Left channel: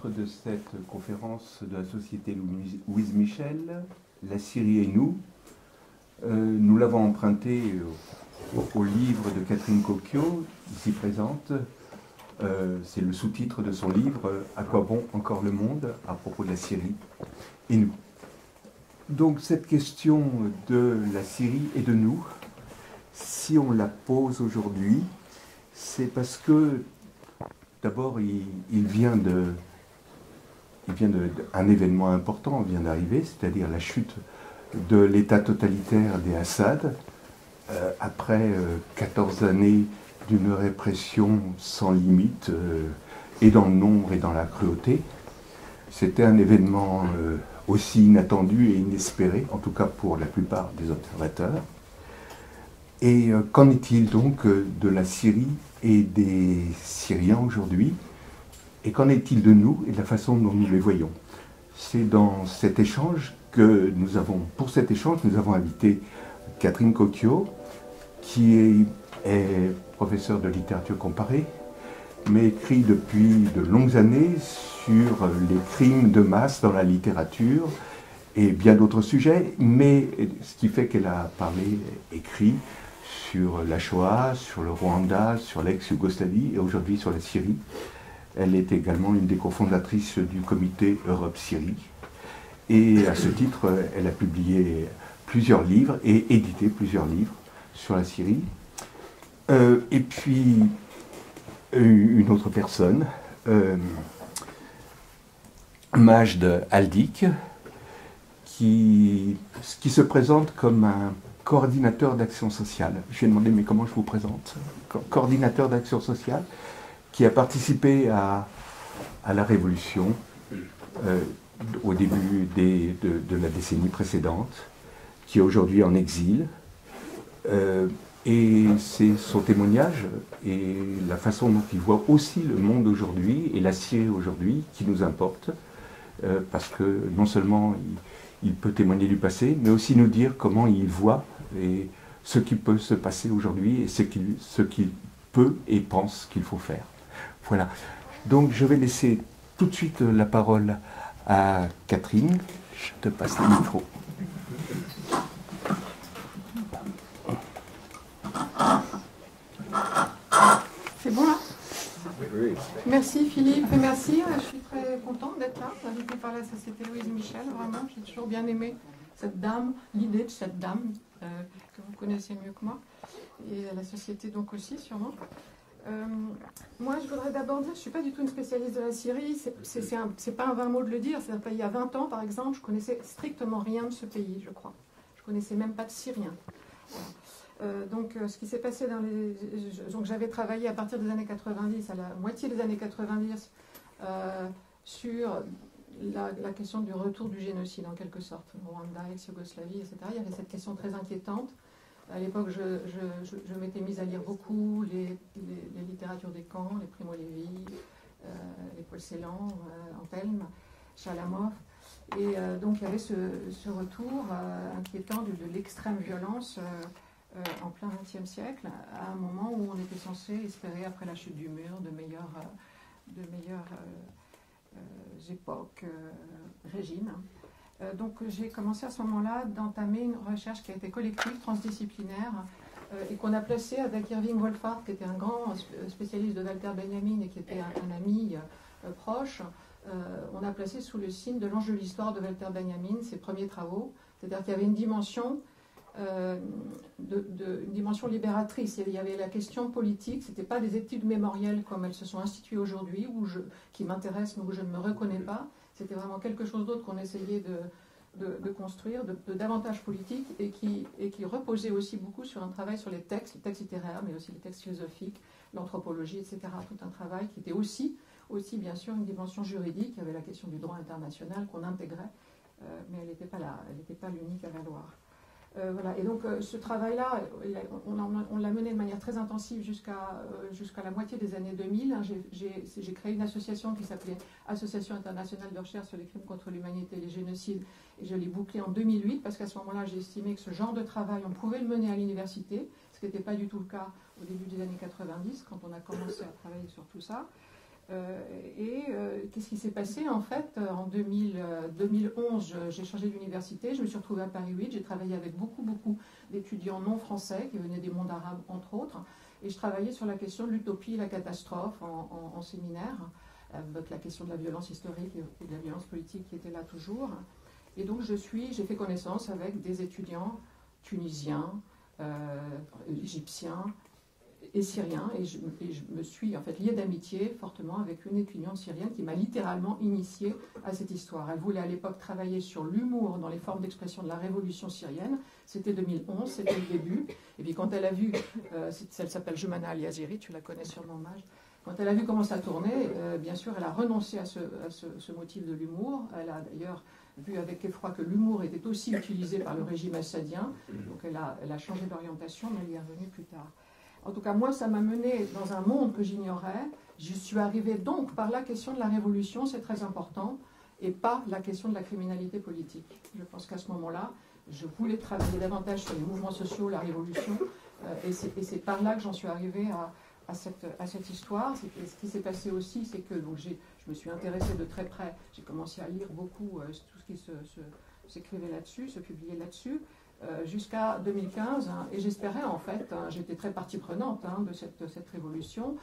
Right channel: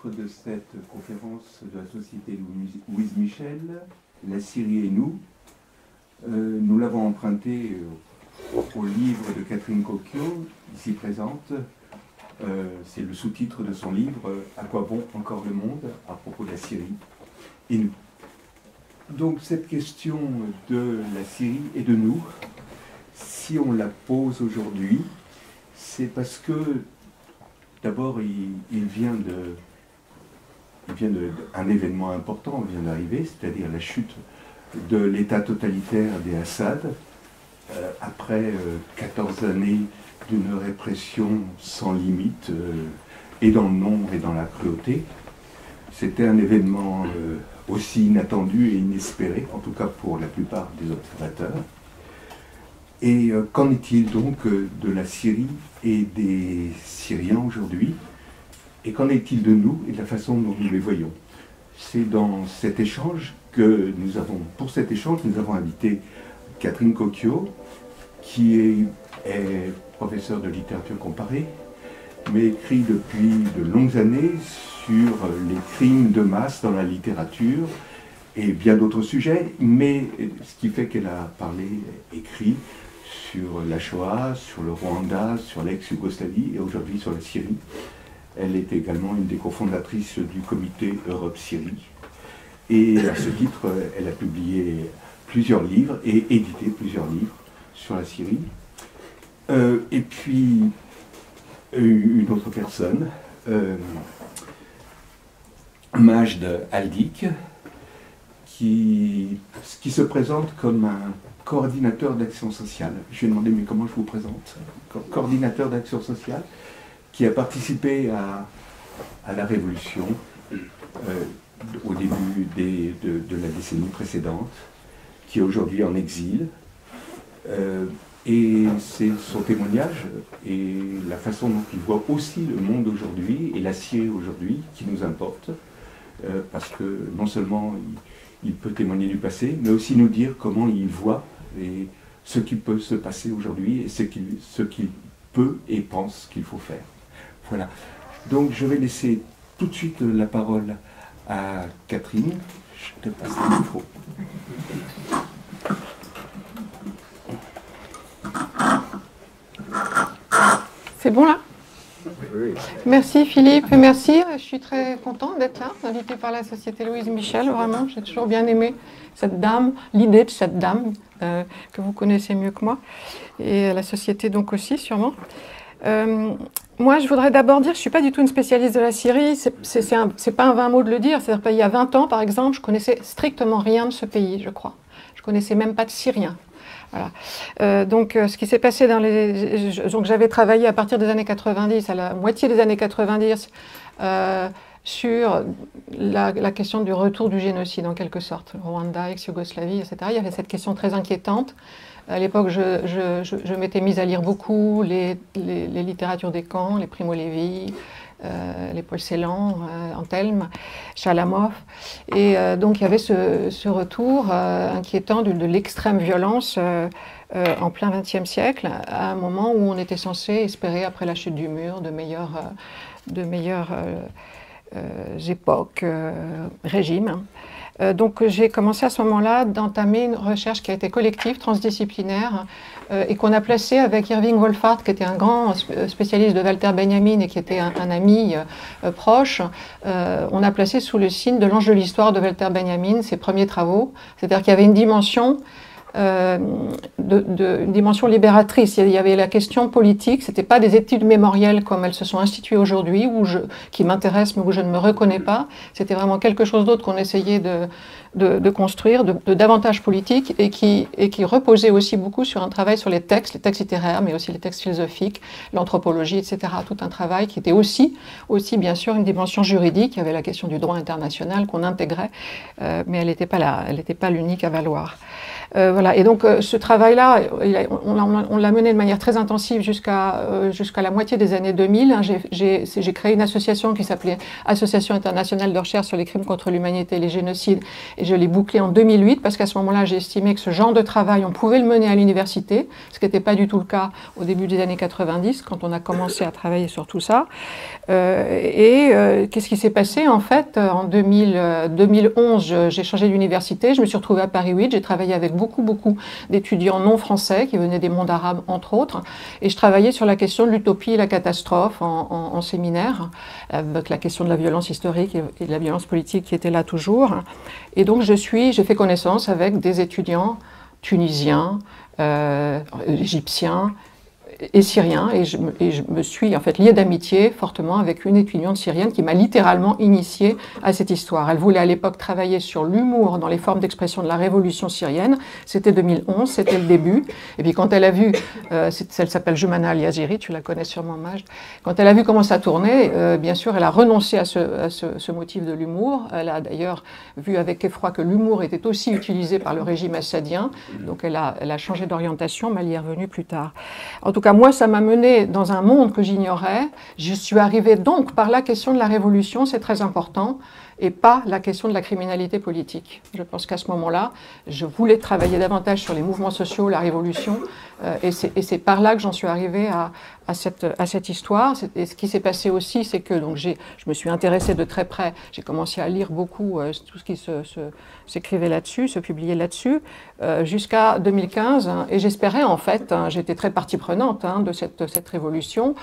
titre de cette conférence de la Société Louise Michel, La Syrie et nous. Nous l'avons emprunté au livre de Catherine Cocchio, ici présente. C'est le sous-titre de son livre « À quoi bon encore le monde ?» à propos de la Syrie et nous. Donc cette question de la Syrie et de nous, si on la pose aujourd'hui, c'est parce que d'abord il vient d'un événement important vient d'arriver, c'est-à-dire la chute de l'État totalitaire des Assad, après 14 années d'une répression sans limite, et dans le nombre et dans la cruauté. C'était un événement aussi inattendu et inespéré, en tout cas pour la plupart des observateurs. Et qu'en est-il donc de la Syrie et des Syriens aujourd'hui? Et qu'en est-il de nous et de la façon dont nous les voyons? C'est dans cet échange que nous avons, pour cet échange, nous avons invité Catherine Cocchio, qui est professeure de littérature comparée, mais écrit depuis de longues années sur les crimes de masse dans la littérature et bien d'autres sujets, mais ce qui fait qu'elle a écrit sur la Shoah, sur le Rwanda, sur l'ex-Yougoslavie et aujourd'hui sur la Syrie. Elle est également une des cofondatrices du comité Europe-Syrie. Et à ce titre, elle a publié plusieurs livres et édité plusieurs livres sur la Syrie. Et puis, une autre personne, Majd Aldik, qui se présente comme un coordinateur d'action sociale. Je lui ai demandé, mais comment je vous présente? Coordinateur d'action sociale, qui a participé à la révolution au début de la décennie précédente, qui est aujourd'hui en exil. Et c'est son témoignage et la façon dont il voit aussi le monde aujourd'hui et la Syrie aujourd'hui qui nous importe, parce que non seulement il peut témoigner du passé, mais aussi nous dire comment il voit et ce qui peut se passer aujourd'hui et ce qu'il peut et pense qu'il faut faire. Voilà. Donc je vais laisser tout de suite la parole à Catherine. Je te passe le micro. C'est bon là? Oui. Merci Philippe, merci. Je suis très contente d'être là, invitée par la Société Louise Michel. Vraiment, j'ai toujours bien aimé cette dame, l'idée de cette dame que vous connaissez mieux que moi, et la Société donc aussi sûrement. Moi, je voudrais d'abord dire que je ne suis pas du tout une spécialiste de la Syrie. C'est pas un vain mot de le dire. C'est-à-dire qu'il y a 20 ans, par exemple, je connaissais strictement rien de ce pays, je crois. Je connaissais même pas de Syriens. Voilà. Donc, ce qui s'est passé donc, j'avais travaillé à partir des années 90, à la moitié des années 90, sur la question du retour du génocide, en quelque sorte. Rwanda, ex-Yougoslavie, etc. Il y avait cette question très inquiétante. À l'époque, je m'étais mise à lire beaucoup les littératures des camps, les Primo Levi, les Paul Celan, Antelme, Chalamov. Et donc il y avait ce retour inquiétant de l'extrême violence en plein XXe siècle, à un moment où on était censé espérer, après la chute du mur, de meilleures époques, régimes. Donc j'ai commencé à ce moment-là d'entamer une recherche qui a été collective, transdisciplinaire, et qu'on a placée avec Irving Wolfhard, qui était un grand spécialiste de Walter Benjamin et qui était un ami proche. On a placé sous le signe de l'ange de l'histoire de Walter Benjamin ses premiers travaux. C'est-à-dire qu'il y avait une dimension une dimension libératrice. Il y avait la question politique, ce n'était pas des études mémorielles comme elles se sont instituées aujourd'hui, qui m'intéressent mais où je ne me reconnais pas. C'était vraiment quelque chose d'autre qu'on essayait de construire, de davantage politique, et qui reposait aussi beaucoup sur un travail sur les textes littéraires, mais aussi les textes philosophiques, l'anthropologie, etc. Tout un travail qui était aussi bien sûr une dimension juridique. Il y avait la question du droit international qu'on intégrait, mais elle n'était pas l'unique à valoir. Voilà. Et donc ce travail-là, on l'a mené de manière très intensive jusqu'à la moitié des années 2000. Hein. J'ai créé une association qui s'appelait Association internationale de recherche sur les crimes contre l'humanité et les génocides, et je l'ai bouclée en 2008 parce qu'à ce moment-là, j'ai estimé que ce genre de travail, on pouvait le mener à l'université, ce qui n'était pas du tout le cas au début des années 90, quand on a commencé à travailler sur tout ça. Qu'est-ce qui s'est passé en fait en 2011, j'ai changé d'université, je me suis retrouvée à Paris 8, j'ai travaillé avec beaucoup d'étudiants non français qui venaient des mondes arabes entre autres, et je travaillais sur la question de l'utopie et la catastrophe en séminaire, avec la question de la violence historique et de la violence politique qui était là toujours. Et donc j'ai fait connaissance avec des étudiants tunisiens, égyptiens et syrien, et je me suis en fait liée d'amitié fortement avec une étudiante syrienne qui m'a littéralement initiée à cette histoire. Elle voulait à l'époque travailler sur l'humour dans les formes d'expression de la révolution syrienne. C'était 2011, c'était le début. Et puis quand elle a vu, elle s'appelle Jumana Al-Yaziri, tu la connais sûrement, Majd. Quand elle a vu comment ça tournait, bien sûr, elle a renoncé à ce motif de l'humour. Elle a d'ailleurs vu avec effroi que l'humour était aussi utilisé par le régime assadien. Donc elle a changé d'orientation, mais elle y est revenue plus tard. En tout cas, moi, ça m'a menée dans un monde que j'ignorais. Je suis arrivée donc par la question de la révolution, c'est très important, et pas la question de la criminalité politique. Je pense qu'à ce moment-là, je voulais travailler davantage sur les mouvements sociaux, la révolution, et c'est par là que j'en suis arrivée à cette histoire. Et ce qui s'est passé aussi, c'est que donc, je me suis intéressée de très près, j'ai commencé à lire beaucoup tout ce qui s'écrivait là-dessus, se publiait là-dessus, jusqu'à 2015, hein, et j'espérais en fait, hein, j'étais très partie prenante hein, de cette révolution,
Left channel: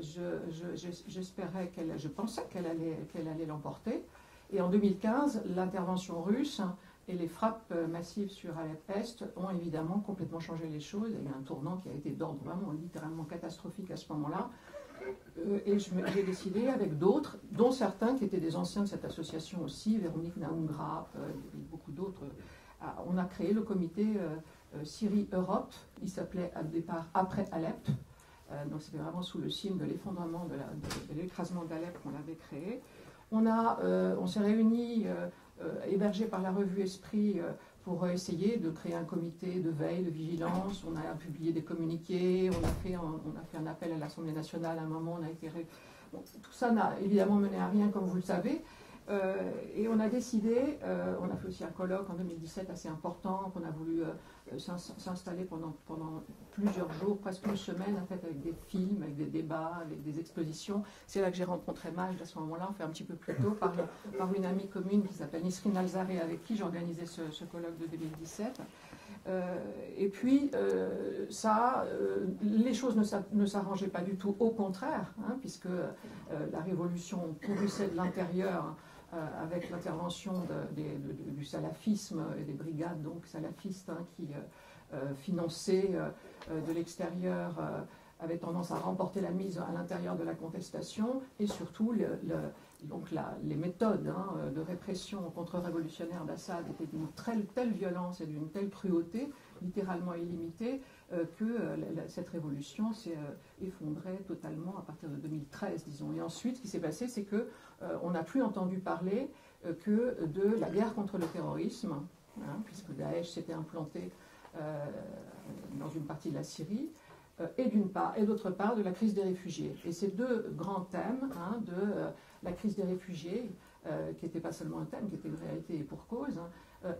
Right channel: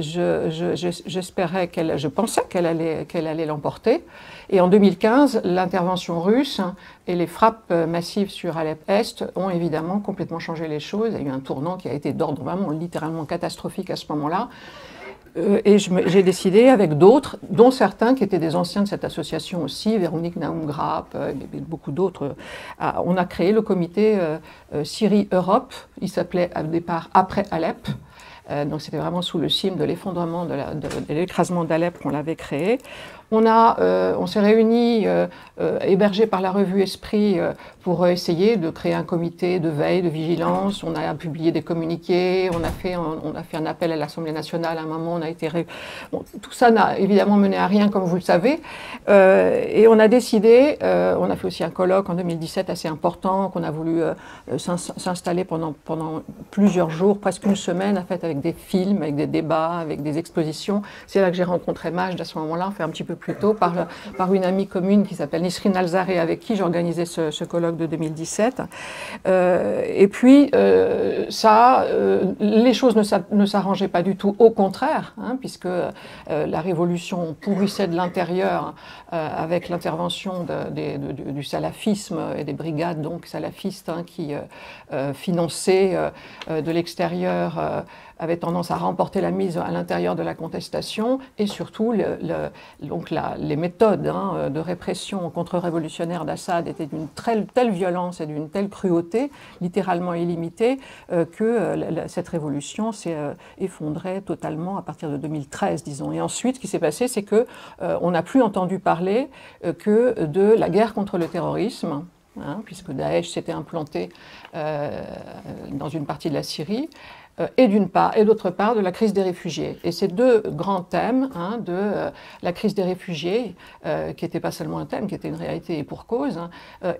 j'espérais je pensais qu'elle allait l'emporter, et en 2015, l'intervention russe et les frappes massives sur Alep-Est ont évidemment complètement changé les choses. Il y a eu un tournant qui a été d'ordre vraiment littéralement catastrophique à ce moment-là. Et j'ai décidé avec d'autres, dont certains qui étaient des anciens de cette association aussi, Véronique Naum-Grapp, et beaucoup d'autres, on a créé le comité Syrie-Europe. Il s'appelait au départ Après Alep. Donc c'était vraiment sous le signe de l'effondrement, de l'écrasement d'Alep qu'on l'avait créé. On s'est réunis, hébergés par la revue Esprit, pour essayer de créer un comité de veille, de vigilance. On a publié des communiqués, on a fait un appel à l'Assemblée nationale à un moment. Tout ça n'a évidemment mené à rien, comme vous le savez. Et on a décidé, on a fait aussi un colloque en 2017 assez important, qu'on a voulu s'installer pendant plusieurs jours, presque une semaine, en fait, avec des films, avec des débats, avec des expositions. C'est là que j'ai rencontré Majd à ce moment-là, fait un petit peu plus tôt, par une amie commune qui s'appelle Nisrine Alzaré, avec qui j'organisais ce colloque de 2017. Et puis, les choses ne s'arrangeaient pas du tout, au contraire, hein, puisque la révolution pourrissait de l'intérieur avec l'intervention du salafisme et des brigades donc salafistes hein, qui finançaient de l'extérieur, avait tendance à remporter la mise à l'intérieur de la contestation, et surtout les méthodes hein, de répression contre-révolutionnaire d'Assad étaient d'une telle violence et d'une telle cruauté, littéralement illimitée, que cette révolution s'est effondrée totalement à partir de 2013, disons. Et ensuite, ce qui s'est passé, c'est qu'on n'a plus entendu parler que de la guerre contre le terrorisme, hein, puisque Daesh s'était implanté dans une partie de la Syrie, et d'une part, et d'autre part, de la crise des réfugiés. Et ces deux grands thèmes, hein, de la crise des réfugiés, qui n'était pas seulement un thème, qui était une réalité et pour cause, hein,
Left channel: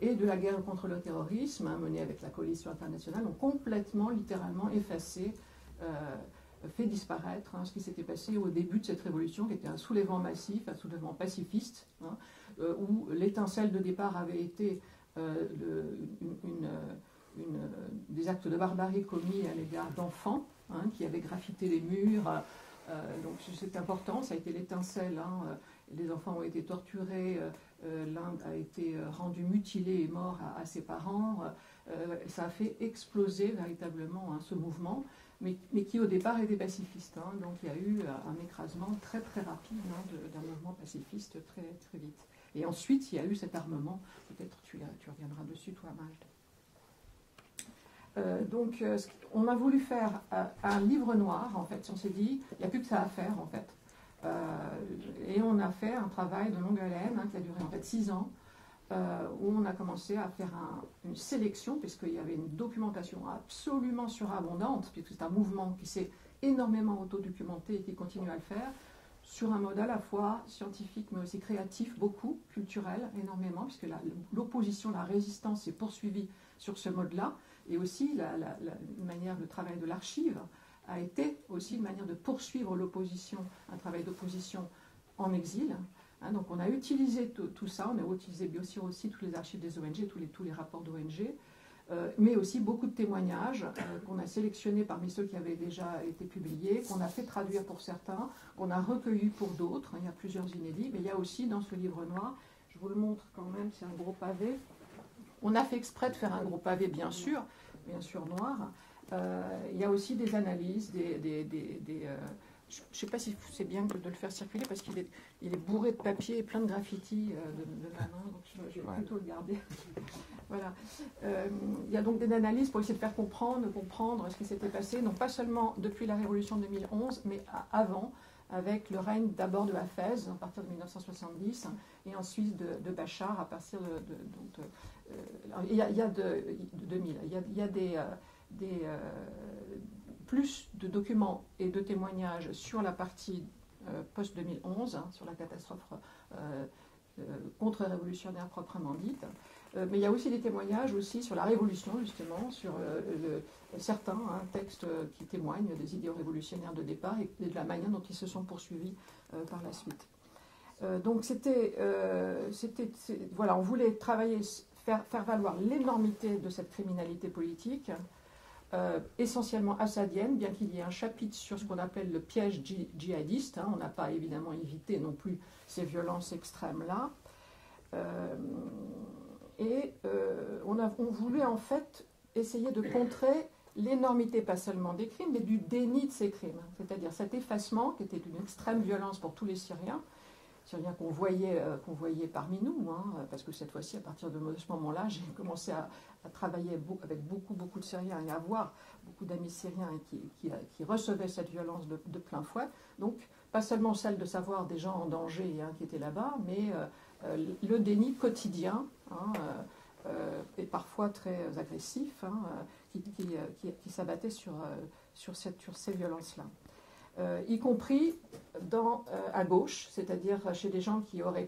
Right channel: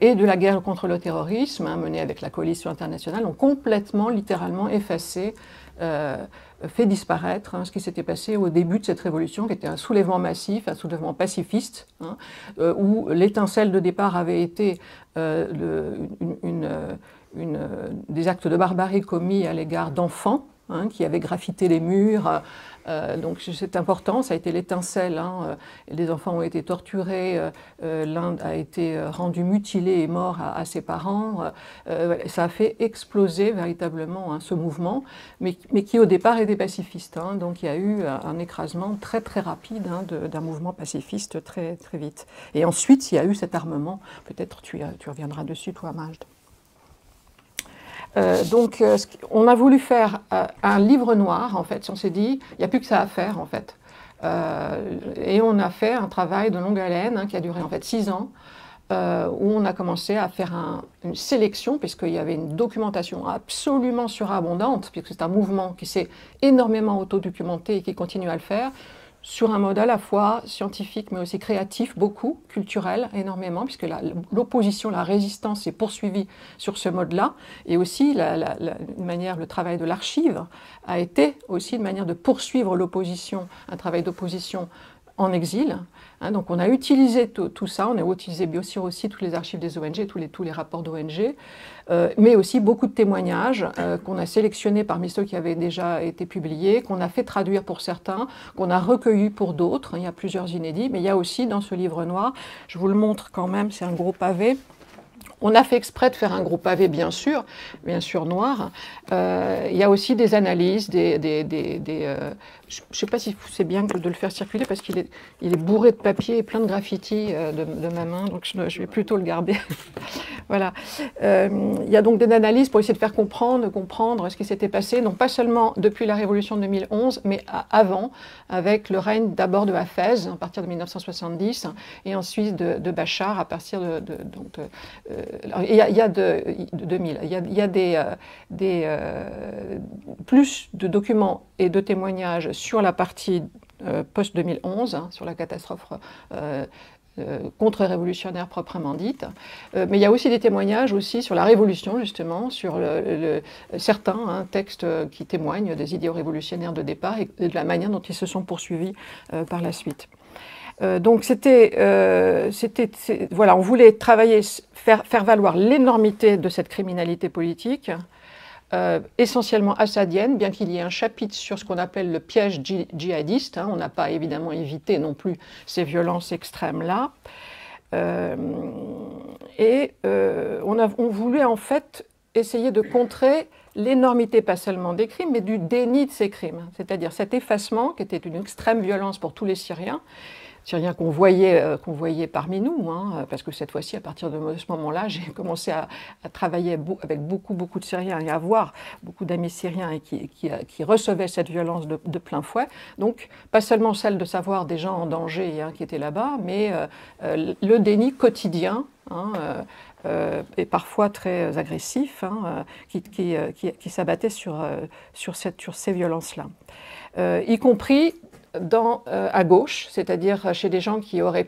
et de la guerre contre le terrorisme, hein, menée avec la coalition internationale, ont complètement, littéralement effacé, fait disparaître hein, ce qui s'était passé au début de cette révolution, qui était un soulèvement massif, un soulèvement pacifiste, hein, où l'étincelle de départ avait été des actes de barbarie commis à l'égard d'enfants hein, qui avaient graffité les murs. Donc c'est important, ça a été l'étincelle. Hein, les enfants ont été torturés, l'un a été rendu mutilé et mort à ses parents. Ça a fait exploser véritablement hein, ce mouvement, mais qui au départ était pacifiste. Hein, donc il y a eu un écrasement très très rapide hein, d'un mouvement pacifiste très, très vite. Et ensuite il y a eu cet armement, peut-être tu reviendras dessus toi Majd. Donc, on a voulu faire un livre noir, en fait. On s'est dit, il n'y a plus que ça à faire, en fait. Et on a fait un travail de longue haleine, hein, qui a duré, en fait, 6 ans, où on a commencé à faire une sélection, puisqu'il y avait une documentation absolument surabondante, puisque c'est un mouvement qui s'est énormément autodocumenté et qui continue à le faire, sur un mode à la fois scientifique mais aussi créatif, beaucoup, culturel, énormément, puisque l'opposition, la résistance s'est poursuivie sur ce mode-là, et aussi le travail de l'archive a été aussi une manière de poursuivre l'opposition, un travail d'opposition en exil. Donc on a utilisé tout ça, on a utilisé bien sûr aussi toutes les archives des ONG, tous les rapports d'ONG, mais aussi beaucoup de témoignages qu'on a sélectionnés parmi ceux qui avaient déjà été publiés, qu'on a fait traduire pour certains, qu'on a recueillis pour d'autres. Il y a plusieurs inédits, mais il y a aussi dans ce livre noir, je vous le montre quand même, c'est un gros pavé. On a fait exprès de faire un gros pavé, bien sûr noir. Il y a aussi des analyses, je ne sais pas si c'est bien de le faire circuler parce qu'il est bourré de papier et plein de graffitis de ma main, donc je vais plutôt le garder. Voilà. Il y a donc des analyses pour essayer de faire comprendre ce qui s'était passé, non pas seulement depuis la Révolution de 2011, mais avant, avec le règne d'abord de Hafez, à partir de 1970, et ensuite de Bachar, à partir il y a de 2000. Il y a plus de documents et de témoignages sur la partie post-2011, sur la catastrophe contre-révolutionnaire proprement dite. Mais il y a aussi des témoignages aussi sur la Révolution, justement, sur certains textes qui témoignent des idéaux révolutionnaires de départ et de la manière dont ils se sont poursuivis par la suite. Donc voilà, on voulait travailler, faire valoir l'énormité de cette criminalité politique, essentiellement assadienne, bien qu'il y ait un chapitre sur ce qu'on appelle le piège djihadiste. On n'a pas évidemment évité non plus ces violences extrêmes-là. On voulait en fait essayer de contrer l'énormité, pas seulement des crimes, mais du déni de ces crimes. C'est-à-dire cet effacement, qui était une extrême violence pour tous les Syriens qu'on voyait parmi nous, parce que cette fois-ci, à partir de ce moment-là, j'ai commencé à travailler avec beaucoup de Syriens et à avoir beaucoup d'amis syriens et qui recevaient cette violence de plein fouet. Donc, pas seulement celle de savoir des gens en danger qui étaient là-bas, mais le déni quotidien, et parfois très agressif, qui s'abattait sur ces violences-là. Y compris à gauche, c'est-à-dire chez des gens qui auraient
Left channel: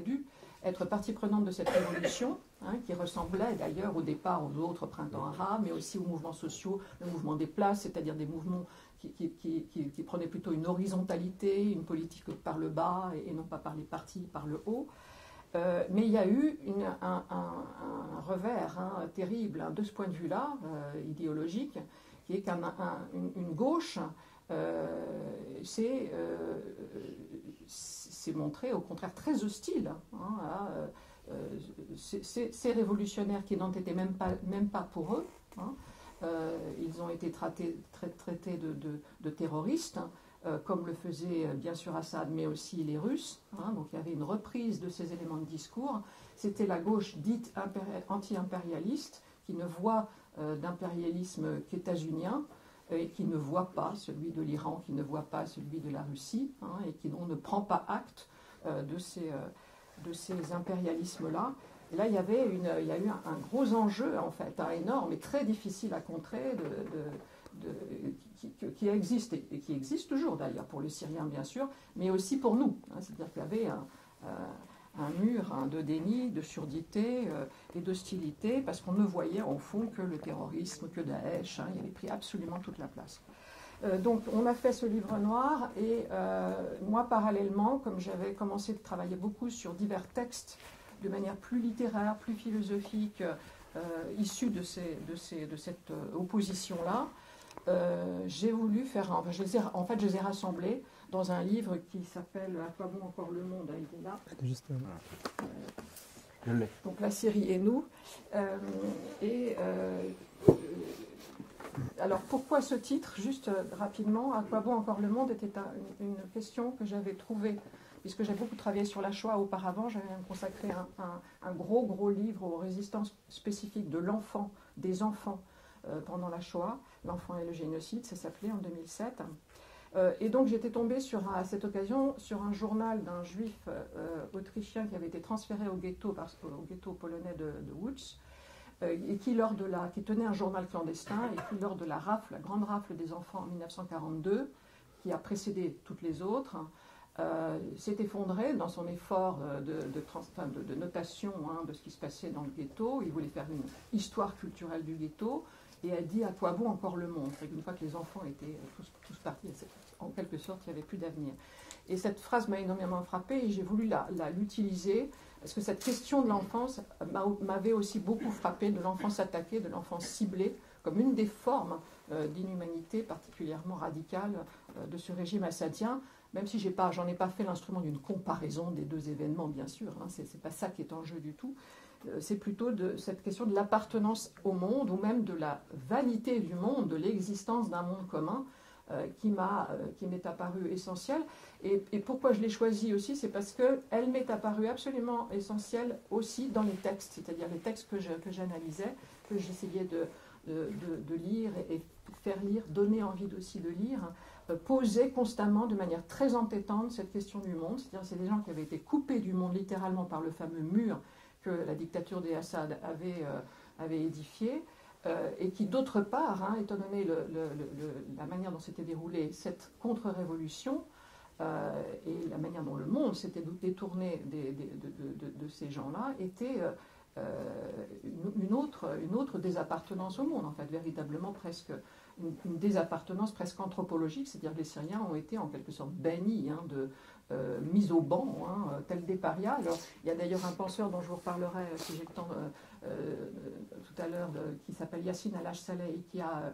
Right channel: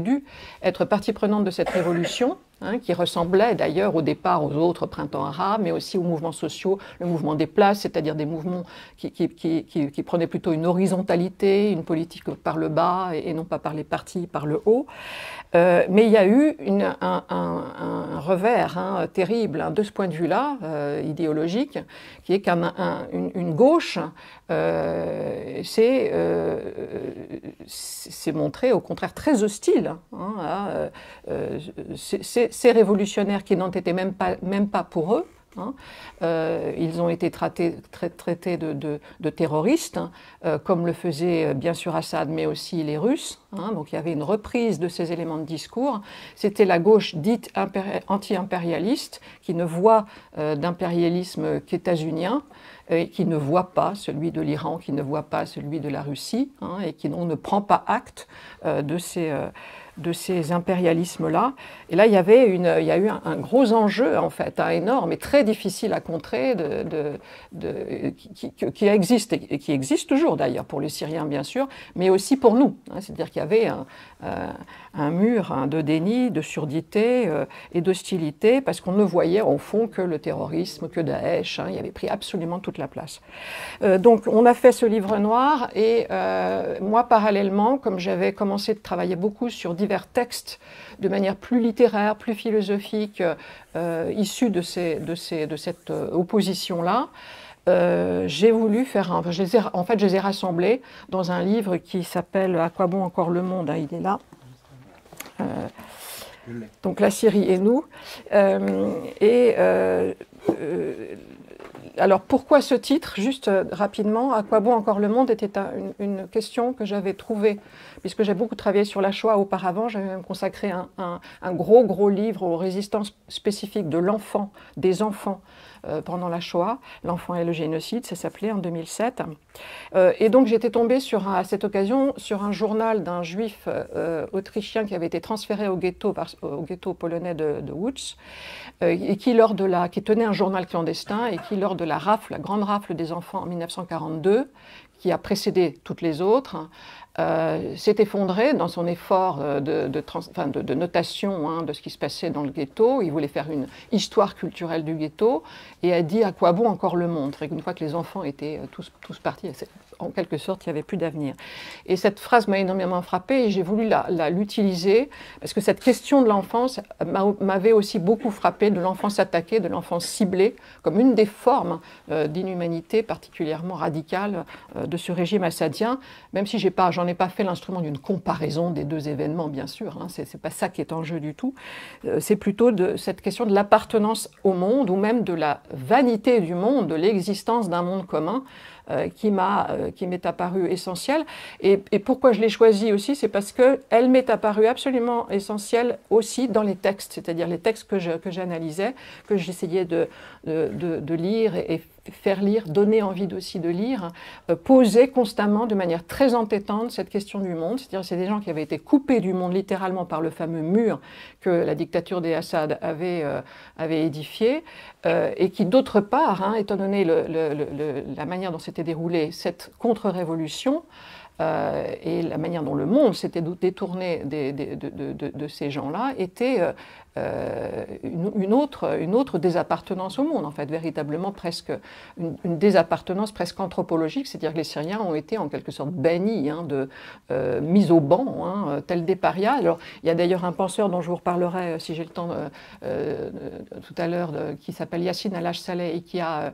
dû être partie prenante de cette révolution, qui ressemblait d'ailleurs au départ aux autres printemps arabes, mais aussi aux mouvements sociaux, le mouvement des places, c'est-à-dire des mouvements qui prenaient plutôt une horizontalité, une politique par le bas et non pas par les partis, par le haut. Mais il y a eu un revers terrible de ce point de vue-là, idéologique, qui est qu'une gauche s'est montrée au contraire très hostile à ces révolutionnaires qui n'en étaient même pas pour eux. Ils ont été traités de terroristes, comme le faisaient bien sûr Assad, mais aussi les Russes. Donc il y avait une reprise de ces éléments de discours. C'était la gauche dite anti-impérialiste, qui ne voit d'impérialisme qu'états-unien, et qui ne voit pas celui de l'Iran, qui ne voit pas celui de la Russie, et qui ne prend pas acte de ces impérialismes-là. Et là, il y a eu un gros enjeu, en fait, énorme et très difficile à contrer, qui existe, et qui existe toujours d'ailleurs pour les Syriens, bien sûr, mais aussi pour nous. C'est-à-dire qu'il y avait un mur de déni, de surdité et d'hostilité, parce qu'on ne voyait au fond que le terrorisme, que Daesh, il avait pris absolument toute la place. Donc on a fait ce livre noir, et moi parallèlement, comme j'avais commencé de travailler beaucoup sur divers textes de manière plus littéraire, plus philosophique, issus de cette opposition-là, j'ai voulu faire je les ai rassemblés dans un livre qui s'appelle « À quoi bon encore le monde ?» Il est là. Donc la Syrie et nous. Alors pourquoi ce titre? Juste rapidement, « À quoi bon encore le monde ?» était une question que j'avais trouvée, puisque j'ai beaucoup travaillé sur la Shoah auparavant. J'avais même consacré un gros livre aux résistances spécifiques de l'enfant, des enfants, pendant la Shoah, l'enfant et le génocide, ça s'appelait en 2007. Et donc j'étais tombée à cette occasion sur un journal d'un juif autrichien qui avait été transféré au ghetto polonais de Łódź, et qui tenait un journal clandestin et qui, lors de la grande rafle des enfants en 1942, qui a précédé toutes les autres, s'est effondré dans son effort de notation, hein, de ce qui se passait dans le ghetto. Il voulait faire une histoire culturelle du ghetto et a dit à quoi bon encore le monde. Une fois que les enfants étaient tous partis, en quelque sorte, il n'y avait plus d'avenir. Et cette phrase m'a énormément frappée et j'ai voulu l'utiliser parce que cette question de l'enfance m'avait aussi beaucoup frappée, de l'enfance attaquée, de l'enfance ciblée, comme une des formes d'inhumanité particulièrement radicale de ce régime assadien, même si j'en ai pas fait l'instrument d'une comparaison des deux événements, bien sûr, hein, c'est pas ça qui est en jeu du tout, c'est plutôt de cette question de l'appartenance au monde, ou même de la vanité du monde, de l'existence d'un monde commun, qui m'est apparue essentielle. Et pourquoi je l'ai choisie aussi, c'est parce qu'elle m'est apparue absolument essentielle aussi dans les textes, c'est-à-dire les textes que j'analysais, que j'essayais de lire et faire lire, donner envie aussi de lire, poser constamment de manière très entêtante cette question du monde. C'est-à-dire c'est des gens qui avaient été coupés du monde littéralement par le fameux mur que la dictature des Assad avait édifié, et qui d'autre part, hein, étant donné la manière dont s'était déroulée cette contre-révolution, et la manière dont le monde s'était détourné de ces gens-là, était une autre désappartenance au monde, en fait, véritablement presque une désappartenance presque anthropologique, c'est-à-dire que les Syriens ont été en quelque sorte bannis, hein, mis au banc, hein, tels des parias. Alors, il y a d'ailleurs un penseur dont je vous reparlerai, si j'ai le temps, tout à l'heure, qui s'appelle Yassine Al-Saleh et qui a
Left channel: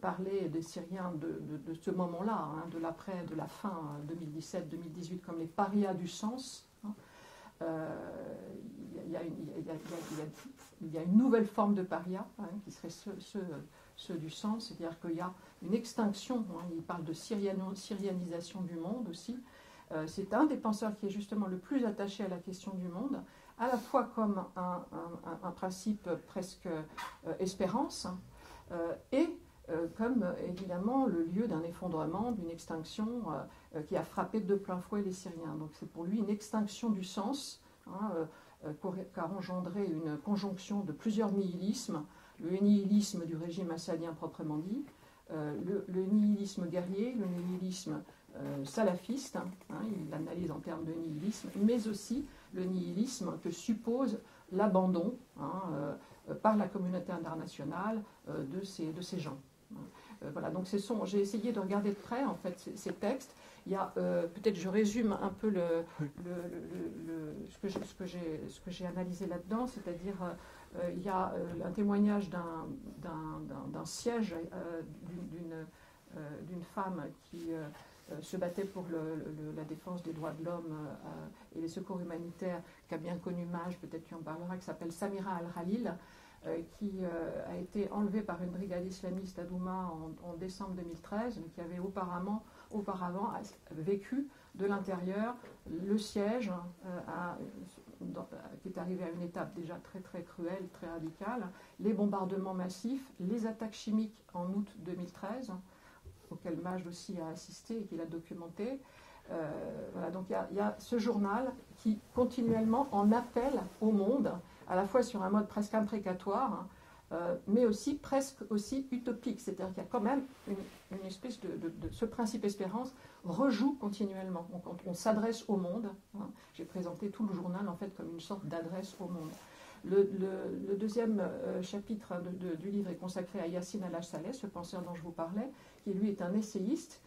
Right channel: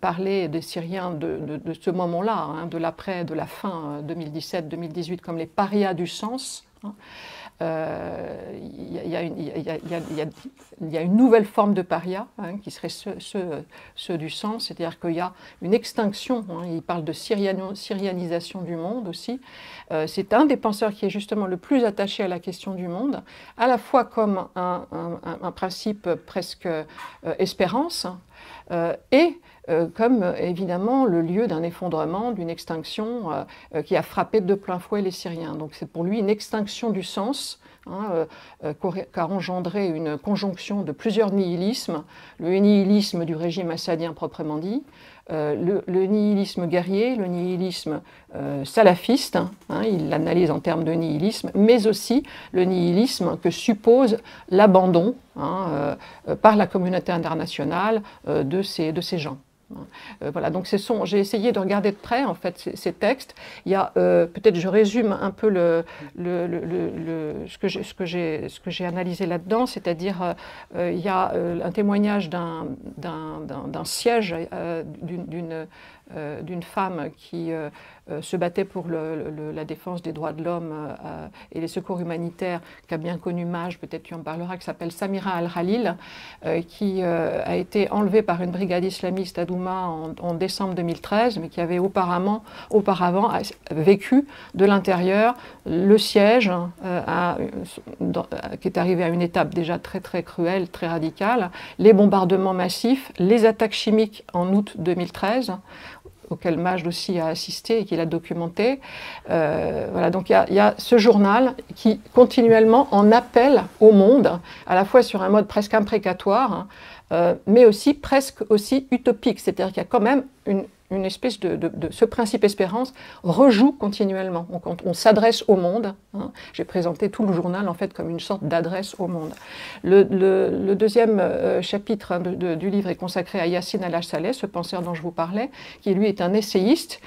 parler des Syriens de ce moment-là, hein, de la fin 2017-2018, comme les parias du sens. Hein. Il y a une nouvelle forme de paria, hein, qui serait ceux du sens, c'est-à-dire qu'il y a une extinction, hein, il parle de syrianisation du monde aussi. C'est un des penseurs qui est justement le plus attaché à la question du monde, à la fois comme un principe presque espérance, et comme évidemment le lieu d'un effondrement, d'une extinction qui a frappé de plein fouet les Syriens. Donc c'est pour lui une extinction du sens, hein, qu'a engendré une conjonction de plusieurs nihilismes, le nihilisme du régime assadien proprement dit, le nihilisme guerrier, le nihilisme salafiste, hein, il l'analyse en termes de nihilisme, mais aussi le nihilisme que suppose l'abandon, hein, par la communauté internationale de ces gens. Voilà, donc j'ai essayé de regarder de près en fait ces textes. Il y a peut-être, je résume un peu ce que j'ai analysé là-dedans, c'est-à-dire il y a un témoignage d'un siège d'une femme qui se battait pour la défense des droits de l'homme et les secours humanitaires, qu'a bien connu Maj, peut-être tu en parleras, qui s'appelle Samira Al-Khalil, qui a été enlevée par une brigade islamiste à Douma en décembre 2013, mais qui avait auparavant vécu de l'intérieur le siège, qui est arrivé à une étape déjà très très cruelle, très radicale, les bombardements massifs, les attaques chimiques en août 2013, auquel Majd aussi a assisté et qu'il a documenté. Voilà, donc il y a ce journal qui continuellement en appelle au monde, à la fois sur un mode presque imprécatoire, hein, mais aussi presque aussi utopique, c'est-à-dire qu'il y a quand même une espèce ce principe espérance rejoue continuellement. On s'adresse au monde. Hein. J'ai présenté tout le journal en fait comme une sorte d'adresse au monde. Le deuxième chapitre, hein, du livre est consacré à Yassine Al-Saleh, ce penseur dont je vous parlais, qui lui est un essayiste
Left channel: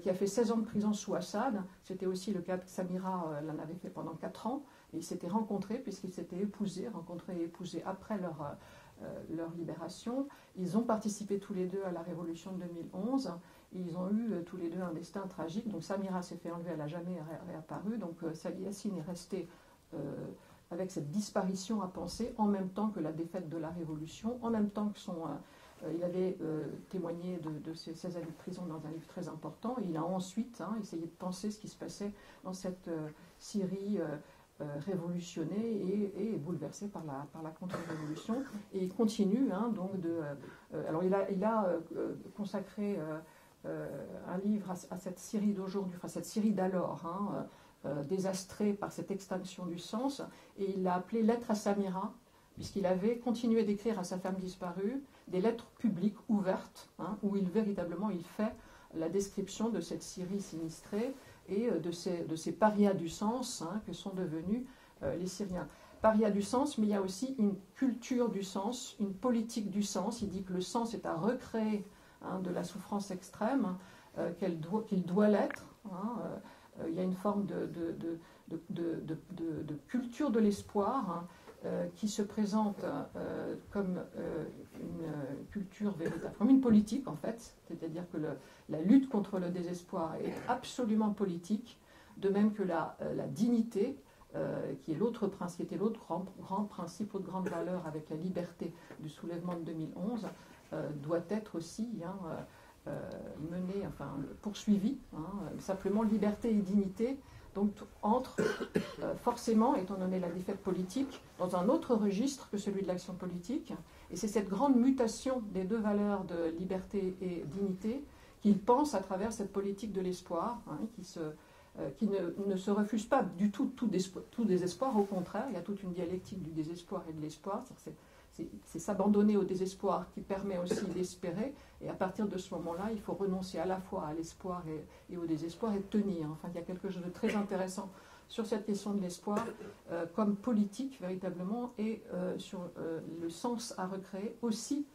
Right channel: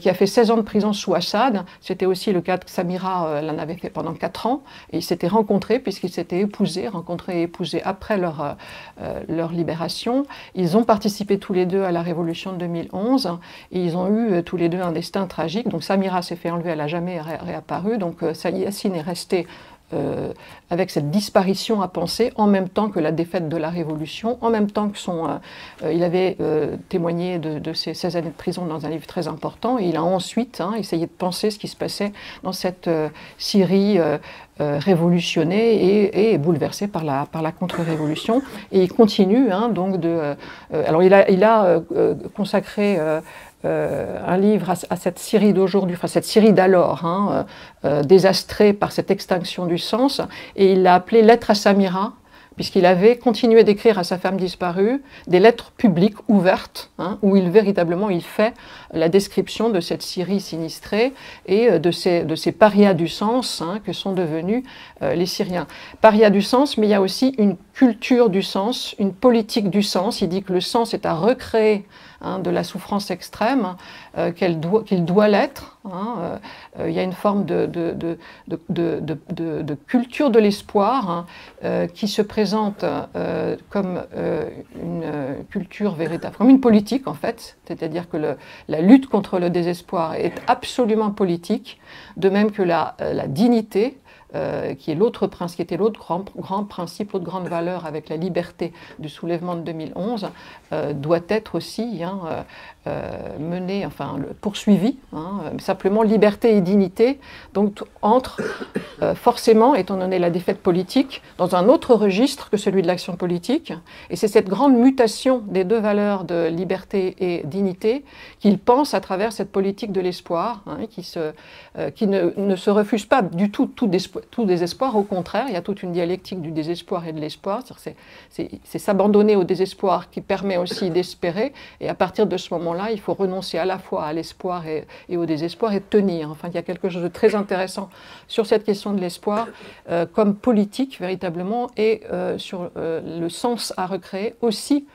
qui a fait 16 ans de prison sous Assad. C'était aussi le cas de Samira, elle en avait fait pendant 4 ans, et ils s'étaient rencontrés puisqu'ils s'étaient rencontrés et épousés après leur libération. Ils ont participé tous les deux à la révolution de 2011. Et ils ont eu tous les deux un destin tragique. Donc Samira s'est fait enlever, elle n'a jamais réapparu. Donc Yassine est resté avec cette disparition à penser, en même temps que la défaite de la Révolution, en même temps que il avait témoigné de ses 16 années de prison dans un livre très important, et il a ensuite essayé de penser ce qui se passait dans cette Syrie révolutionnée et bouleversée par la contre-révolution. Et il continue donc alors il a consacré un livre à cette Syrie d'aujourd'hui, enfin cette Syrie d'alors, désastrée par cette extinction du sens, et il l'a appelé Lettre à Samira, puisqu'il avait continué d'écrire à sa femme disparue des lettres publiques ouvertes, où véritablement il fait la description de cette Syrie sinistrée et de ces parias du sens que sont devenus les Syriens. Parias du sens, mais il y a aussi une culture du sens, une politique du sens. Il dit que le sens est à recréer de la souffrance extrême, qu'il doit l'être. Il y a une forme de culture de l'espoir qui se présente comme une culture véritable, comme une politique en fait, c'est-à-dire que la lutte contre le désespoir est absolument politique, de même que la dignité, qui était l'autre grand principe, l'autre grande valeur avec la liberté du soulèvement de 2011, doit être aussi menée, poursuivie. Simplement liberté et dignité, donc entre forcément, étant donné la défaite politique, dans un autre registre que celui de l'action politique. Et c'est cette grande mutation des deux valeurs de liberté et dignité qu'il pense à travers cette politique de l'espoir, qui ne se refuse pas du tout désespoir. Au contraire, il y a toute une dialectique du désespoir et de l'espoir. C'est s'abandonner au désespoir qui permet aussi d'espérer. Et à partir de ce moment-là, il faut renoncer à la fois à l'espoir et au désespoir et tenir. Enfin, il y a quelque chose de très intéressant sur cette question de l'espoir comme politique véritablement et sur le sens à recréer aussi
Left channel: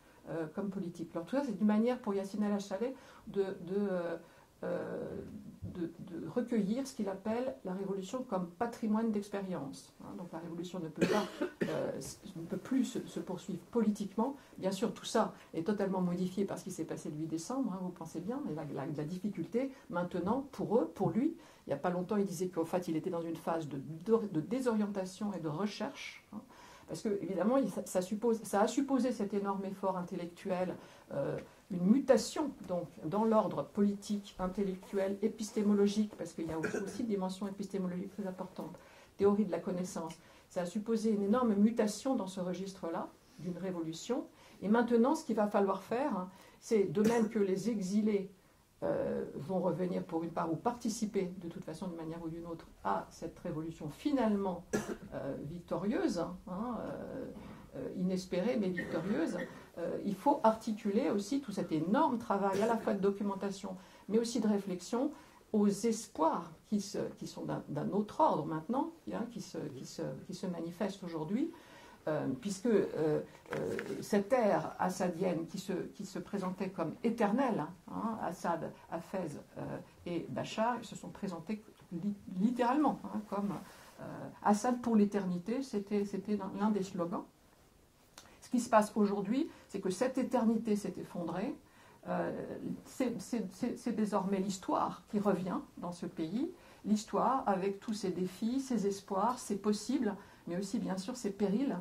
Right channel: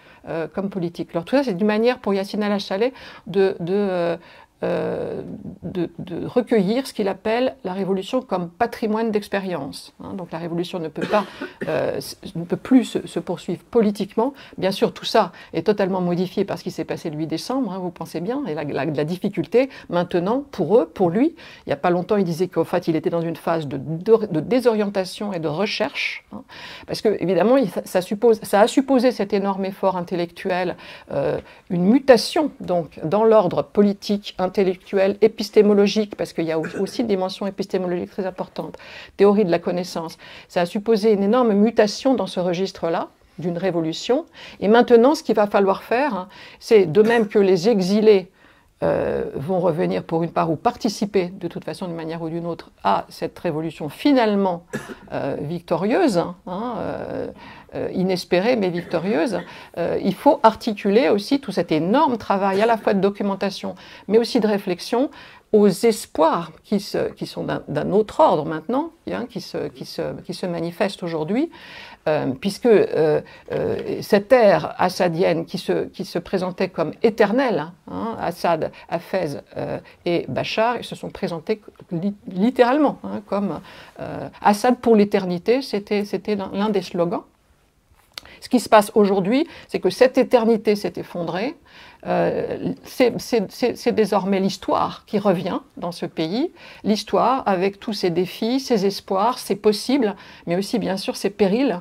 comme politique. Alors tout ça, c'est une manière pour Yassine Al-Chalet de recueillir ce qu'il appelle la révolution comme patrimoine d'expérience. Donc la révolution ne peut plus se poursuivre politiquement. Bien sûr, tout ça est totalement modifié par ce qui s'est passé le 8 décembre, vous pensez bien, et la difficulté maintenant, pour lui, il n'y a pas longtemps, il disait qu'en fait, il était dans une phase de désorientation et de recherche, parce que, évidemment, ça a supposé cet énorme effort intellectuel, une mutation donc, dans l'ordre politique, intellectuelle, épistémologique, parce qu'il y a aussi une dimension épistémologique très importante, théorie de la connaissance. Ça a supposé une énorme mutation dans ce registre-là, d'une révolution. Et maintenant, ce qu'il va falloir faire, c'est de même que les exilés vont revenir pour une part ou participer de toute façon d'une manière ou d'une autre à cette révolution finalement victorieuse, inespérée mais victorieuse, il faut articuler aussi tout cet énorme travail à la fois de documentation mais aussi de réflexion aux espoirs qui sont d'un autre ordre maintenant, qui se manifestent aujourd'hui, puisque cette ère assadienne qui se présentait comme éternelle, Assad, Hafez et Bachar, ils se sont présentés littéralement comme Assad pour l'éternité, c'était l'un des slogans. Ce qui se passe aujourd'hui, c'est que cette éternité s'est effondrée. C'est désormais l'histoire qui revient dans ce pays, l'histoire avec tous ses défis, ses espoirs, ses possibles, mais aussi bien sûr ses périls.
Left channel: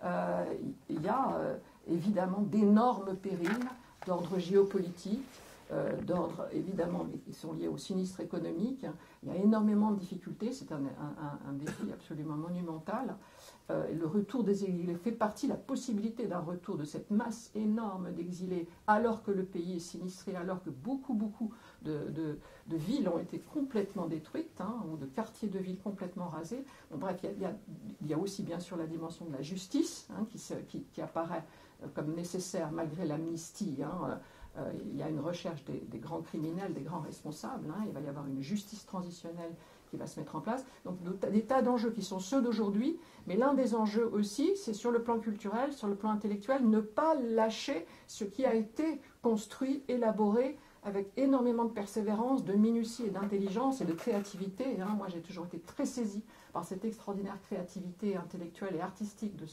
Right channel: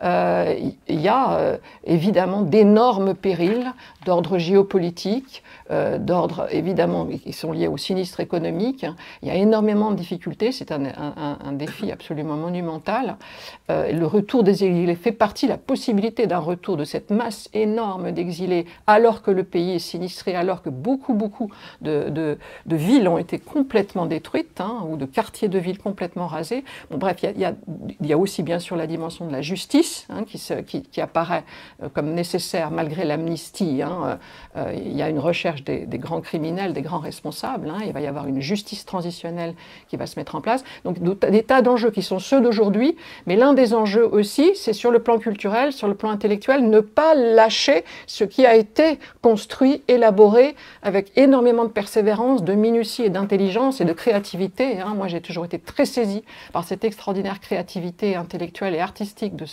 Il y a évidemment d'énormes périls d'ordre géopolitique, d'ordre évidemment qui sont liés au sinistre économique. Il y a énormément de difficultés, c'est un défi absolument monumental. Le retour des exilés fait partie, la possibilité d'un retour de cette masse énorme d'exilés alors que le pays est sinistré, alors que beaucoup de villes ont été complètement détruites, ou de quartiers de villes complètement rasés. Bon, bref, il y a aussi bien sûr la dimension de la justice qui apparaît comme nécessaire malgré l'amnistie. Il y a une recherche des grands criminels, des grands responsables. Il va y avoir une justice transitionnelle qui va se mettre en place. Donc des tas d'enjeux qui sont ceux d'aujourd'hui, mais l'un des enjeux aussi, c'est sur le plan culturel, sur le plan intellectuel, ne pas lâcher ce qui a été construit, élaboré avec énormément de persévérance, de minutie et d'intelligence et de créativité. Moi, j'ai toujours été très saisie par cette extraordinaire créativité intellectuelle et artistique de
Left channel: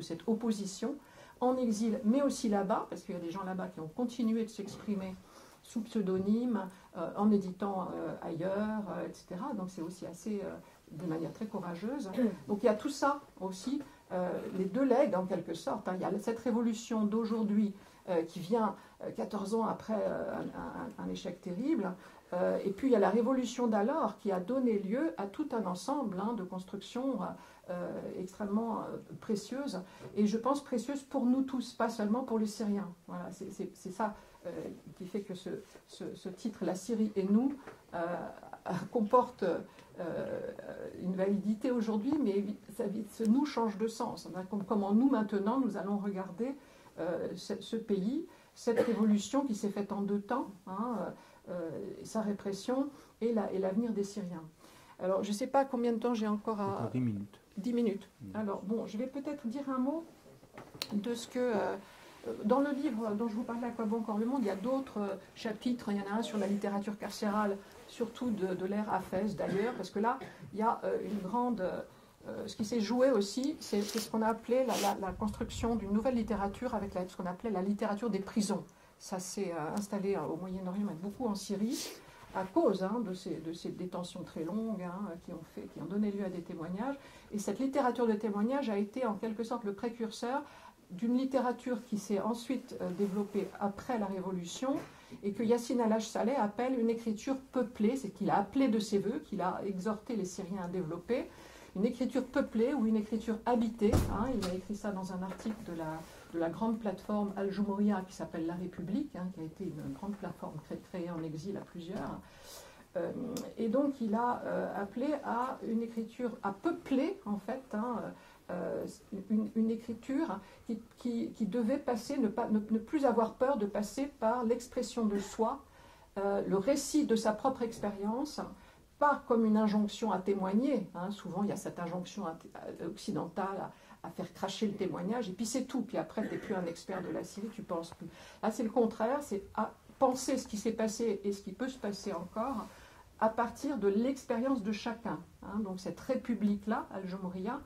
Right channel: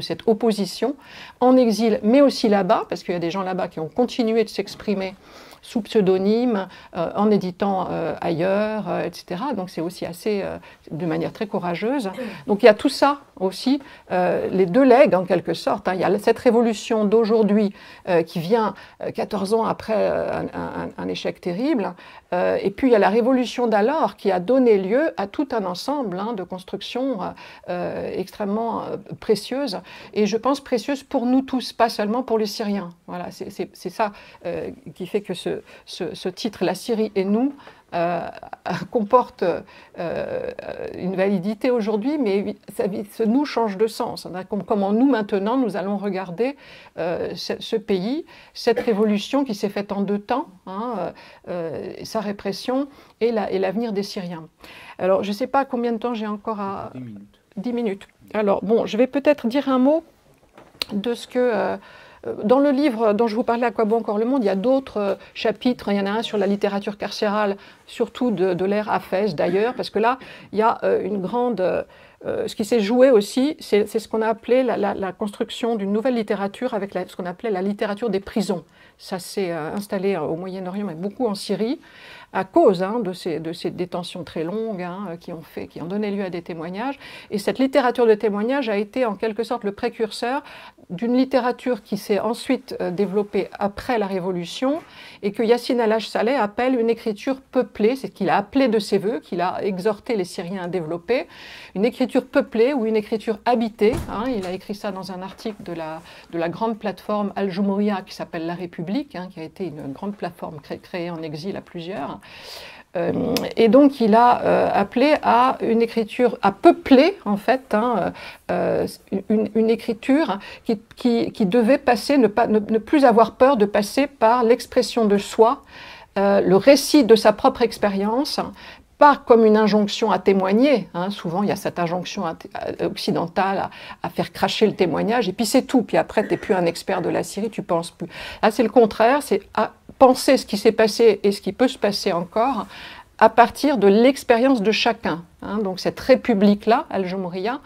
cette opposition en exil, mais aussi là-bas, parce qu'il y a des gens là-bas qui ont continué de s'exprimer sous pseudonyme, en éditant ailleurs, etc. Donc c'est aussi assez, de manière très courageuse. Donc il y a tout ça aussi, les deux legs en quelque sorte. Hein. Il y a cette révolution d'aujourd'hui qui vient 14 ans après un échec terrible. Et puis il y a la révolution d'alors qui a donné lieu à tout un ensemble de constructions extrêmement précieuses. Et je pense précieuses pour nous tous, pas seulement pour les Syriens. Voilà, c'est ça qui fait que ce titre, La Syrie et nous, comporte une validité aujourd'hui, mais ce nous change de sens. Comment nous, maintenant, nous allons regarder ce pays, cette révolution qui s'est faite en 2 temps, sa répression et l'avenir des Syriens. Alors, je ne sais pas combien de temps j'ai encore à... 10 minutes. 10 minutes. Alors, bon, je vais peut-être dire un mot de ce que... dans le livre dont je vous parlais, À quoi bon encore le monde, il y a d'autres chapitres. Il y en a un sur la littérature carcérale, surtout de l'ère Hafez d'ailleurs, parce que là, il y a une grande... ce qui s'est joué aussi, c'est ce qu'on a appelé la construction d'une nouvelle littérature avec ce qu'on appelait la littérature des prisons. Ça s'est installé au Moyen-Orient, mais beaucoup en Syrie, à cause de ces détentions très longues qui ont donné lieu à des témoignages. Et cette littérature de témoignages a été en quelque sorte le précurseur d'une littérature qui s'est ensuite développée après la Révolution et que Yassine al-Saleh appelle une écriture peuplée, c'est qu'il a appelé de ses voeux, qu'il a exhorté les Syriens à développer, une écriture peuplée ou une écriture habitée. Il a écrit ça dans un article de la grande plateforme Al-Jumouria qui s'appelle La République, qui a été une grande plateforme créée en exil à plusieurs. Et donc il a appelé à une écriture, à peupler en fait une écriture qui devait passer, ne plus avoir peur de passer par l'expression de soi, le récit de sa propre expérience, pas comme une injonction à témoigner. Souvent, il y a cette injonction occidentale à faire cracher le témoignage, et puis c'est tout. Puis après, tu n'es plus un expert de la Syrie, tu ne penses plus. Là, c'est le contraire, c'est à penser ce qui s'est passé et ce qui peut se passer encore à partir de l'expérience de chacun. Donc cette république-là, Al-Jumouria,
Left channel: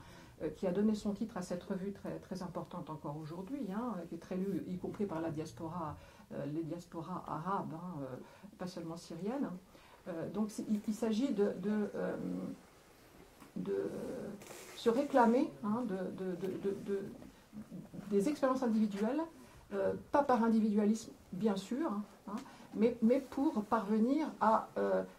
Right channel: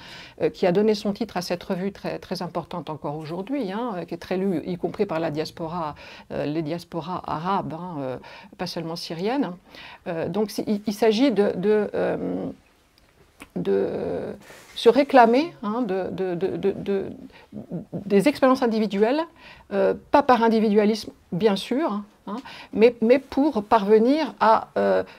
qui a donné son titre à cette revue très, très importante encore aujourd'hui, qui est très lue, y compris par la diaspora, les diasporas arabes, pas seulement syriennes. Donc il s'agit de se réclamer des expériences individuelles, pas par individualisme bien sûr, mais pour parvenir à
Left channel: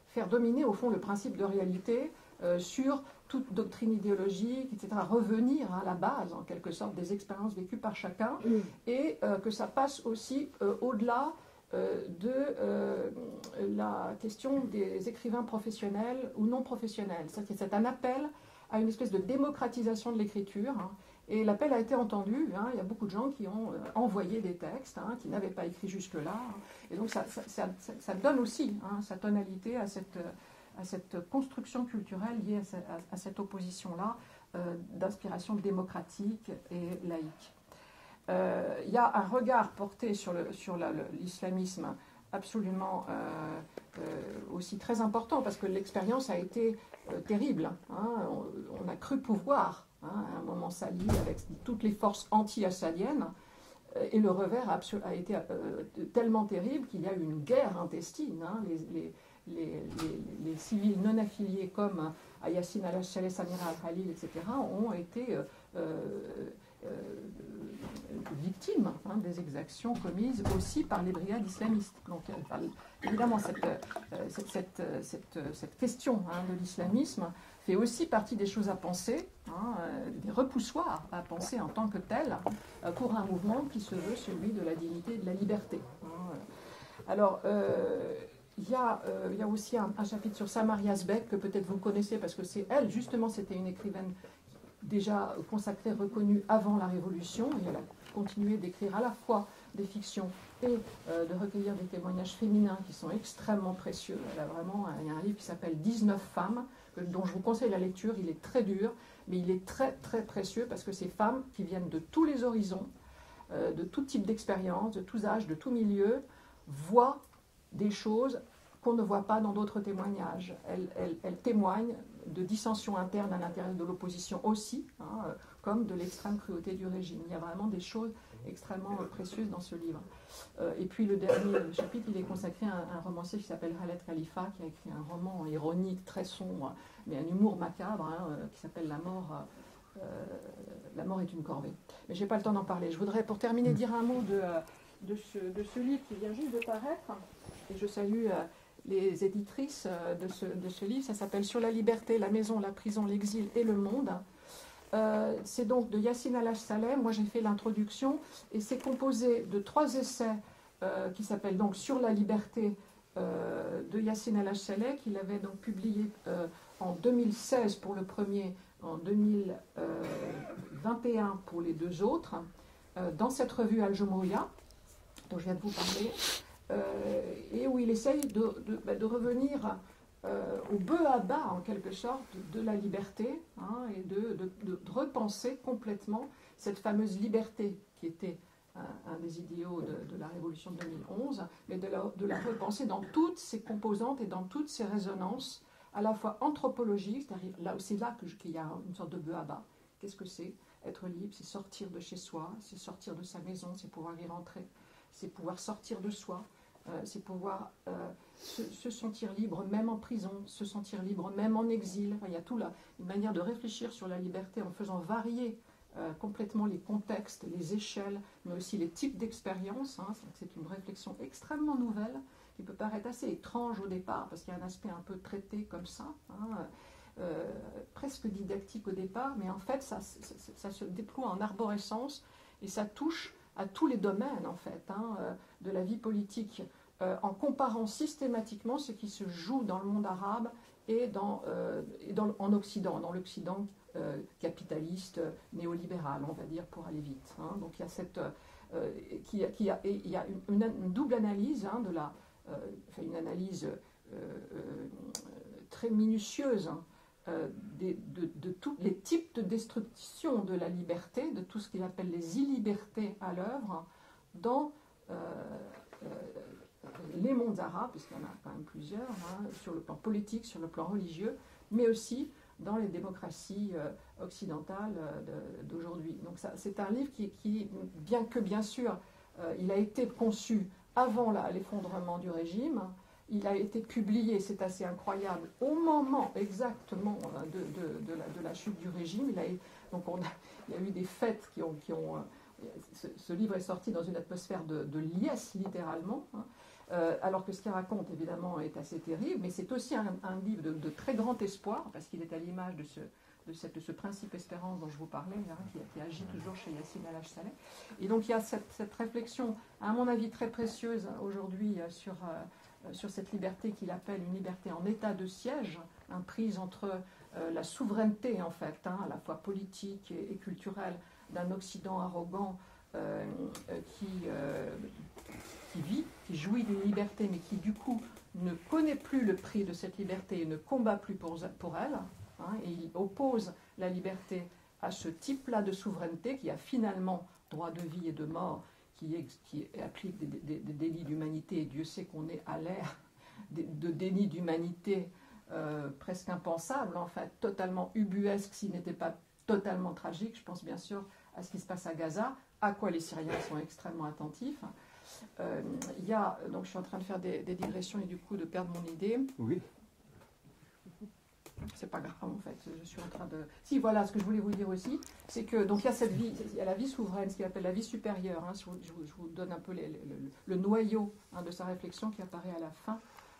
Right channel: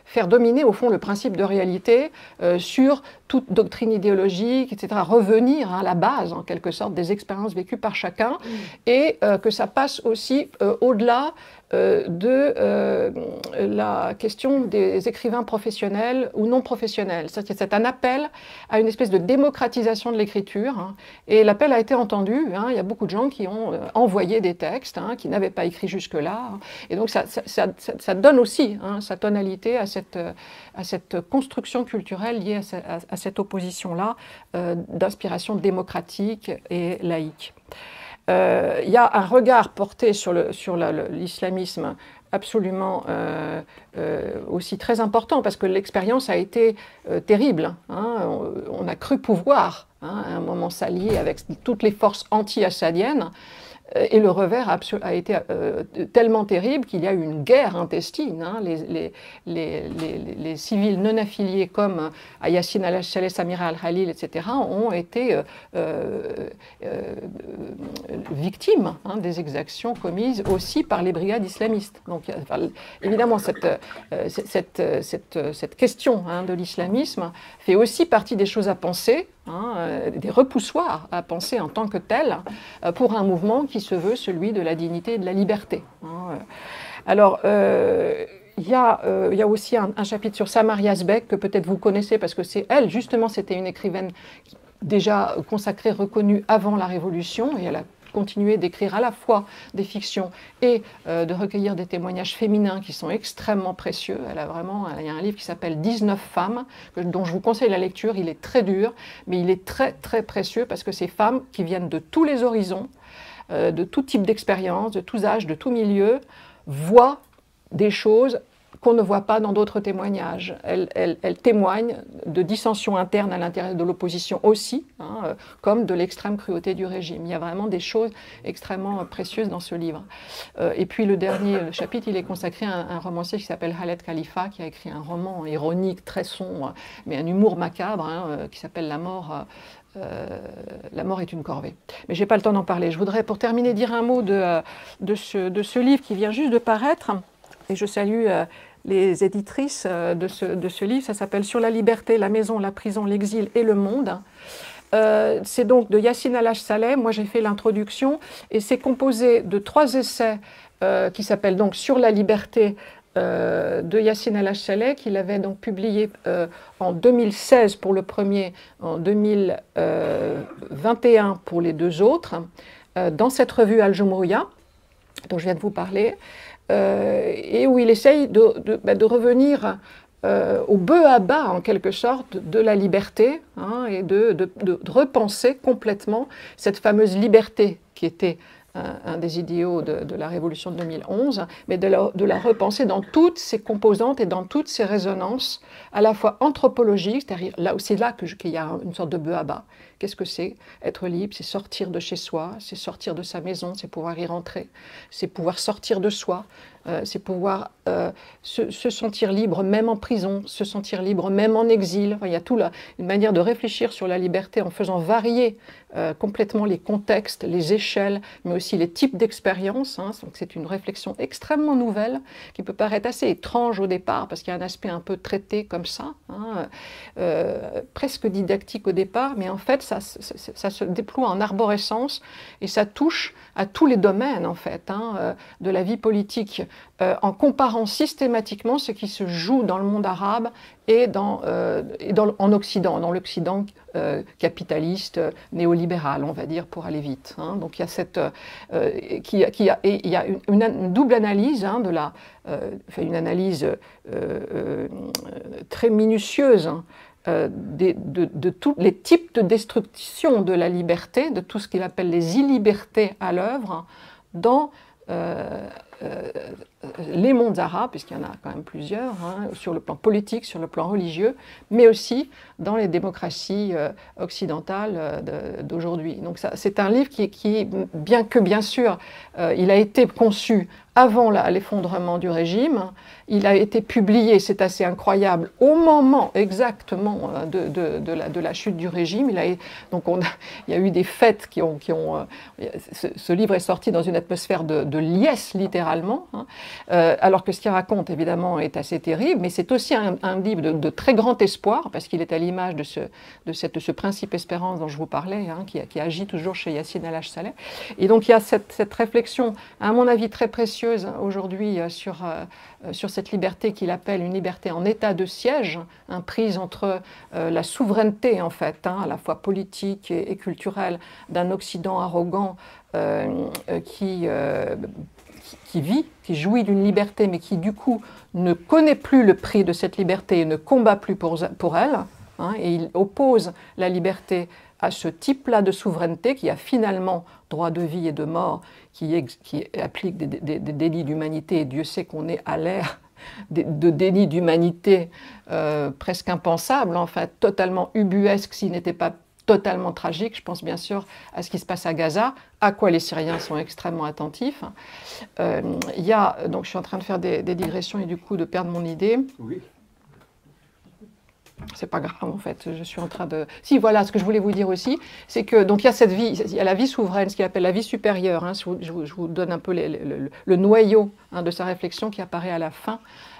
faire dominer au fond le principe de réalité sur toute doctrine idéologique, etc. Revenir à la base en quelque sorte des expériences vécues par chacun et que ça passe aussi au-delà de la question des écrivains professionnels ou non professionnels. C'est un appel à une espèce de démocratisation de l'écriture, et l'appel a été entendu. Il y a beaucoup de gens qui ont envoyé des textes, qui n'avaient pas écrit jusque-là, et donc ça donne aussi sa tonalité à cette construction culturelle liée à cette opposition-là d'inspiration démocratique et laïque. Il y a un regard porté sur l'islamisme absolument aussi très important, parce que l'expérience a été terrible. On a cru pouvoir à un moment s'allier avec toutes les forces anti-assadiennes. Et le revers a été tellement terrible qu'il y a eu une guerre intestine. Les civils non affiliés comme Yassine al-Saleh, Samira al-Khalil, etc. ont été victimes des exactions commises aussi par les brigades islamistes. Donc évidemment, cette question de l'islamisme fait aussi partie des choses à penser, des repoussoirs à penser en tant que tel pour un mouvement qui se veut celui de la dignité et de la liberté. Alors, il y a aussi un chapitre sur Samar Yazbek que peut-être vous connaissez, parce que c'est elle, justement, c'était une écrivaine déjà consacrée, reconnue avant la Révolution, et elle a continué d'écrire à la fois des fictions et de recueillir des témoignages féminins qui sont extrêmement précieux. Il y a un livre qui s'appelle 19 femmes, dont je vous conseille la lecture. Il est très dur, mais il est très très précieux, parce que ces femmes qui viennent de tous les horizons, de tout type d'expérience, de tous âges, de tout milieu, voient des choses qu'on ne voit pas dans d'autres témoignages. Elle témoigne de dissensions internes à l'intérieur de l'opposition aussi, hein, comme de l'extrême cruauté du régime. Il y a vraiment des choses extrêmement précieuses dans ce livre. Et puis le dernier chapitre, il est consacré à un romancier qui s'appelle Khaled Khalifa, qui a écrit un roman ironique, très sombre, mais un humour macabre, hein, qui s'appelle La mort est une corvée. Mais je n'ai pas le temps d'en parler. Je voudrais, pour terminer, dire un mot de ce livre qui vient juste de paraître. Et je salue les éditrices de ce livre. Ça s'appelle « Sur la liberté, la maison, la prison, l'exil et le monde ». C'est donc de Yassine Al-Haj-Saleh. Moi, j'ai fait l'introduction. Et c'est composé de 3 essais qui s'appellent donc « Sur la liberté » de Yassine Al-Haj-Saleh, qu'il avait donc publié en 2016 pour le premier, en 2021 pour les 2 autres, dans cette revue Al-Jumhuriya, dont je viens de vous parler, et où il essaye de revenir au b.a.-ba, en quelque sorte, de la liberté, hein, et de repenser complètement cette fameuse liberté qui était un des idéaux de la Révolution de 2011, mais de la repenser dans toutes ses composantes et dans toutes ses résonances, à la fois anthropologiques, c'est-à-dire c'est là qu'il y a une sorte de b.a.-ba. Qu'est-ce que c'est être libre? C'est sortir de chez soi, c'est sortir de sa maison, c'est pouvoir y rentrer, c'est pouvoir sortir de soi, c'est pouvoir se sentir libre même en prison, se sentir libre même en exil. Enfin, il y a une manière de réfléchir sur la liberté en faisant varier complètement les contextes, les échelles, mais aussi les types d'expériences. Hein. C'est une réflexion extrêmement nouvelle qui peut paraître assez étrange au départ parce qu'il y a un aspect un peu traité comme ça, hein, presque didactique au départ, mais en fait ça se déploie en arborescence et ça touche à tous les domaines en fait, hein, de la vie politique, en comparant systématiquement ce qui se joue dans le monde arabe et en Occident, dans l'Occident capitaliste, néolibéral, on va dire, pour aller vite. Hein. Donc il y a une double analyse, hein, une analyse très minutieuse, hein, de tous les types de destruction de la liberté, de tout ce qu'il appelle les illibertés à l'œuvre, dans les mondes arabes, puisqu'il y en a quand même plusieurs, hein, sur le plan politique, sur le plan religieux, mais aussi dans les démocraties occidentales d'aujourd'hui. Donc c'est un livre qui, bien que bien sûr, il a été conçu avant l'effondrement du régime, il a été publié, c'est assez incroyable, au moment exactement de la chute du régime. Il y a eu des fêtes ce livre est sorti dans une atmosphère de liesse, littéralement, hein, alors que ce qu'il raconte, évidemment, est assez terrible, mais c'est aussi un livre de très grand espoir, parce qu'il est à l'image de ce principe espérance dont je vous parlais, hein, qui agit toujours chez Yassine Al-Haj-Saleh. Et donc il y a cette réflexion, à mon avis, très précieuse aujourd'hui sur cette liberté qu'il appelle une liberté en état de siège, hein, prise entre la souveraineté, en fait, hein, à la fois politique et culturelle, d'un Occident arrogant qui jouit d'une liberté, mais qui, du coup, ne connaît plus le prix de cette liberté et ne combat plus pour elle. Hein, et il oppose la liberté à ce type-là de souveraineté qui a finalement droit de vie et de mort, qui applique des délits d'humanité, et Dieu sait qu'on est à l'ère de délits d'humanité presque impensables, en fait, totalement ubuesques s'ils n'étaient pas totalement tragiques. Je pense bien sûr à ce qui se passe à Gaza, à quoi les Syriens sont extrêmement attentifs. Donc je suis en train de faire des digressions et du coup de perdre mon idée. Oui. C'est pas grave en fait, je suis en train de... Si, voilà, ce que je voulais vous dire aussi, c'est que donc il y a cette vie, il y a la vie souveraine, ce qu'il appelle la vie supérieure, hein, je vous donne un peu le noyau, hein, de sa réflexion qui apparaît à la fin,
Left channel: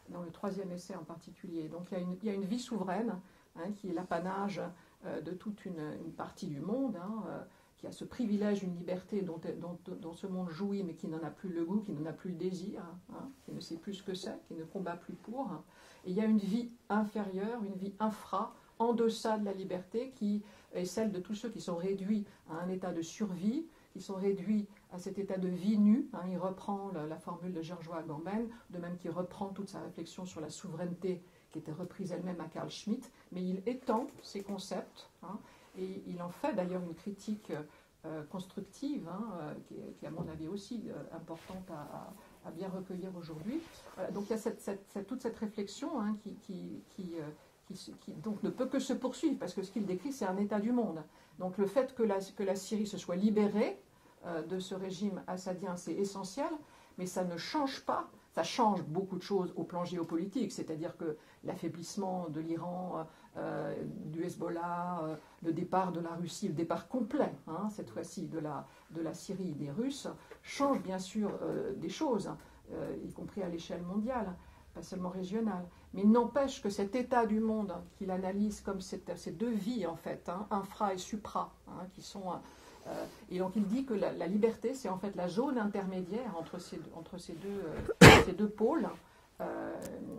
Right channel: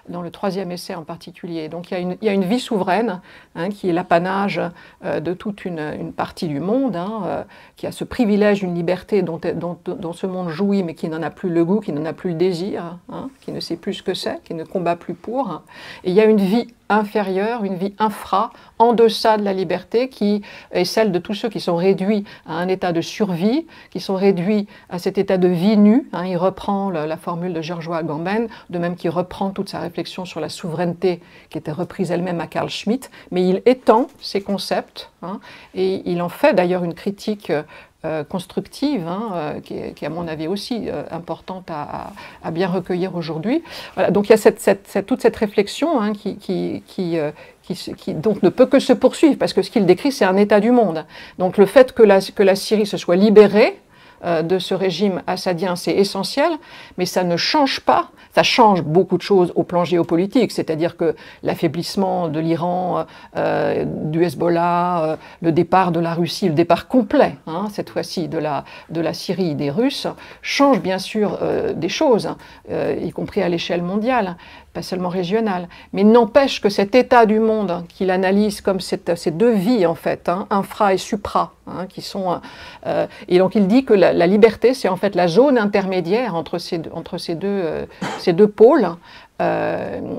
dans le 3e essai en particulier. Donc il y a une vie souveraine, hein, qui est l'apanage de toute une partie du monde, hein, qui a ce privilège d'une liberté dont ce monde jouit, mais qui n'en a plus le goût, qui n'en a plus le désir, hein, qui ne sait plus ce que c'est, qui ne combat plus pour. Hein. Et il y a une vie inférieure, une vie infra, en deçà de la liberté, qui est celle de tous ceux qui sont réduits à un état de survie, qui sont réduits à cet état de vie nue. Hein. Il reprend la formule de Georges Agamben, de même qu'il reprend toute sa réflexion réflexion sur la souveraineté qui était reprise elle-même à Carl Schmitt, mais il étend ces concepts, hein, et il en fait d'ailleurs une critique constructive, hein, qui est à mon avis aussi importante à bien recueillir aujourd'hui. Voilà, donc il y a toute cette réflexion, hein, qui donc ne peut que se poursuivre, parce que ce qu'il décrit, c'est un état du monde. Donc le fait que la Syrie se soit libérée de ce régime assadien, c'est essentiel, mais ça ne change pas, ça change beaucoup de choses au plan géopolitique, c'est-à-dire que l'affaiblissement de l'Iran, du Hezbollah, le départ de la Russie, le départ complet, hein, cette fois-ci, de la Syrie, des Russes, change bien sûr des choses, y compris à l'échelle mondiale, pas seulement régionale, mais n'empêche que cet état du monde qu'il analyse comme ces deux vies, en fait, hein, infra et supra, hein, qui sont... et donc il dit que la liberté, c'est en fait la zone intermédiaire entre ces deux pôles,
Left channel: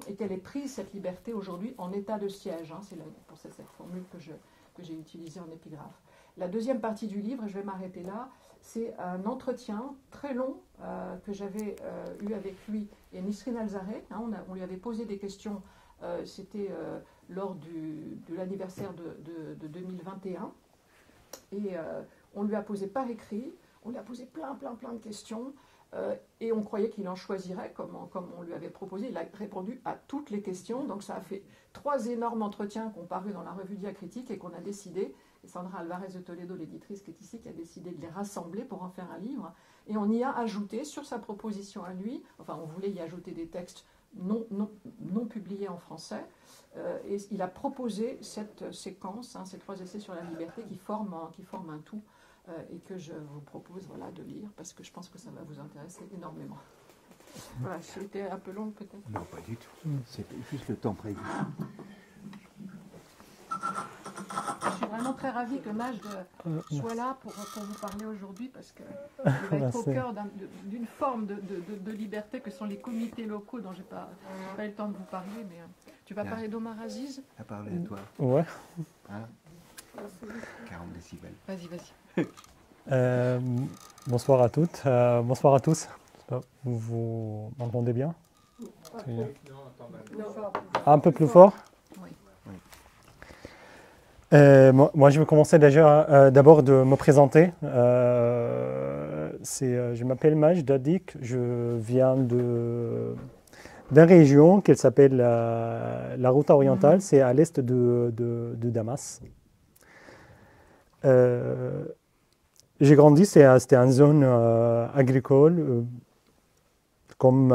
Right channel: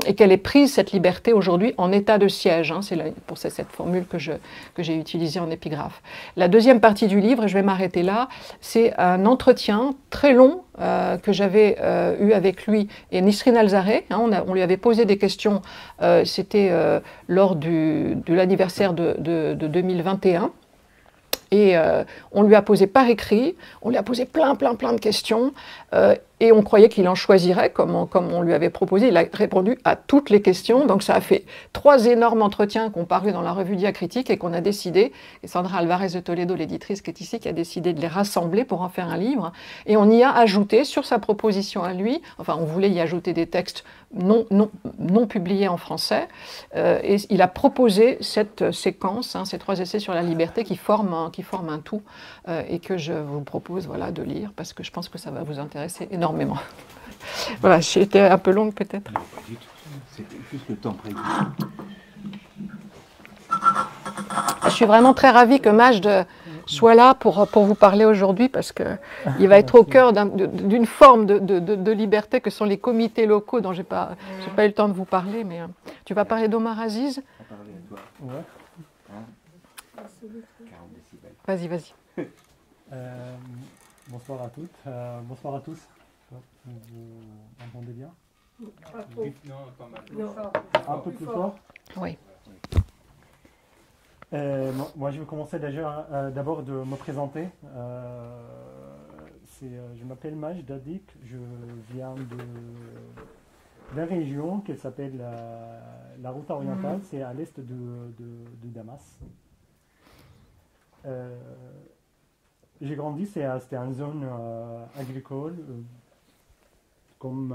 et qu'elle est prise, cette liberté, aujourd'hui, en état de siège. Hein, c'est pour cette formule que j'ai utilisée en épigraphe. La deuxième partie du livre, et je vais m'arrêter là, c'est un entretien très long que j'avais eu avec lui et Nisrine Alzareh. Hein, on lui avait posé des questions, c'était lors de l'anniversaire de 2021. Et on lui a posé par écrit, on lui a posé plein de questions, et on croyait qu'il en choisirait, comme on lui avait proposé. Il a répondu à toutes les questions, donc ça a fait 3 énormes entretiens qui ont paru dans la revue Diacritique et qu'on a décidé, et Sandra Alvarez de Toledo, l'éditrice qui est ici, qui a décidé de les rassembler pour en faire un livre, et on y a ajouté, sur sa proposition à lui, enfin on voulait y ajouter des textes non publiés en français, et il a proposé cette séquence, hein, ces 3 essais sur la liberté qui forment un tout, et que je vous propose, voilà, de lire, parce que je pense que ça va vous intéresser énormément. Voilà, j'ai été un peu longue peut-être. Non, pas du tout. C'était juste le temps prévu. Je suis vraiment très ravie que Majd soit là pour vous parler aujourd'hui, parce qu'il va être au cœur d'une forme de liberté que sont les comités locaux dont je n'ai pas eu le temps de vous parler. Mais tu vas parler d'Omar Aziz? À parler de toi. Ouais. Hein 40 décibels. Vas-y. Bonsoir à toutes, bonsoir à tous. Vous m'entendez bien? Un peu plus fort? Oui. Moi, je vais commencer d'abord de me présenter. Je m'appelle Majd Dadik, je viens d'une région qui s'appelle la Ghouta orientale, c'est à l'est de Damas. J'ai grandi, c'était une zone agricole, comme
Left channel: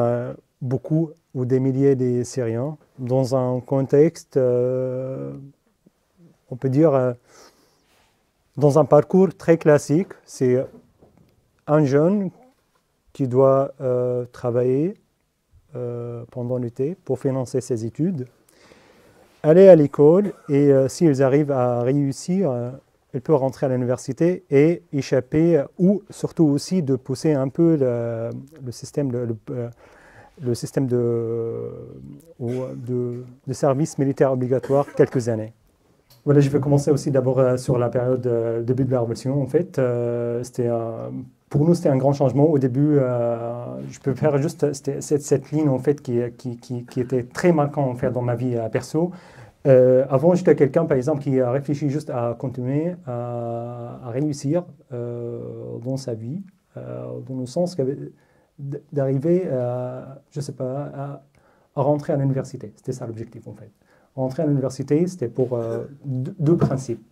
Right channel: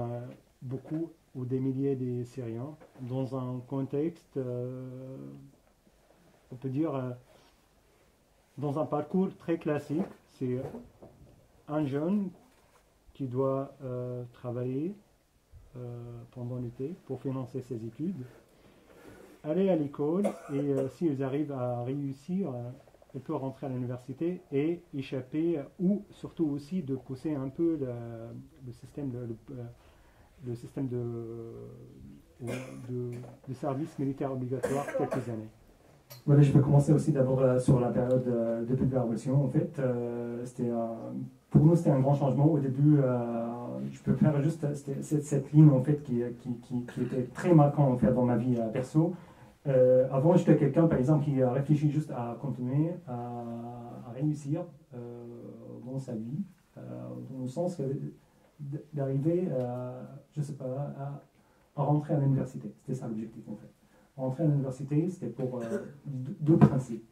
beaucoup ou des milliers de Syriens, dans un contexte, on peut dire, dans un parcours très classique. C'est un jeune qui doit travailler pendant l'été pour financer ses études, aller à l'école, et s'ils arrivent à réussir, il peut rentrer à l'université et échapper, ou surtout aussi de pousser un peu le système de service militaire obligatoire quelques années. Voilà, je vais commencer aussi d'abord sur la période début de la Révolution. En fait, pour nous, c'était un grand changement. Au début, je peux faire juste cette ligne en fait, qui était très marquante en fait, dans ma vie perso. Avant, j'étais quelqu'un, par exemple, qui a réfléchi juste à continuer à réussir dans sa vie, dans le sens d'arriver, je sais pas, à rentrer à l'université. C'était ça l'objectif, en fait. Rentrer à l'université, c'était pour 2 principes.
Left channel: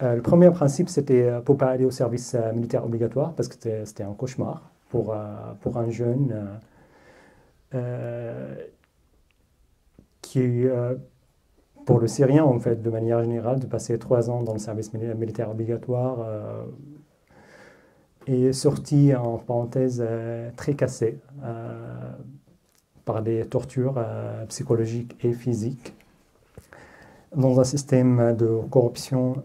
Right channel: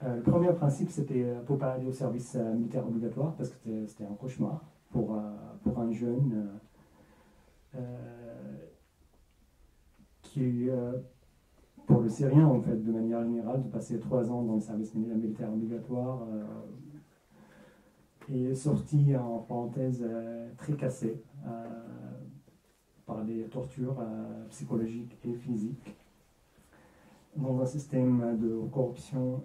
Le premier principe, c'était pour ne pas aller au service militaire obligatoire, parce que c'était un cauchemar pour un jeune qui pour le Syrien, en fait, de manière générale, de passer 3 ans dans le service militaire obligatoire est sorti, en parenthèse, très cassé par des tortures psychologiques et physiques dans un système de corruption,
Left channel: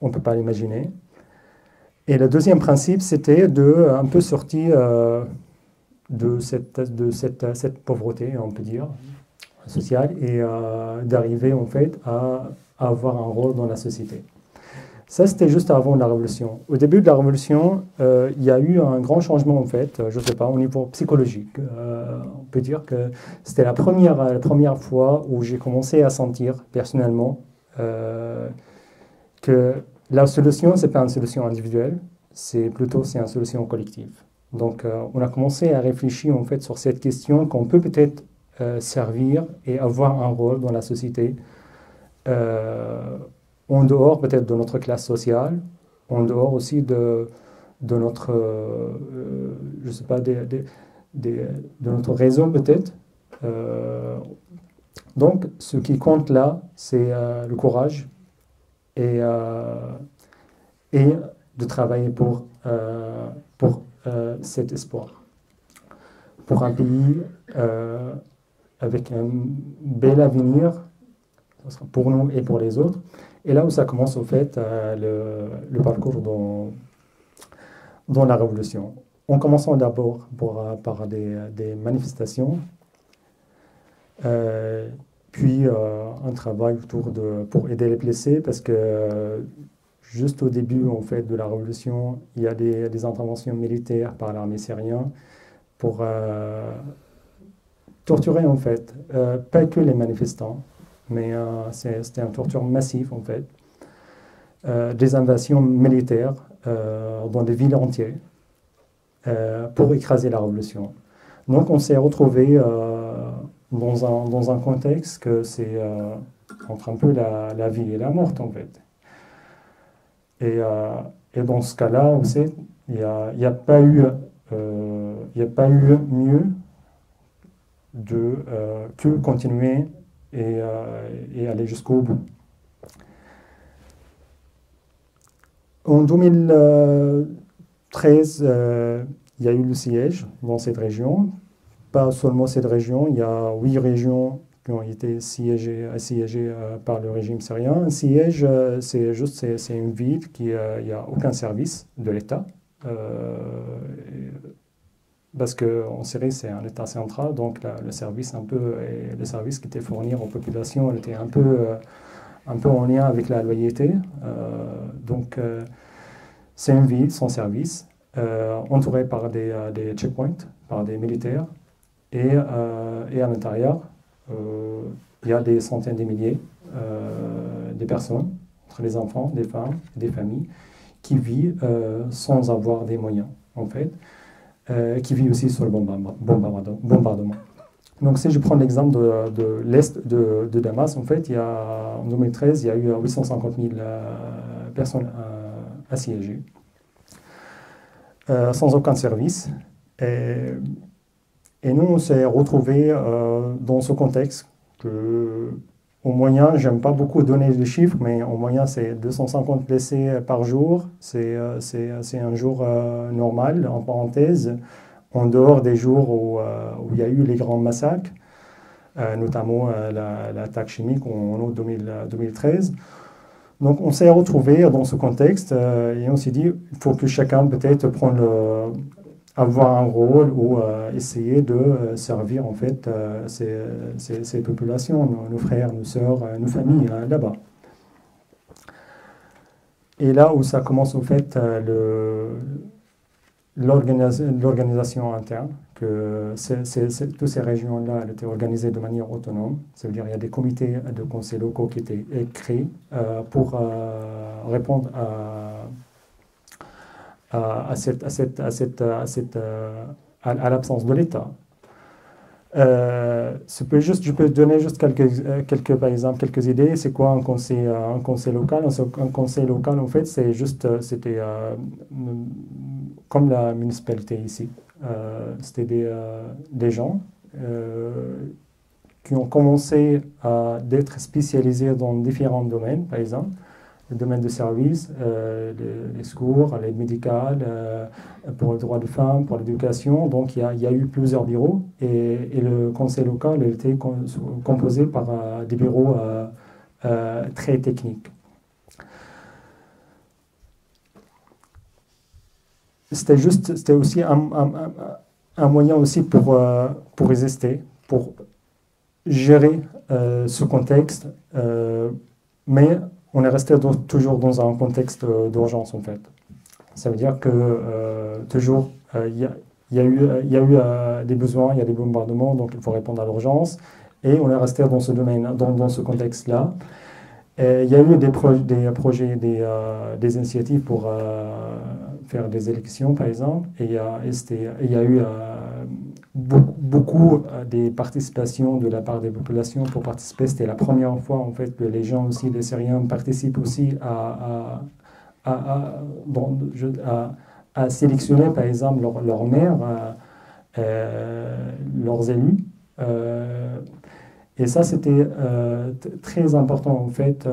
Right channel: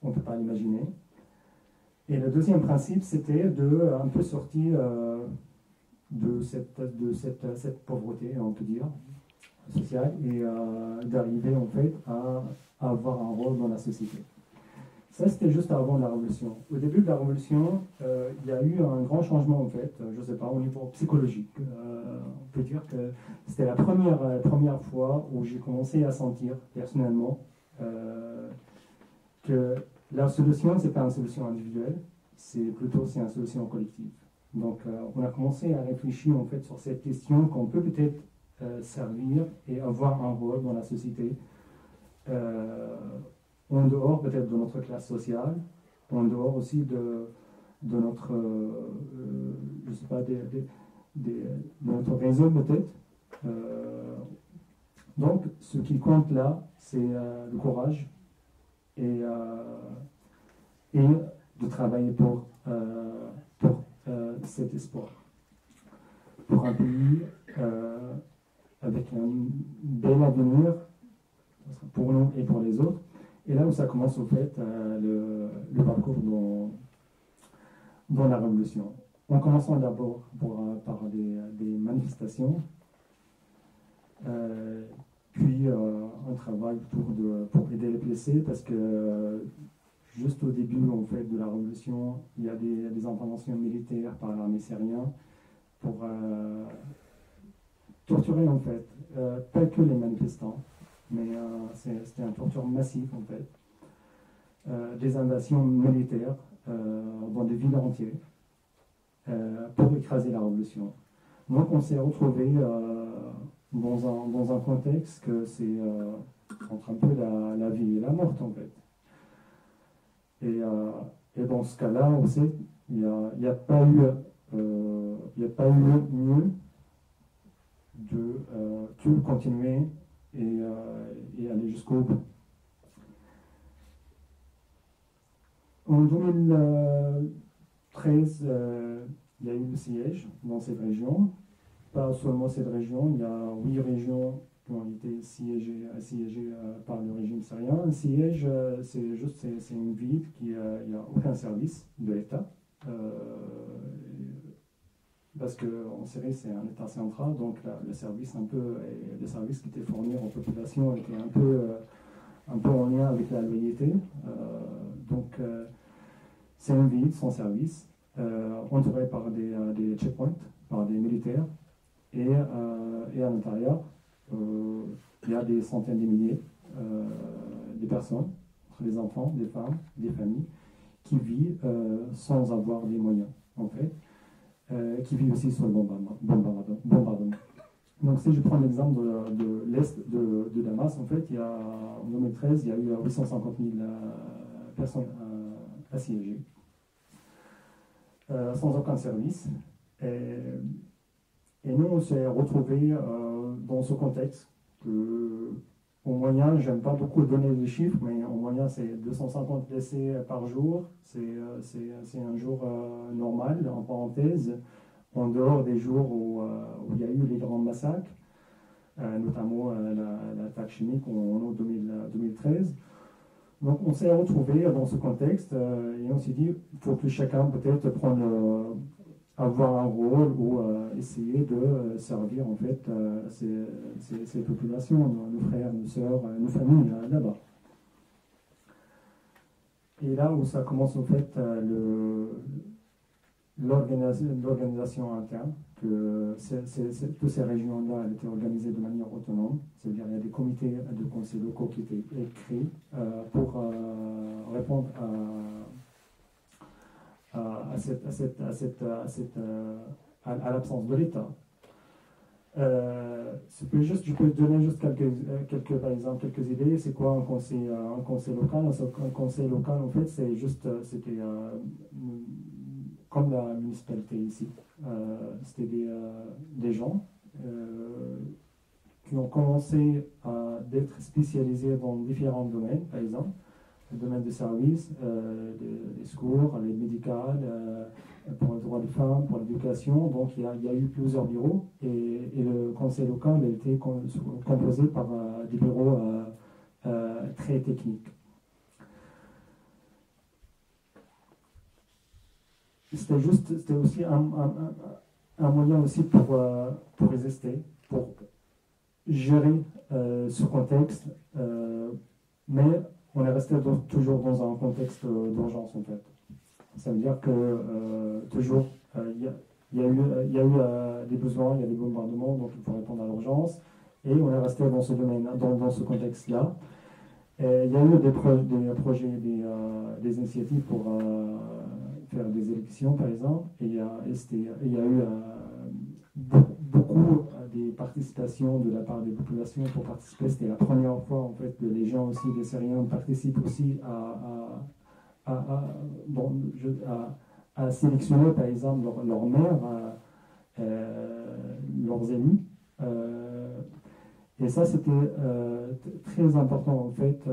on ne peut pas l'imaginer. Et le deuxième principe, c'était de un peu sortir de cette pauvreté, on peut dire, sociale, et d'arriver en fait à avoir un rôle dans la société. Ça, c'était juste avant la Révolution. Au début de la Révolution, il y a eu un grand changement, en fait, je ne sais pas, au niveau psychologique. On peut dire que c'était la première fois où j'ai commencé à sentir, personnellement, que la solution, ce n'est pas une solution individuelle, c'est une solution collective. Donc, on a commencé à réfléchir, en fait, sur cette question qu'on peut peut-être servir et avoir un rôle dans la société, en dehors peut-être de notre classe sociale, en dehors aussi de notre, je sais pas, de notre réseau peut-être. Donc, ce qui compte là, c'est le courage et de travailler pour cet espoir. Pour un pays avec un bel avenir, pour nous et pour les autres. Et là où ça commence, au fait, le parcours dans la Révolution. En commençant d'abord par des manifestations, puis un travail pour aider les blessés, parce que juste au début, en fait, de la Révolution, il y a des interventions militaires par l'armée syrienne pour torturer, en fait, pas que les manifestants, mais c'était une torture massive, en fait. Des invasions militaires dans des villes entières pour écraser la révolution. Donc on s'est retrouvé dans un contexte que c'est entre un peu la vie et la mort, en fait. Et dans ce cas-là, aussi, il n'y a pas eu mieux que continuer et aller jusqu'au bout. En 2013, il y a eu le siège dans cette région. Pas seulement cette région, il y a 8 régions qui ont été assiégées par le régime syrien. Un siège, c'est une ville qui il n'y a aucun service de l'État. Parce qu'en Syrie, c'est un État central, donc le service qui était fourni aux populations était un peu en lien avec la loyauté. Donc, c'est une ville sans service, entourée par des checkpoints, par des militaires. Et à l'intérieur, il y a des centaines de milliers de personnes, entre les enfants, des femmes, des familles, qui vivent sans avoir des moyens, en fait, qui vivent aussi sur le bombardement. Donc, si je prends l'exemple de l'Est de Damas, en fait, en 2013, il y a eu 850 000 personnes assiégées, sans aucun service. Et nous, on s'est retrouvés dans ce contexte que, au moyen, j'aime pas beaucoup donner les chiffres, mais au moyen, c'est 250 blessés par jour. C'est un jour normal, en parenthèse, en dehors des jours où il y a eu les grands massacres, notamment l'attaque chimique en août 2013. Donc on s'est retrouvés dans ce contexte et on s'est dit il faut que chacun peut-être avoir un rôle ou essayer de servir en fait ces populations, nos frères, nos sœurs, nos familles là-bas. Et là où ça commence en fait l'organisation interne, que toutes ces régions-là étaient organisées de manière autonome. Ça veut dire qu'il y a des comités de conseils locaux qui étaient créés pour répondre à l'absence de l'État. Je peux donner juste par exemple, quelques idées. C'est quoi un conseil local? Un conseil local, en fait, c'était comme la municipalité ici. C'était des gens qui ont commencé d'être spécialisés dans différents domaines, par exemple, le domaine de service, les secours, l'aide médicale, pour les droits de femmes, pour l'éducation. Donc il y a eu plusieurs bureaux et le conseil local était composé par des bureaux très techniques. C'était aussi un moyen aussi pour résister, pour gérer ce contexte, mais on est resté toujours dans un contexte d'urgence, en fait. Ça veut dire que toujours, il y a eu des besoins, il y a des bombardements, donc il faut répondre à l'urgence. Et on est resté dans ce domaine, dans ce contexte-là. Il y a eu des projets, des initiatives pour faire des élections, par exemple. Et il y a eu beaucoup de participations de la part des populations pour participer. C'était la première fois, en fait, que les gens aussi, les Syriens, participent aussi à sélectionner, par exemple, leur maire, leurs élus. Et ça, c'était très important, en fait,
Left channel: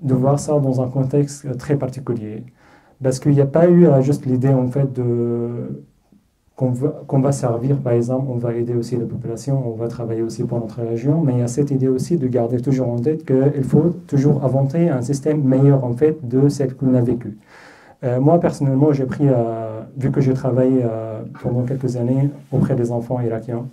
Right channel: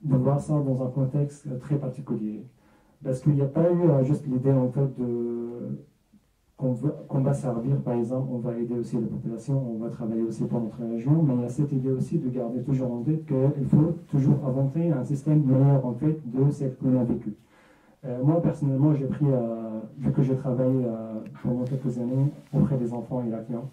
de voir ça dans un contexte très particulier. Parce qu'il n'y a pas eu juste l'idée, en fait, qu'on va servir, par exemple, on va aider aussi la population, on va travailler aussi pour notre région, mais il y a cette idée aussi de garder toujours en tête qu'il faut toujours inventer un système meilleur, en fait, de celle qu'on a vécue. Moi, personnellement, j'ai pris, vu que j'ai travaillé pendant quelques années auprès des enfants irakiens,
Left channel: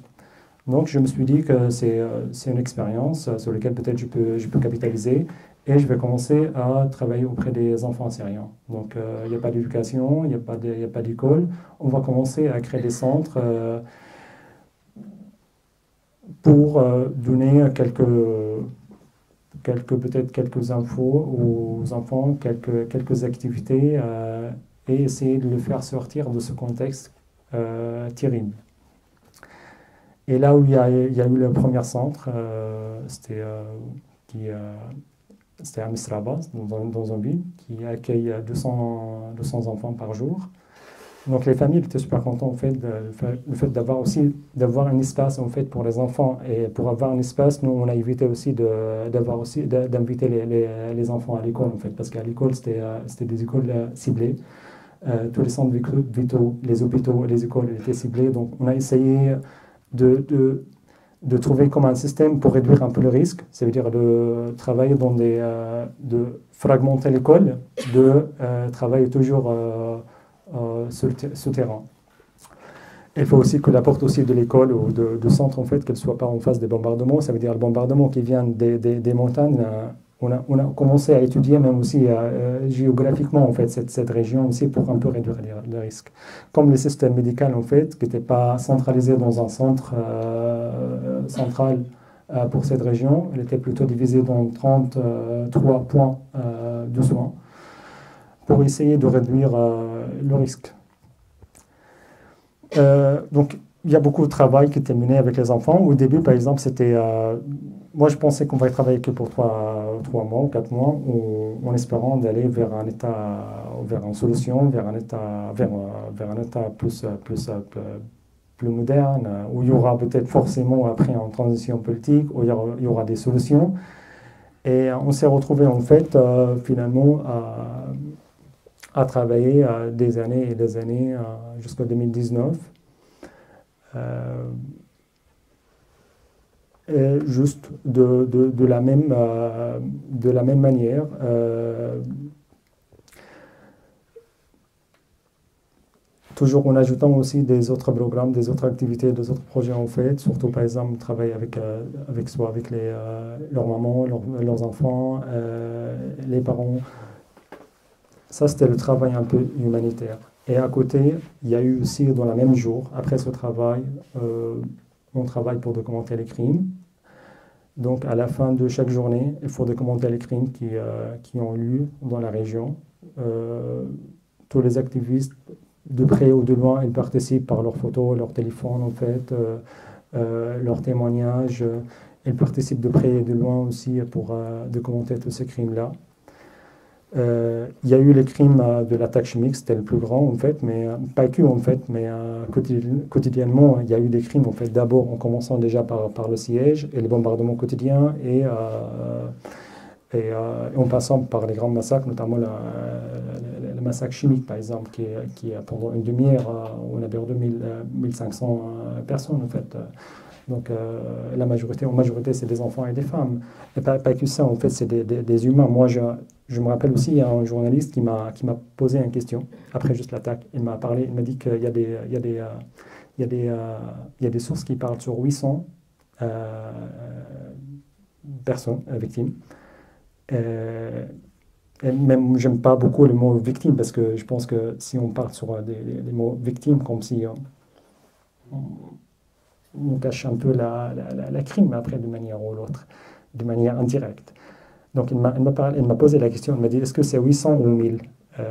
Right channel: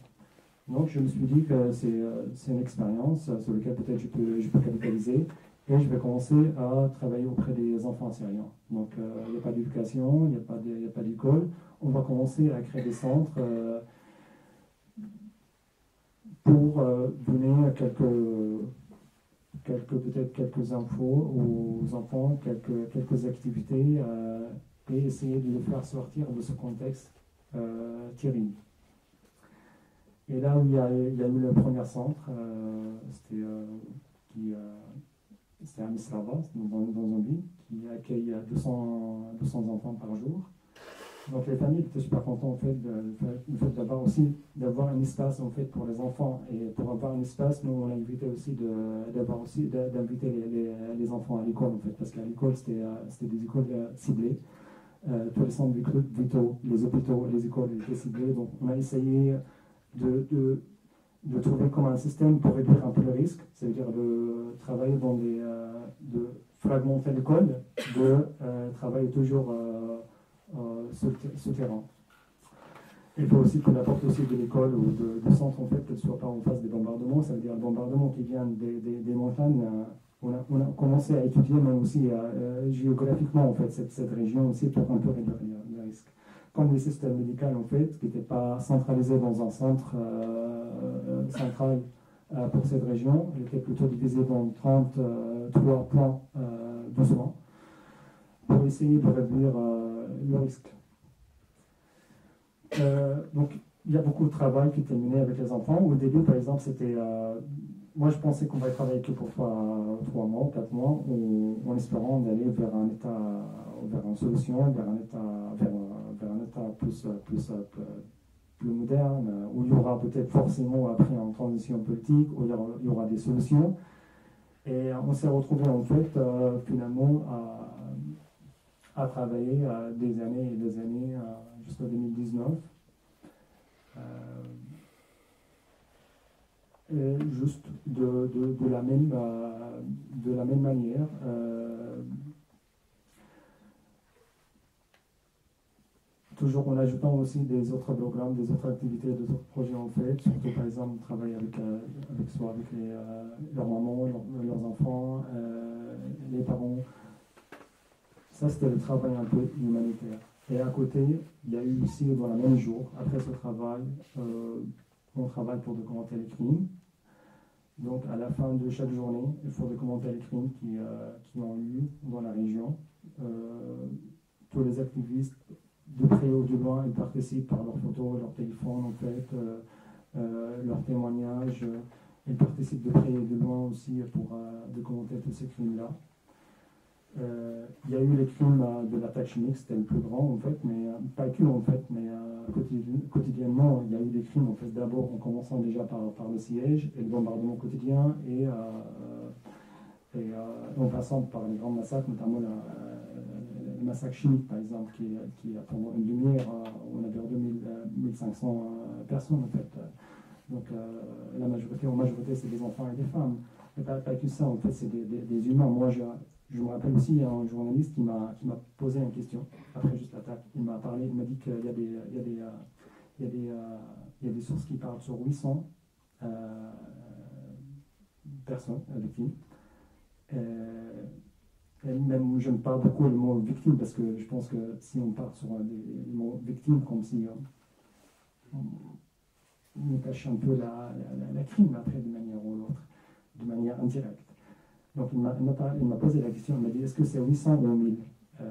donc je me suis dit que c'est une expérience sur laquelle peut-être je peux capitaliser et je vais commencer à travailler auprès des enfants syriens. Donc il n'y a pas d'éducation, il n'y a pas d'école. On va commencer à créer des centres pour donner peut-être quelques infos aux enfants, quelques activités et essayer de le faire sortir de ce contexte terrible. Et là où il y a eu le premier centre, c'était à Misraba, dans un ville, qui accueille 200 enfants par jour. Donc les familles étaient super contentes en fait, le fait d'avoir un espace en fait, pour les enfants. Et pour avoir un espace, nous on a évité aussi d'inviter les enfants à l'école en fait, parce qu'à l'école c'était des écoles ciblées. Tous les centres vitaux, les hôpitaux, les écoles étaient ciblés. Donc on a essayé de trouver comme un système pour réduire un peu le risque, ça veut dire de travailler de fragmenter l'école, de travailler toujours souterrain. Il faut aussi que la porte aussi de l'école ou de centre, en fait, qu'elle ne soit pas en face des bombardements. Ça veut dire le bombardement qui vient des montagnes. On a commencé à étudier même aussi géographiquement en fait, cette région aussi pour un peu réduire les risques. Comme le système médical en fait, qui n'était pas centralisé dans un centre central pour cette région, il était plutôt divisé dans 33 points de soins pour essayer de réduire le risque. Donc, il y a beaucoup de travail qui était mené avec les enfants. Au début, par exemple, c'était... moi, je pensais qu'on va travailler que pour 3 mois ou 4 mois, en espérant d'aller vers une solution, vers un état plus moderne, où il y aura peut-être forcément après une transition politique, où il y aura des solutions. Et on s'est retrouvé en fait, finalement, à travailler des années et des années jusqu'en 2019. Juste de la même manière. Toujours en ajoutant aussi des autres programmes, des autres activités, des autres projets en fait, surtout par exemple travailler avec leurs mamans, leurs enfants, les parents. Ça, c'était le travail un peu humanitaire. Et à côté, il y a eu aussi, dans le même jour, après ce travail, on travaille pour documenter les crimes. Donc, à la fin de chaque journée, il faut documenter les crimes qui ont lieu dans la région. Tous les activistes, de près ou de loin, ils participent par leurs photos, leur téléphone, en fait, leurs témoignages. Ils participent de près et de loin aussi pour documenter tous ces crimes-là. Il y a eu les crimes de l'attaque chimique, c'était le plus grand en fait, mais pas que en fait, mais quotidiennement il y a eu des crimes en fait. D'abord en commençant déjà par le siège et les bombardements quotidiens et en passant par les grands massacres, notamment le massacre chimique par exemple, qui pendant une demi-heure on a perdu 1500 personnes en fait. Donc en majorité c'est des enfants et des femmes. Et pas que ça, en fait, c'est des humains. Moi, je me rappelle aussi, il y a un journaliste qui m'a posé une question, après juste l'attaque. Il m'a dit qu'il y a des sources qui parlent sur 800 personnes victimes. Et même, j'aime pas beaucoup le mot victime parce que je pense que si on part sur des mots victime, comme si on cache un peu la crime après d'une manière ou l'autre, de manière indirecte. Donc, elle m'a posé la question, elle m'a dit, est-ce que c'est 800 ou 1000?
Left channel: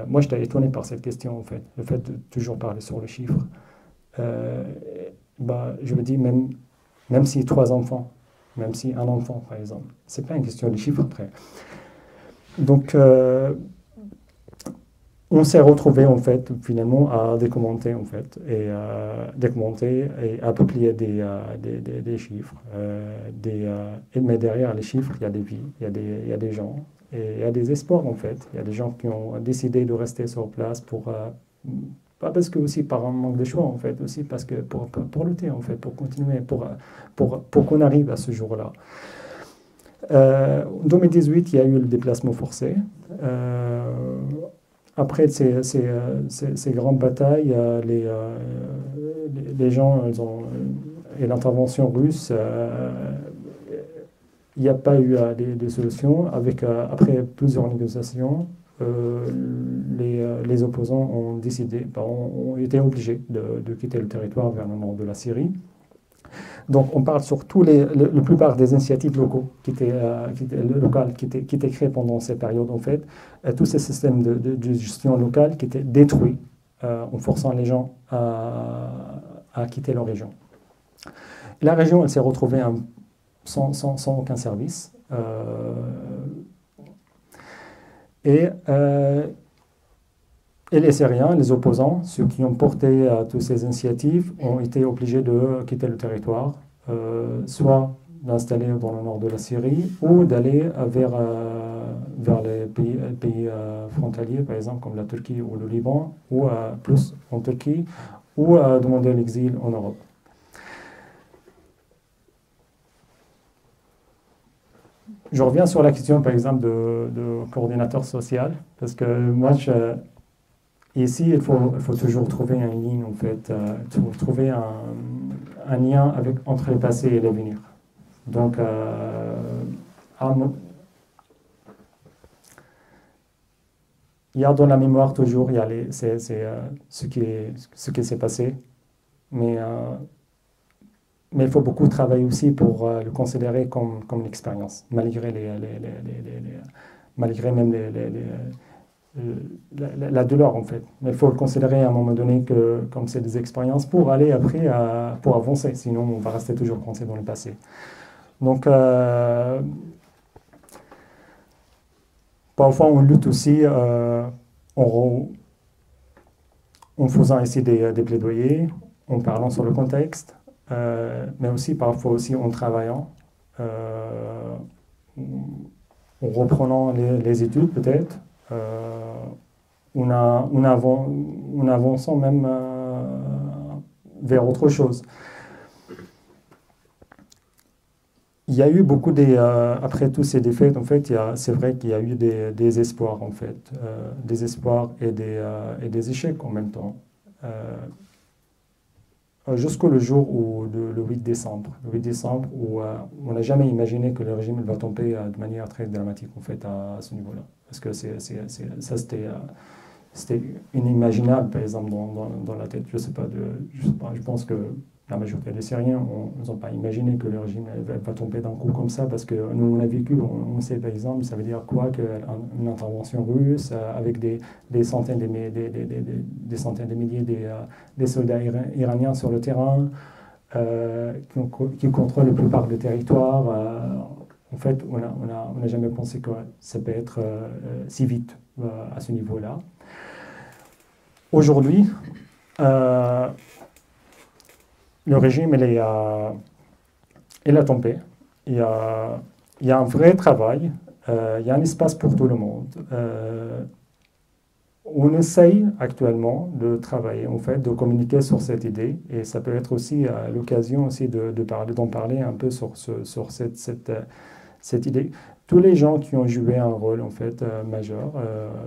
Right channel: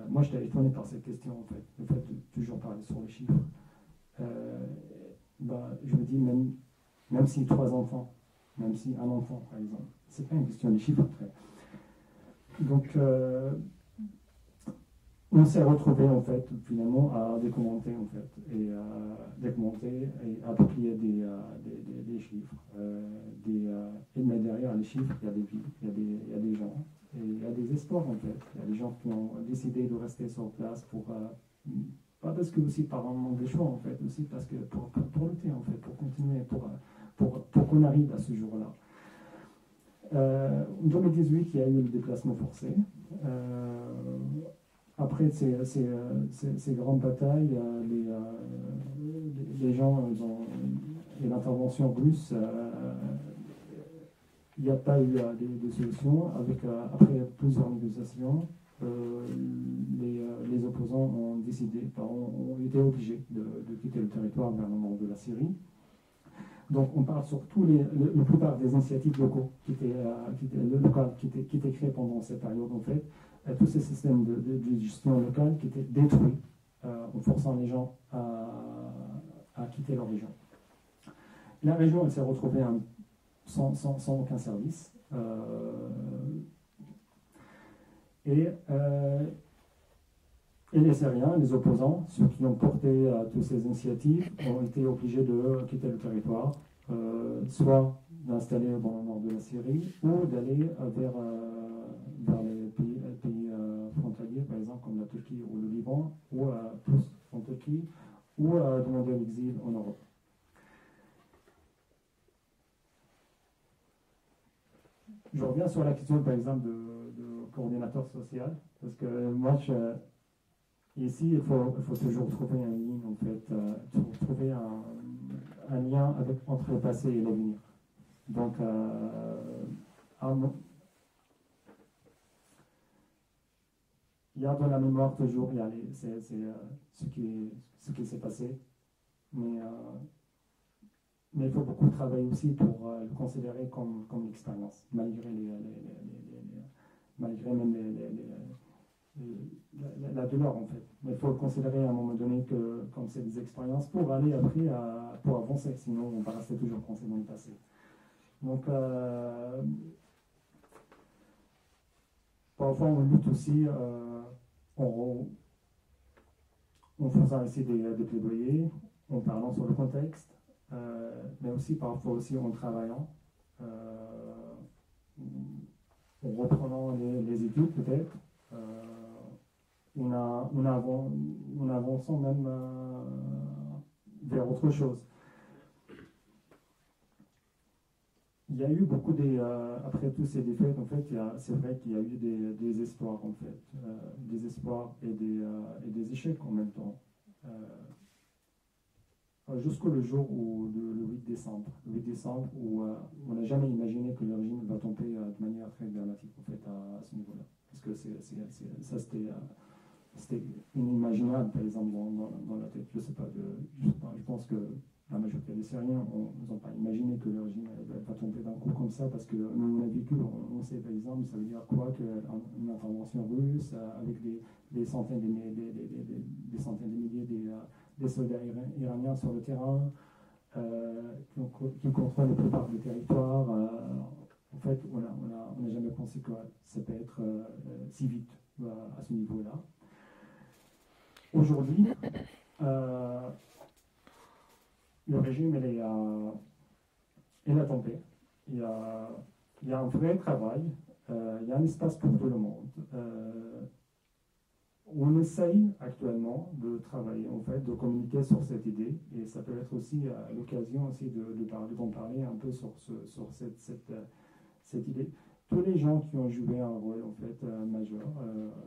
Moi, j'étais étonné par cette question, en fait, le fait de toujours parler sur le chiffre. Je me dis, même si 3 enfants, même si un enfant, par exemple, c'est pas une question de chiffre après. Donc, on s'est retrouvé en fait finalement à documenter en fait et à publier des chiffres. Mais derrière les chiffres, il y a des vies, il y a des gens et il y a des espoirs en fait. Il y a des gens qui ont décidé de rester sur place pas parce que aussi par un manque de choix en fait, aussi parce que pour lutter en fait, pour continuer, pour qu'on arrive à ce jour-là. En 2018, il y a eu le déplacement forcé. Après ces grandes batailles, les gens et l'intervention russe, il n'y a pas eu des solutions. Après plusieurs négociations, les opposants ont décidé, ont été obligés de quitter le territoire vers le nord de la Syrie. Donc, on parle sur la plupart des initiatives locales qui étaient créées pendant cette période, en fait. Tous ces systèmes de gestion locale qui étaient détruits en forçant les gens à quitter leur région. La région, elle s'est retrouvée sans aucun service. Et les Syriens, les opposants, ceux qui ont porté toutes ces initiatives, ont été obligés de quitter le territoire, soit d'installer dans le nord de la Syrie ou d'aller vers les pays frontaliers, par exemple comme la Turquie ou le Liban, ou plus en Turquie, ou demander l'exil en Europe. Je reviens sur la question, par exemple, de coordinateur social, parce que moi, ici, il faut toujours trouver une ligne, en fait, trouver un lien entre le passé et l'avenir. Donc, il y a dans la mémoire toujours ce qui s'est passé, mais il faut beaucoup travailler aussi pour le considérer comme une expérience, malgré malgré même la douleur en fait. Mais il faut le considérer à un moment donné comme c'est des expériences pour aller après pour avancer, sinon on va rester toujours coincé dans le passé. Donc parfois on lutte aussi en faisant ici des plaidoyers, en parlant sur le contexte, mais aussi parfois aussi en travaillant, en reprenant les études peut-être. En avançant même vers autre chose. Il y a eu beaucoup après tous ces défaites, en fait, c'est vrai qu'il y a eu des espoirs, en fait, des espoirs et des échecs en même temps. Jusqu'au jour le 8 décembre. Le 8 décembre, où on n'a jamais imaginé que le régime va tomber de manière très dramatique, en fait, à ce niveau-là. Parce que ça, c'était inimaginable, par exemple, dans la tête. Je sais pas, je pense que la majorité des Syriens n'ont pas imaginé que le régime va tomber d'un coup comme ça, parce que nous, on a vécu, on sait, par exemple, ça veut dire quoi qu'une intervention russe avec des centaines de milliers des soldats iraniens sur le terrain, qui contrôlent la plupart du territoire. En fait, on n'a jamais pensé que ça peut être si vite à ce niveau-là. Aujourd'hui, le régime, il a tombé. Il y a un vrai travail, il y a un espace pour tout le monde. On essaye actuellement de travailler, en fait, de communiquer sur cette idée, et ça peut être aussi l'occasion aussi d'en parler un peu sur cette idée. Tous les gens qui ont joué un rôle en fait majeur,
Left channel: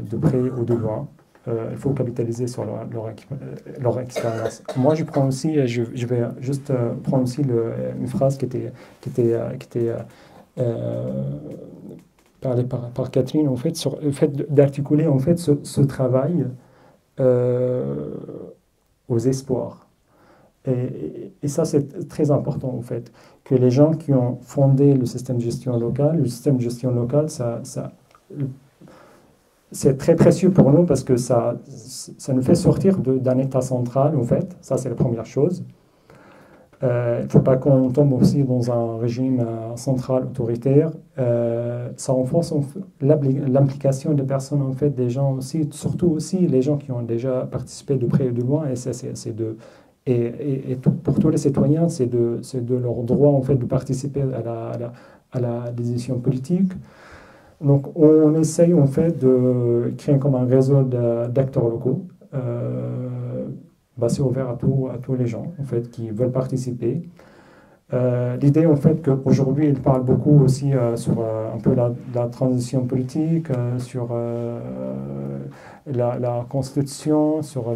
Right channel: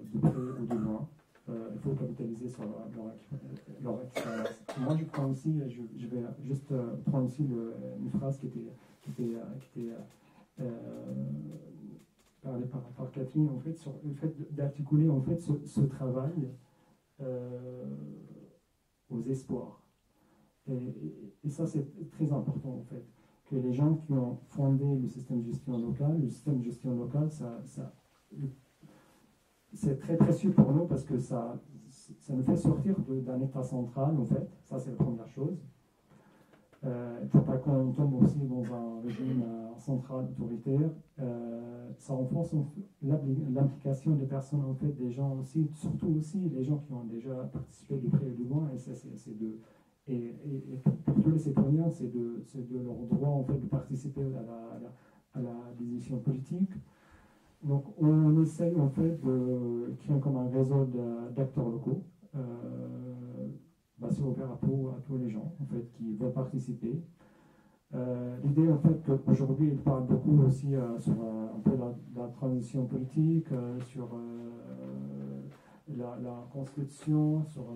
de près ou de loin, il faut capitaliser sur leur expérience. Moi, je prends aussi, je vais juste prendre aussi une phrase qui était parlé par Catherine, en fait, sur le fait d'articuler en fait ce travail aux espoirs. Et ça, c'est très important, en fait, que les gens qui ont fondé le système de gestion locale, c'est très précieux pour nous parce que ça nous fait sortir d'un État central, en fait. Ça, c'est la première chose. Il ne faut pas qu'on tombe aussi dans un régime central autoritaire. Ça renforce l'implication des personnes, en fait, des gens aussi, surtout aussi les gens qui ont déjà participé de près et de loin. Pour tous les citoyens, c'est de leur droit, en fait, de participer à la décision politique. Donc, on essaye, en fait, de créer comme un réseau d'acteurs locaux. C'est ouvert à tous les gens en fait, qui veulent participer. L'idée, en fait, qu'aujourd'hui, il parle beaucoup aussi sur un peu la transition politique, sur la constitution, sur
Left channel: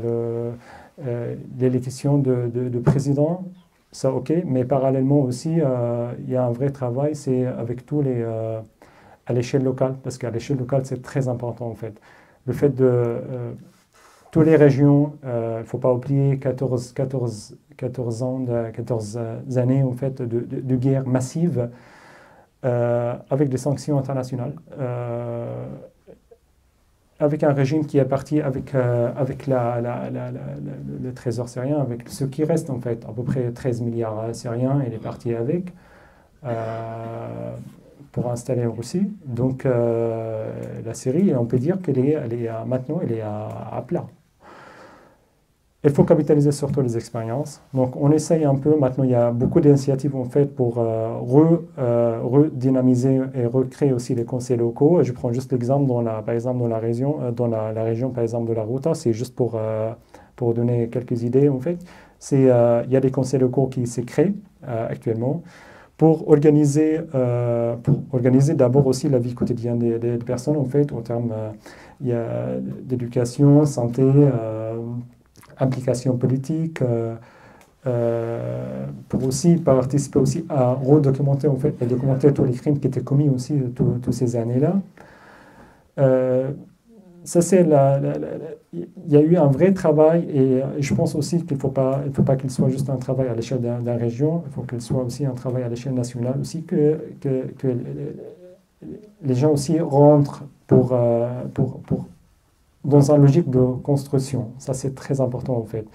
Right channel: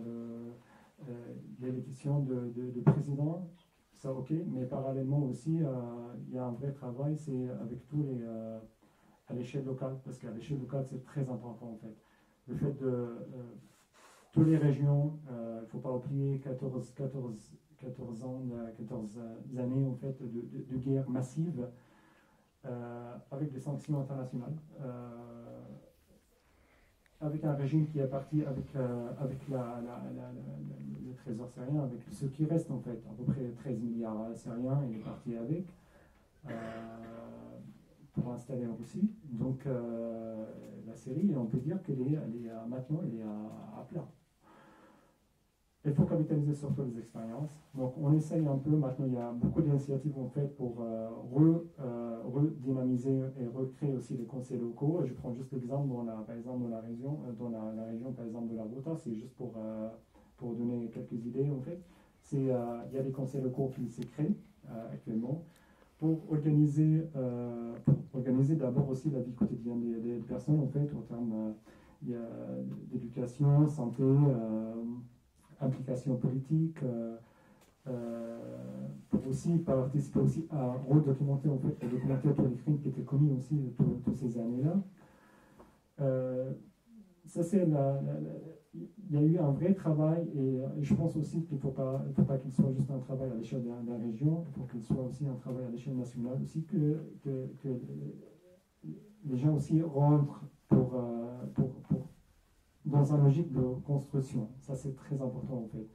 l'élection de président. Ça, OK, mais parallèlement aussi, il y a un vrai travail, c'est avec tous les... à l'échelle locale, parce qu'à l'échelle locale, c'est très important, en fait. Le fait de... toutes les régions, il ne faut pas oublier 14 années en fait, de guerre massive avec des sanctions internationales, avec un régime qui est parti avec le trésor syrien, avec ce qui reste en fait, à peu près 13 milliards syriens, il est parti avec pour installer en Russie. Donc la Syrie, on peut dire maintenant, elle est à plat. Il faut capitaliser sur toutes les expériences. Donc, on essaye un peu. Maintenant, il y a beaucoup d'initiatives en fait pour redynamiser et recréer aussi les conseils locaux. Je prends juste l'exemple par exemple dans la région, par exemple de la Ghouta. C'est juste pour donner quelques idées en fait. Il y a des conseils locaux qui se créent actuellement pour organiser d'abord aussi la vie quotidienne des personnes en fait en termes d'éducation, santé. Implication politique, pour aussi participer aussi à redocumenter en fait, et documenter tous les crimes qui étaient commis aussi toutes ces années-là. Ça c'est il y a eu un vrai travail et je pense aussi qu'il ne faut pas qu'il soit juste un travail à l'échelle d'une région, il faut qu'il soit aussi un travail à l'échelle nationale aussi que les gens aussi rentrent dans une logique de construction. Ça, c'est très important, en fait.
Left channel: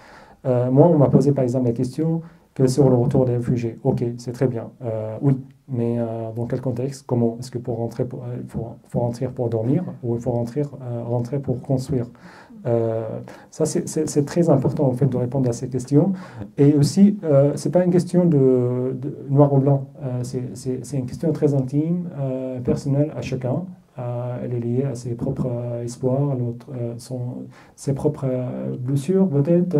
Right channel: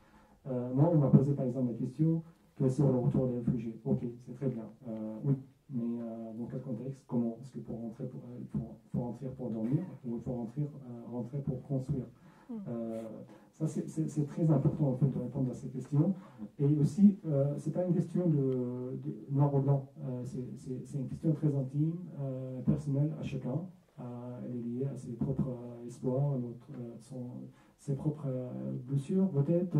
Moi, on m'a posé, par exemple, la question que sur le retour des réfugiés. OK, c'est très bien. Oui, mais dans quel contexte? Comment? Est-ce que pour rentrer, il faut rentrer pour dormir ou il faut rentrer pour construire? Ça, c'est très important, en fait, de répondre à ces questions. Et aussi, ce n'est pas une question de noir ou blanc. C'est une question très intime, personnelle à chacun. Elle est liée à ses propres espoirs, ses propres blessures, peut-être.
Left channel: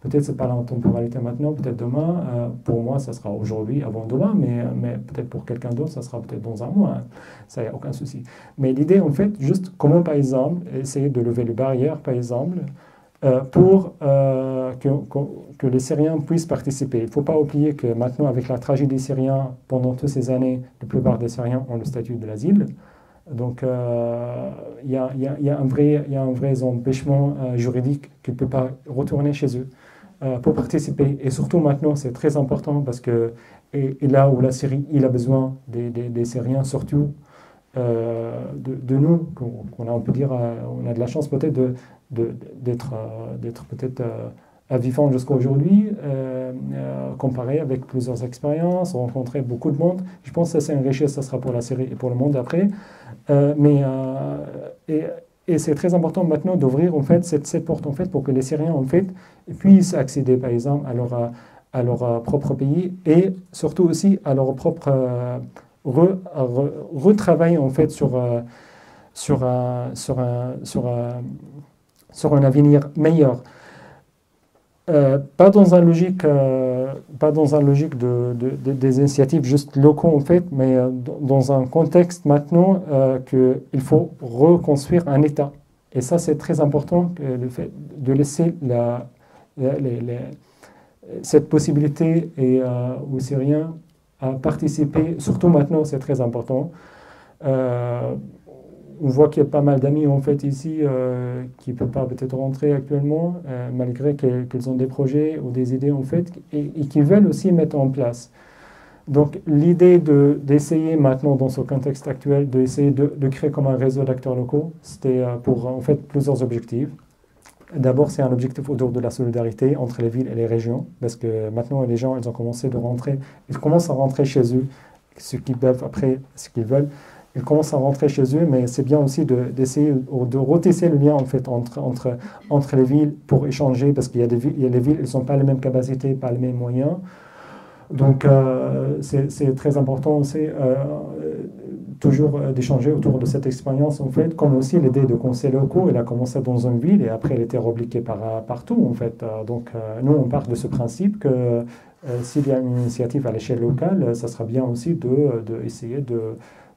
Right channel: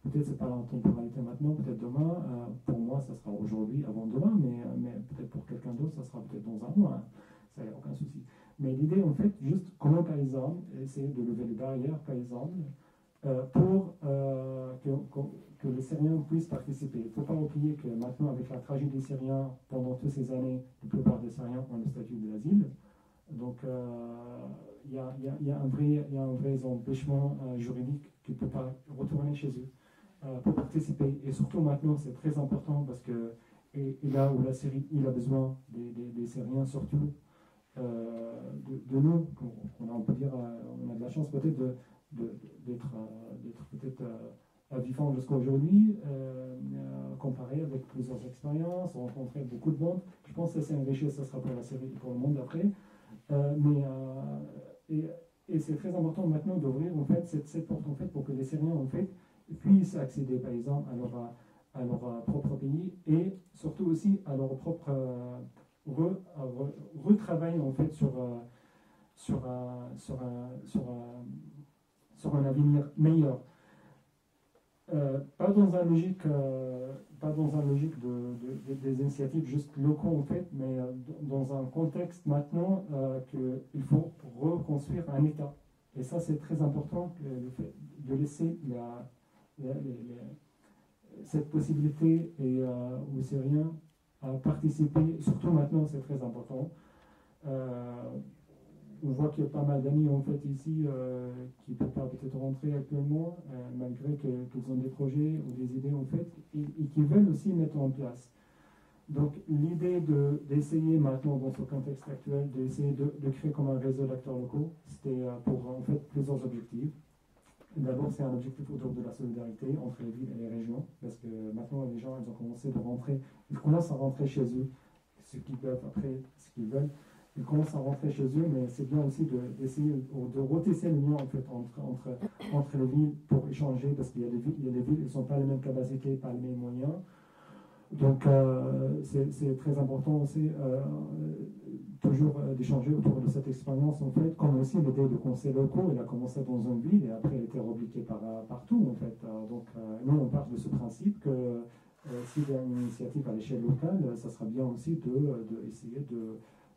Peut-être c'est pas la temporalité maintenant, peut-être demain. Pour moi, ça sera aujourd'hui, avant demain, mais peut-être pour quelqu'un d'autre, ça sera peut-être dans un mois. Ça, il n'y a aucun souci. Mais l'idée, en fait, juste comment, par exemple, essayer de lever les barrières, par exemple, pour que les Syriens puissent participer. Il ne faut pas oublier que maintenant, avec la tragédie syrienne, pendant toutes ces années, la plupart des Syriens ont le statut de l'asile. Donc, il y a un vrai empêchement juridique qu'ils ne peuvent pas retourner chez eux pour participer. Et surtout maintenant, c'est très important parce que et là où la Syrie il a besoin des Syriens, surtout de nous, on peut dire, on a de la chance peut-être d'être peut-être vivant jusqu'à aujourd'hui, comparé avec plusieurs expériences, rencontrer beaucoup de monde. Je pense que ça, c'est une richesse, ça sera pour la Syrie et pour le monde après. Et c'est très important maintenant d'ouvrir en fait cette porte en fait pour que les Syriens en fait puissent accéder par exemple à leur propre pays et surtout aussi à leur propre retravail en fait sur un avenir meilleur. Pas dans un logique des initiatives juste locaux en fait, mais dans un contexte maintenant qu'il faut reconstruire un État. Et ça, c'est très important, le fait de laisser cette possibilité aux Syriens à participer, surtout maintenant, c'est très important. On voit qu'il y a pas mal d'amis en fait ici qui ne peuvent pas peut-être rentrer actuellement, malgré qu'ils ont des projets ou des idées en fait, et qui veulent aussi mettre en place. Donc l'idée d'essayer maintenant dans ce contexte actuel, d'essayer de créer comme un réseau d'acteurs locaux, c'était pour en fait plusieurs objectifs. D'abord, c'est un objectif autour de la solidarité entre les villes et les régions, parce que maintenant les gens ils ont commencé de rentrer, ils commencent à rentrer chez eux, ce qu'ils peuvent après, ce qu'ils veulent. Ils commencent à rentrer chez eux, mais c'est bien aussi d'essayer de retisser le lien en fait, entre les villes pour échanger, parce qu'il y a des villes, elles n'ont pas les mêmes capacités, pas les mêmes moyens. Donc, c'est très important aussi toujours d'échanger autour de cette expérience, en fait, comme aussi l'idée de conseils locaux. Elle a commencé dans une ville et après, elle était repliquée partout, en fait. Donc, nous, on part de ce principe que s'il y a une initiative à l'échelle locale, ça sera bien aussi d'essayer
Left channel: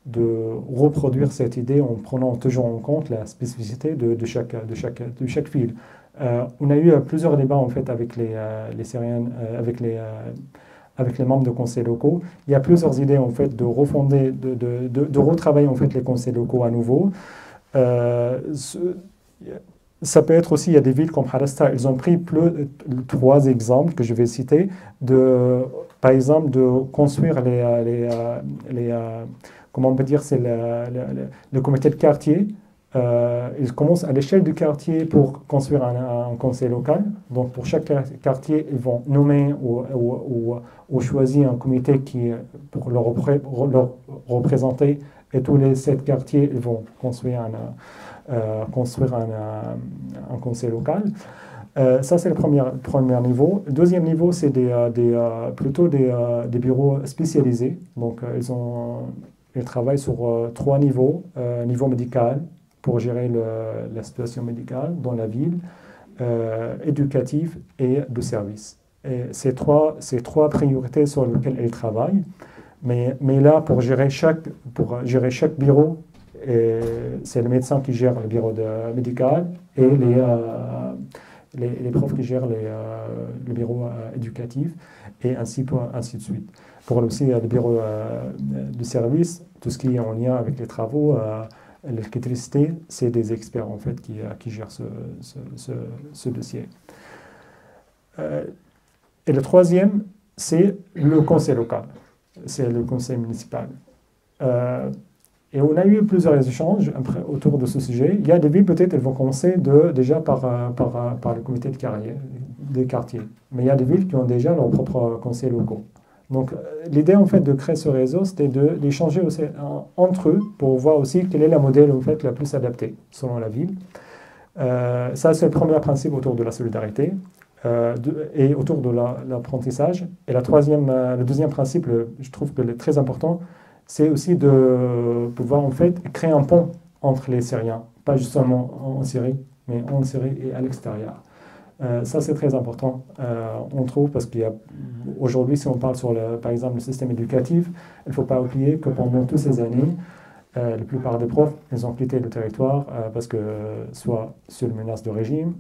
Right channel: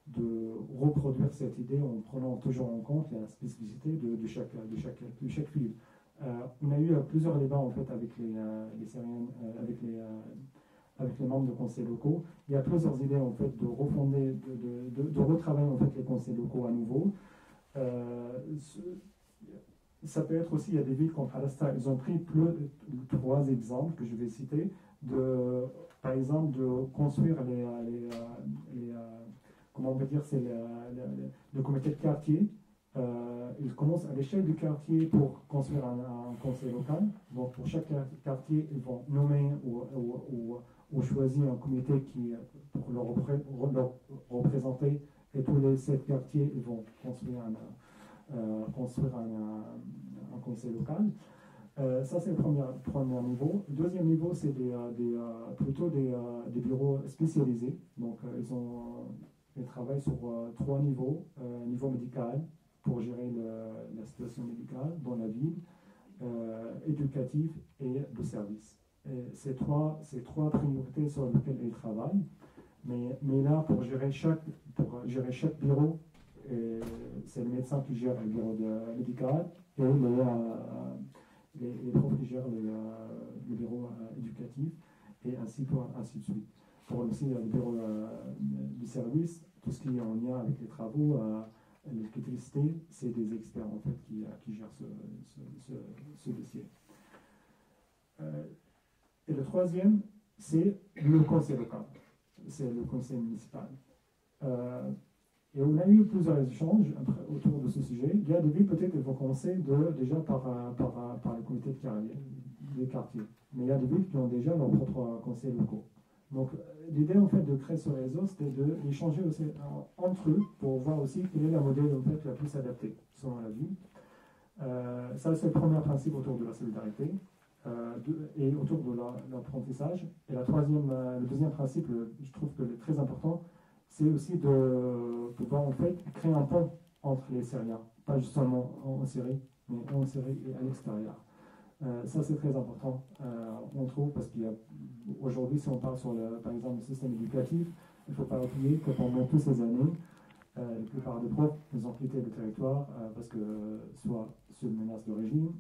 de reproduire cette idée en prenant toujours en compte la spécificité de chaque ville. On a eu plusieurs débats, en fait, avec les Syriens, avec les membres de conseils locaux. Il y a plusieurs idées en fait de refonder, de retravailler en fait les conseils locaux à nouveau. Ça peut être aussi, il y a des villes comme Harasta, ils ont pris 3 exemples que je vais citer, par exemple de construire comment on peut dire, c'est le comité de quartier. Ils commencent à l'échelle du quartier pour construire un conseil local. Donc pour chaque quartier, ils vont nommer ou choisir un comité pour leur représenter. Et tous les 7 quartiers, ils vont construire un conseil local. Ça, c'est le premier niveau. Le deuxième niveau, c'est plutôt des bureaux spécialisés. Donc ils travaillent sur 3 niveaux. Niveau médical, pour gérer la situation médicale dans la ville, éducative et de service. Et ces trois priorités sur lesquelles elle travaille. Mais là, pour gérer chaque bureau, c'est le médecin qui gère le bureau médical et les profs qui gèrent le bureau éducatif et ainsi de suite. Pour aussi le bureau de service, tout ce qui est en lien avec les travaux, l'électricité, c'est des experts en fait qui gèrent ce dossier. Et le troisième, c'est le conseil local, c'est le conseil municipal. Et on a eu plusieurs échanges autour de ce sujet. Il y a des villes, peut-être, elles vont commencer déjà par le comité des quartiers. Mais il y a des villes qui ont déjà leurs propres conseils locaux. Donc, l'idée, en fait, de créer ce réseau, c'était d'échanger aussi entre eux pour voir aussi quel est le modèle, en fait, le plus adapté selon la ville. Ça, c'est le premier principe autour de la solidarité et autour de l'apprentissage. Et le deuxième principe, je trouve que très important, c'est aussi de pouvoir, en fait, créer un pont entre les Syriens, pas juste seulement en Syrie, mais en Syrie et à l'extérieur. Ça, c'est très important, on trouve, parce qu'aujourd'hui, si on parle par exemple, le système éducatif, il ne faut pas oublier que pendant toutes ces années, la plupart des profs, ils ont quitté le territoire parce que soit sur une menace de régime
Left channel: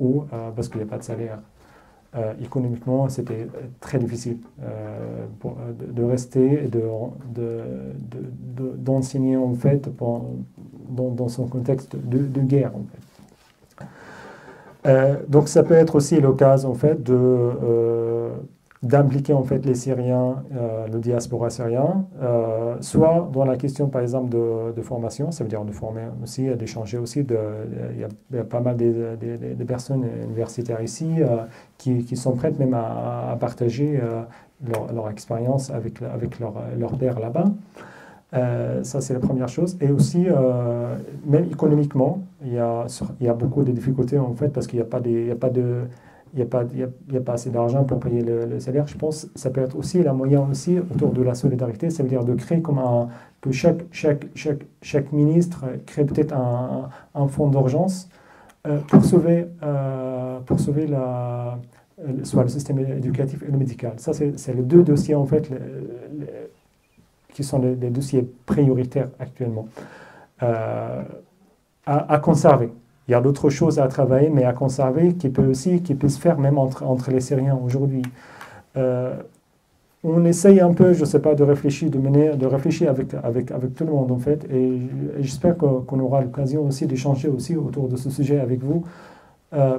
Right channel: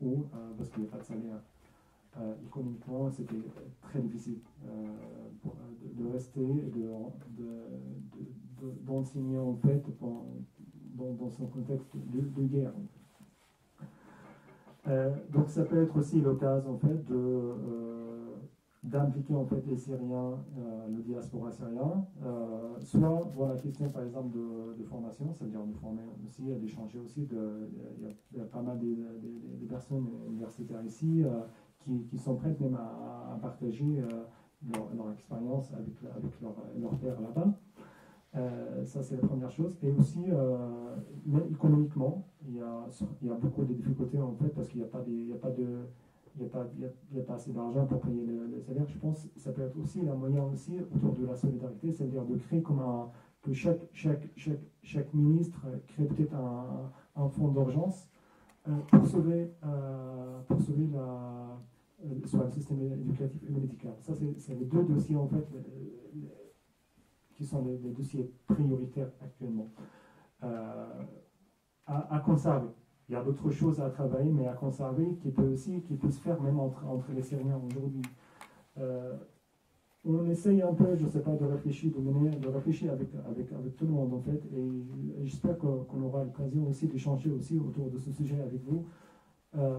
ou parce qu'il n'y a pas de salaire. Économiquement, c'était très difficile de rester et d'enseigner, en fait, dans son contexte de guerre, en fait. Donc ça peut être aussi l'occasion en fait d'impliquer en fait les Syriens, le diaspora syrien, soit dans la question par exemple de formation, ça veut dire de former aussi, d'échanger aussi. Il y a pas mal de personnes universitaires ici qui sont prêtes même à partager leur expérience avec leur pairs là-bas. Ça, c'est la première chose. Et aussi, même économiquement, il y a beaucoup de difficultés, en fait, parce qu'il n'y a pas assez d'argent pour payer le salaire. Je pense que ça peut être aussi la moyen aussi autour de la solidarité, ça veut dire de créer que chaque ministre crée peut-être un fonds d'urgence pour sauver soit le système éducatif et le médical. Ça, c'est les 2 dossiers, en fait, qui sont les dossiers prioritaires actuellement, à conserver. Il y a d'autres choses à travailler, mais à conserver qui peut se faire même entre les Syriens aujourd'hui. on essaye un peu, je ne sais pas, de réfléchir, de réfléchir avec tout le monde en fait. Et j'espère qu'on aura l'occasion aussi d'échanger aussi autour de ce sujet avec vous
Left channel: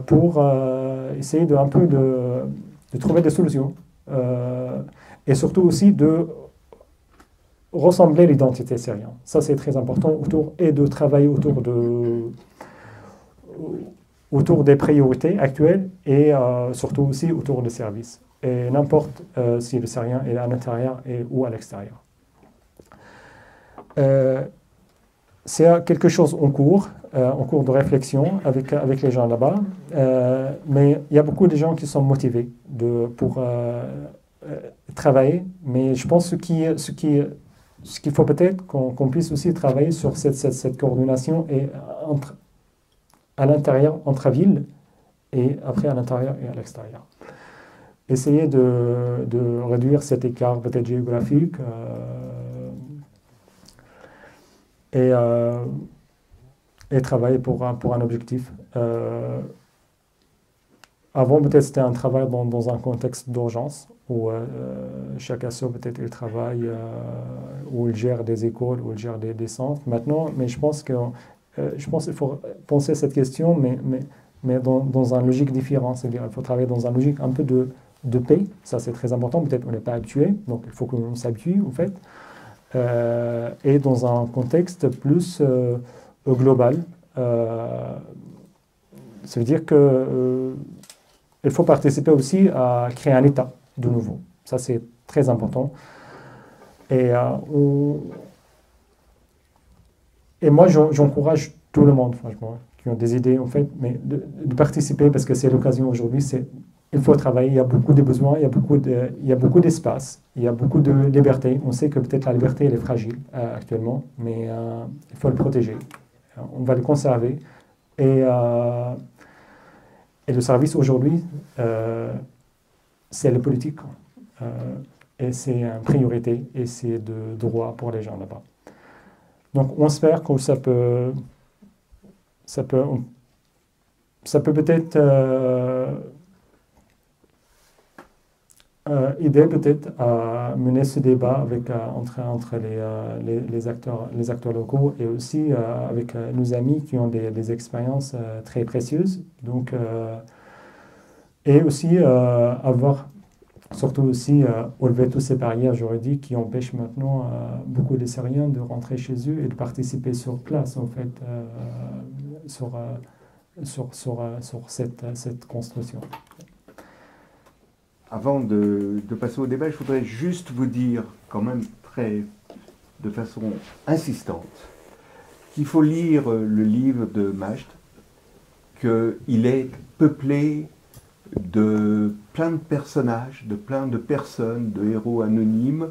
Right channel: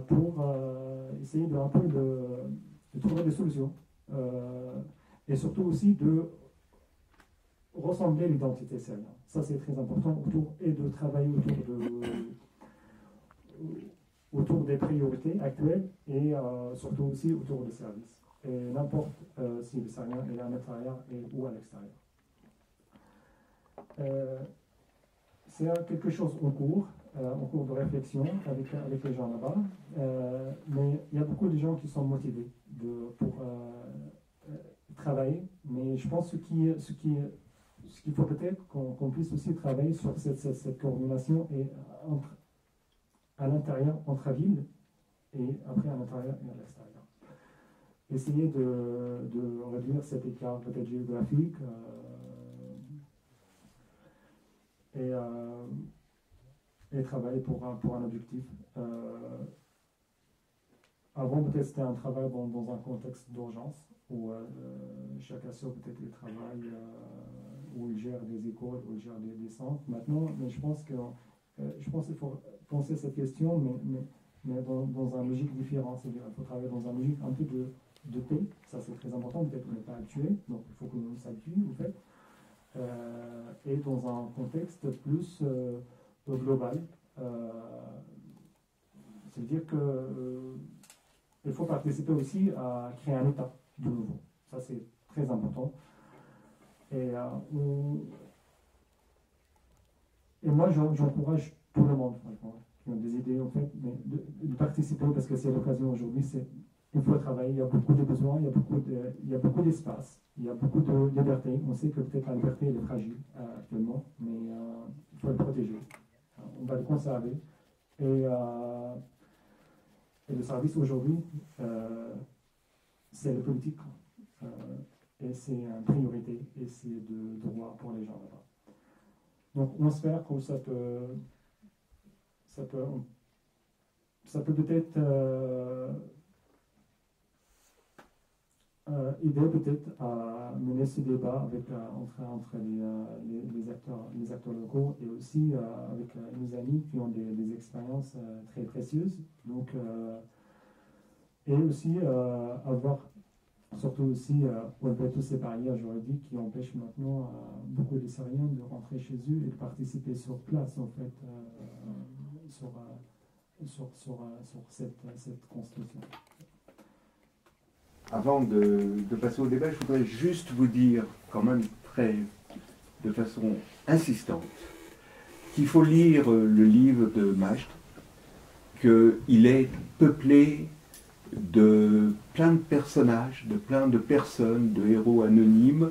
pour essayer un peu de trouver des solutions. Et surtout aussi de ressembler l'identité syrienne. Ça, c'est très important, et de travailler autour des priorités actuelles et surtout aussi autour des services. Et n'importe si le Syrien est à l'intérieur ou à l'extérieur. C'est quelque chose en cours de réflexion avec les gens là-bas. Mais il y a beaucoup de gens qui sont motivés pour travailler. Mais je pense ce qu'il faut peut-être qu'on puisse aussi travailler sur cette coordination à l'intérieur, entre villes, et après à l'intérieur et à l'extérieur. Essayer de réduire cet écart peut-être géographique et travailler pour un objectif. Avant, peut-être c'était un travail dans un contexte d'urgence, où chaque asso peut-être il travaille, où il gère des écoles, où il gère des centres. Maintenant, mais je pense qu'il faut penser à cette question, mais dans une logique différente. C'est-à-dire qu'il faut travailler dans une logique un peu de paix. Ça, c'est très important. Peut-être qu'on n'est pas habitué, donc il faut qu'on s'habitue, en fait. Et dans un contexte plus global. Ça veut dire que il faut participer aussi à créer un État de nouveau. Ça, c'est très important. Et moi, j'encourage tout le monde, franchement, qui ont des idées, en fait, mais de participer, parce que c'est l'occasion aujourd'hui. Il faut travailler, il y a beaucoup de besoins, il y a beaucoup d'espace, il y a beaucoup de liberté. On sait que peut-être la liberté, elle est fragile actuellement, mais il faut le protéger. On va le conserver. Et le service aujourd'hui, c'est la politique. Et c'est une priorité, et c'est de droit pour les gens là-bas. Donc on espère que ça peut peut-être aider peut-être à mener ce débat entre les acteurs locaux, et aussi avec nos amis qui ont des expériences très précieuses. Donc, et aussi surtout aussi enlever toutes ces barrières juridiques qui empêchent maintenant beaucoup de Syriens de rentrer chez eux et de participer sur place, en fait, sur cette construction. Avant de passer au débat, je voudrais juste vous dire, quand même de façon insistante, qu'il faut lire le livre de Majd, qu'il est peuplé de plein de personnages, de plein de personnes, de héros anonymes,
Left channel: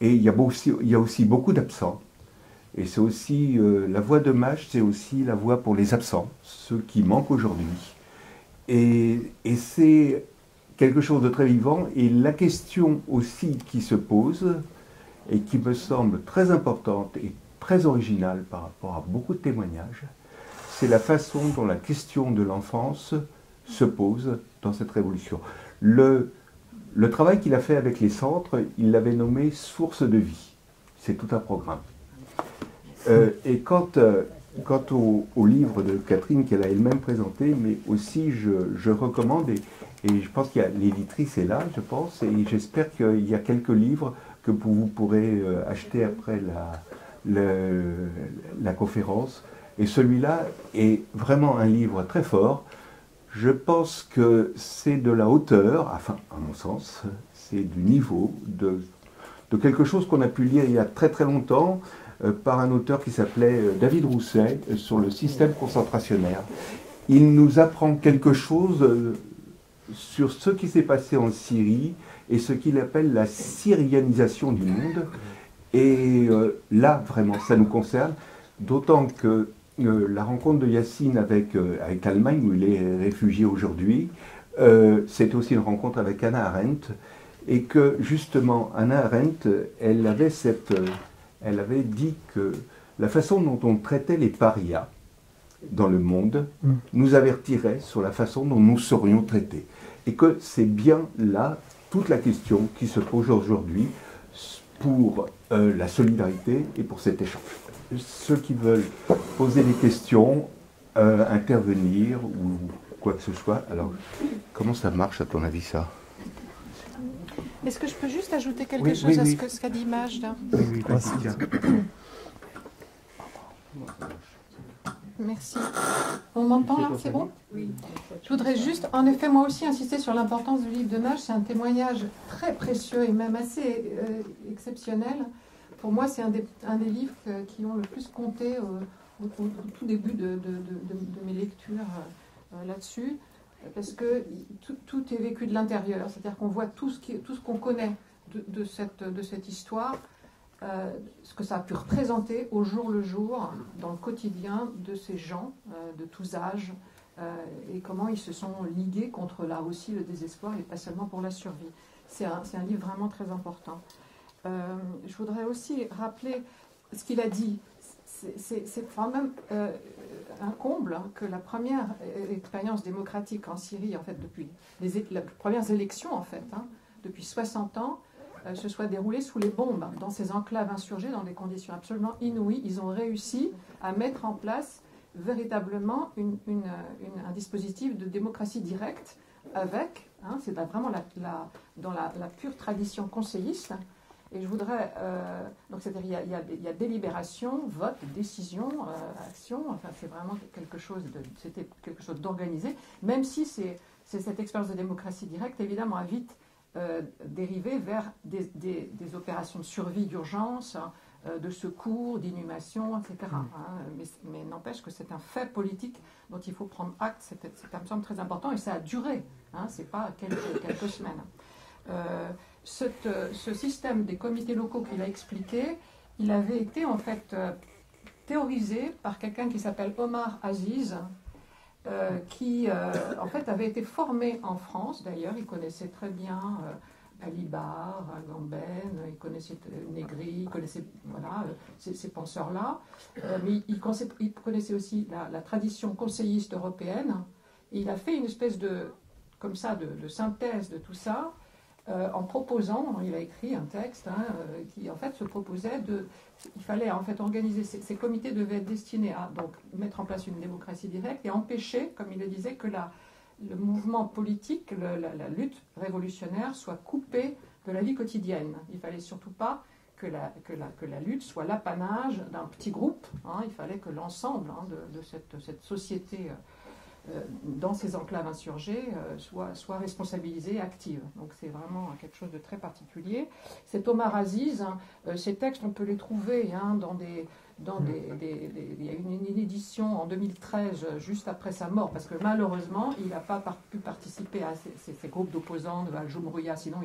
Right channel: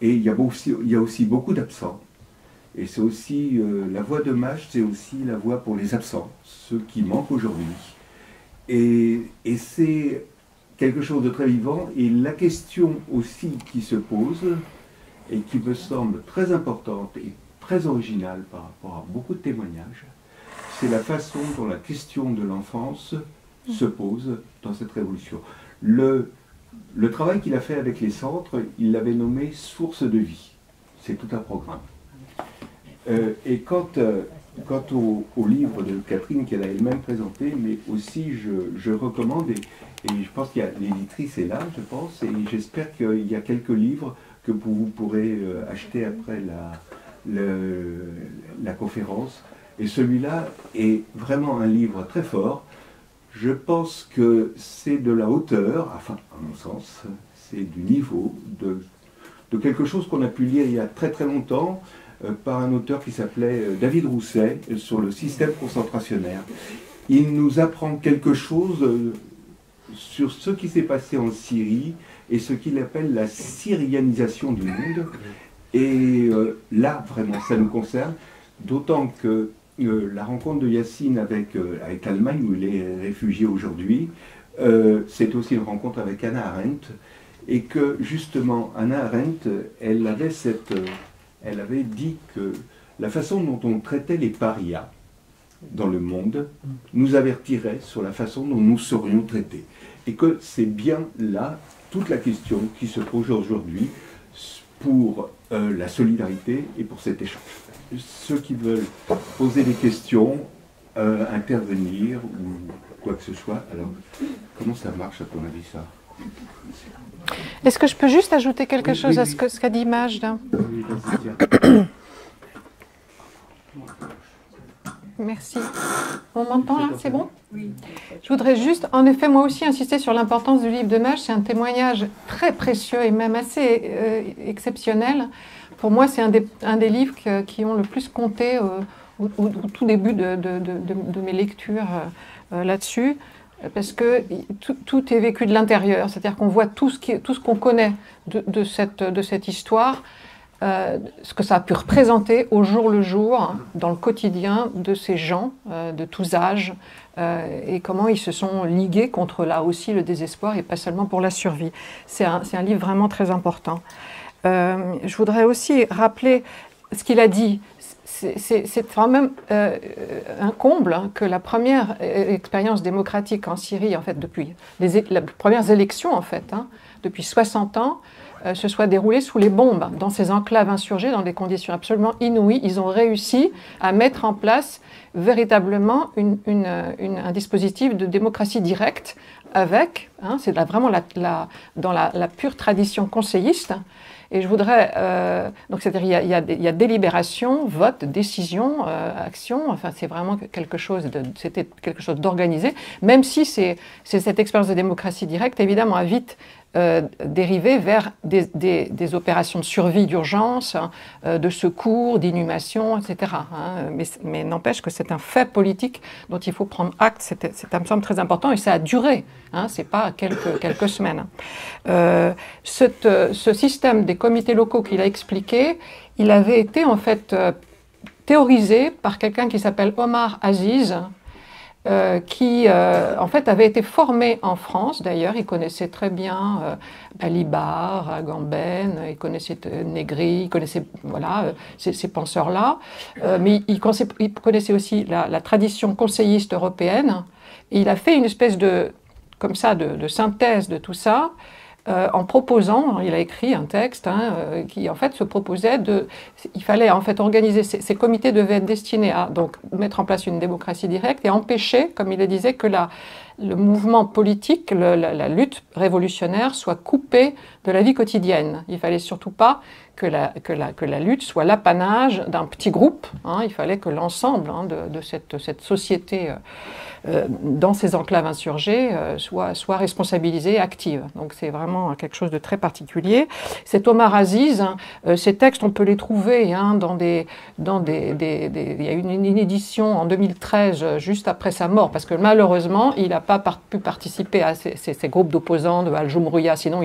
et il y a aussi beaucoup d'absents. Et c'est aussi, la voix de Majd, c'est aussi la voix pour les absents, ceux qui manquent aujourd'hui. Et c'est quelque chose de très vivant, et la question aussi qui se pose, et qui me semble très importante et très originale par rapport à beaucoup de témoignages, c'est la façon dont la question de l'enfance se pose dans cette révolution. Le travail qu'il a fait avec les centres, il l'avait nommé « source de vie ». C'est tout un programme. Et quant au livre de Catherine qu'elle a elle-même présenté, mais aussi je recommande, et je pense qu'il y a l'éditrice est là, je pense, et j'espère qu'il y a quelques livres que vous pourrez acheter après la conférence. Et celui-là est vraiment un livre très fort. Je pense que c'est de la hauteur, enfin, à mon sens, c'est du niveau de quelque chose qu'on a pu lire il y a très très longtemps par un auteur qui s'appelait David Rousset sur le système concentrationnaire. Il nous apprend quelque chose sur ce qui s'est passé en Syrie et ce qu'il appelle la syrianisation du monde. Et là, vraiment, ça nous concerne, d'autant que la rencontre de Yacine avec l'Allemagne, où il est réfugié aujourd'hui, c'est aussi une rencontre avec Hannah Arendt, et que justement, Hannah Arendt, elle avait dit que la façon dont on traitait les parias dans le monde nous avertirait sur la façon dont nous serions traités. Et que c'est bien là toute la question qui se pose aujourd'hui pour la solidarité et pour cet échange. Ceux qui veulent poser des questions, intervenir ou quoi que ce soit. Alors, comment ça marche à ton avis ça? Est-ce que je peux juste ajouter quelque chose à ce qu'a dit Majda? Merci. On m'entend là, c'est bon? Oui. Je voudrais juste, en effet, moi aussi insister sur l'importance du livre de Maj. C'est un témoignage très précieux et même assez exceptionnel. Pour moi, c'est un des livres qui ont le plus compté au tout début de mes lectures là-dessus, parce que tout est vécu de l'intérieur. C'est-à-dire qu'on voit tout ce qu'on connaît de cette histoire, ce que ça a pu représenter au jour le jour, dans le quotidien de ces gens de tous âges, et comment ils se sont ligués contre, là aussi, le désespoir, et pas seulement pour la survie. C'est un livre vraiment très important. Je voudrais aussi rappeler ce qu'il a dit. C'est quand même un comble que la première expérience démocratique en Syrie, en fait, depuis les premières élections, en fait, depuis 60 ans, se soit déroulée sous les bombes, dans ces enclaves insurgées, dans des conditions absolument inouïes. Ils ont réussi à mettre en place véritablement un dispositif de démocratie directe avec, c'est vraiment dans la pure tradition conseilliste. Et je voudrais, donc c'est-à-dire il y a délibération, vote, décision, action. Enfin, c'est vraiment c'était quelque chose d'organisé. Même si cette expérience de démocratie directe, évidemment, a vite dérivé vers des opérations de survie d'urgence, de secours, d'inhumation, etc. Mais n'empêche que c'est un fait politique dont il faut prendre acte. Ça me semble très important et ça a duré. C'est pas quelques semaines. Ce système des comités locaux qu'il a expliqué, il avait été en fait théorisé par quelqu'un qui s'appelle Omar Aziz, qui en fait avait été formé en France. D'ailleurs, il connaissait très bien Balibar, Agamben, il connaissait Négri, il connaissait ces penseurs-là, mais il connaissait aussi la tradition conseilliste européenne. Et il a fait une espèce de synthèse de tout ça, en proposant, il a écrit un texte qui en fait se proposait il fallait en fait organiser, ces comités devaient être destinés à donc mettre en place une démocratie directe et empêcher, comme il le disait, que le mouvement politique, la lutte révolutionnaire soit coupée de la vie quotidienne. Il fallait surtout pas que la lutte soit l'apanage d'un petit groupe. Il fallait que l'ensemble de cette société dans ces enclaves insurgées soit responsabilisée et active. Donc c'est vraiment quelque chose de très particulier. Cet Omar Aziz, ces textes, on peut les trouver il y a eu une édition en 2013, juste après sa mort, parce que malheureusement, il n'a pas pu participer à ces groupes d'opposants de Al-Jumhuriya, sinon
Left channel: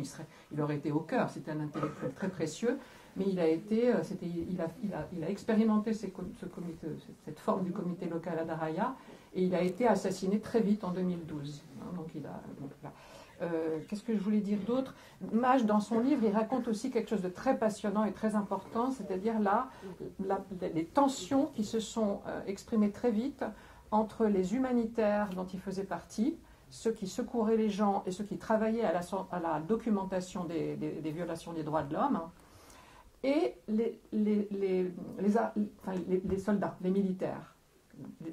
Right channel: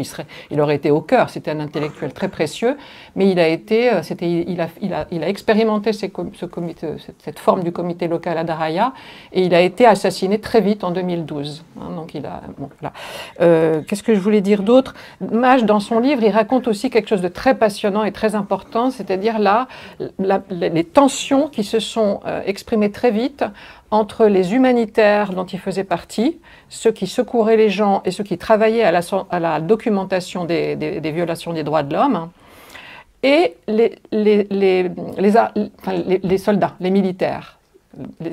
il aurait été au cœur. C'était un intellectuel très précieux, mais il a expérimenté cette forme du comité local à Daraya, et il a été assassiné très vite en 2012. Donc qu'est-ce que je voulais dire d'autre? Maj, dans son livre, il raconte aussi quelque chose de très passionnant et très important, c'est-à-dire les tensions qui se sont exprimées très vite entre les humanitaires dont il faisait partie, ceux qui secouraient les gens et ceux qui travaillaient à la documentation des violations des droits de l'homme, et les soldats, les militaires.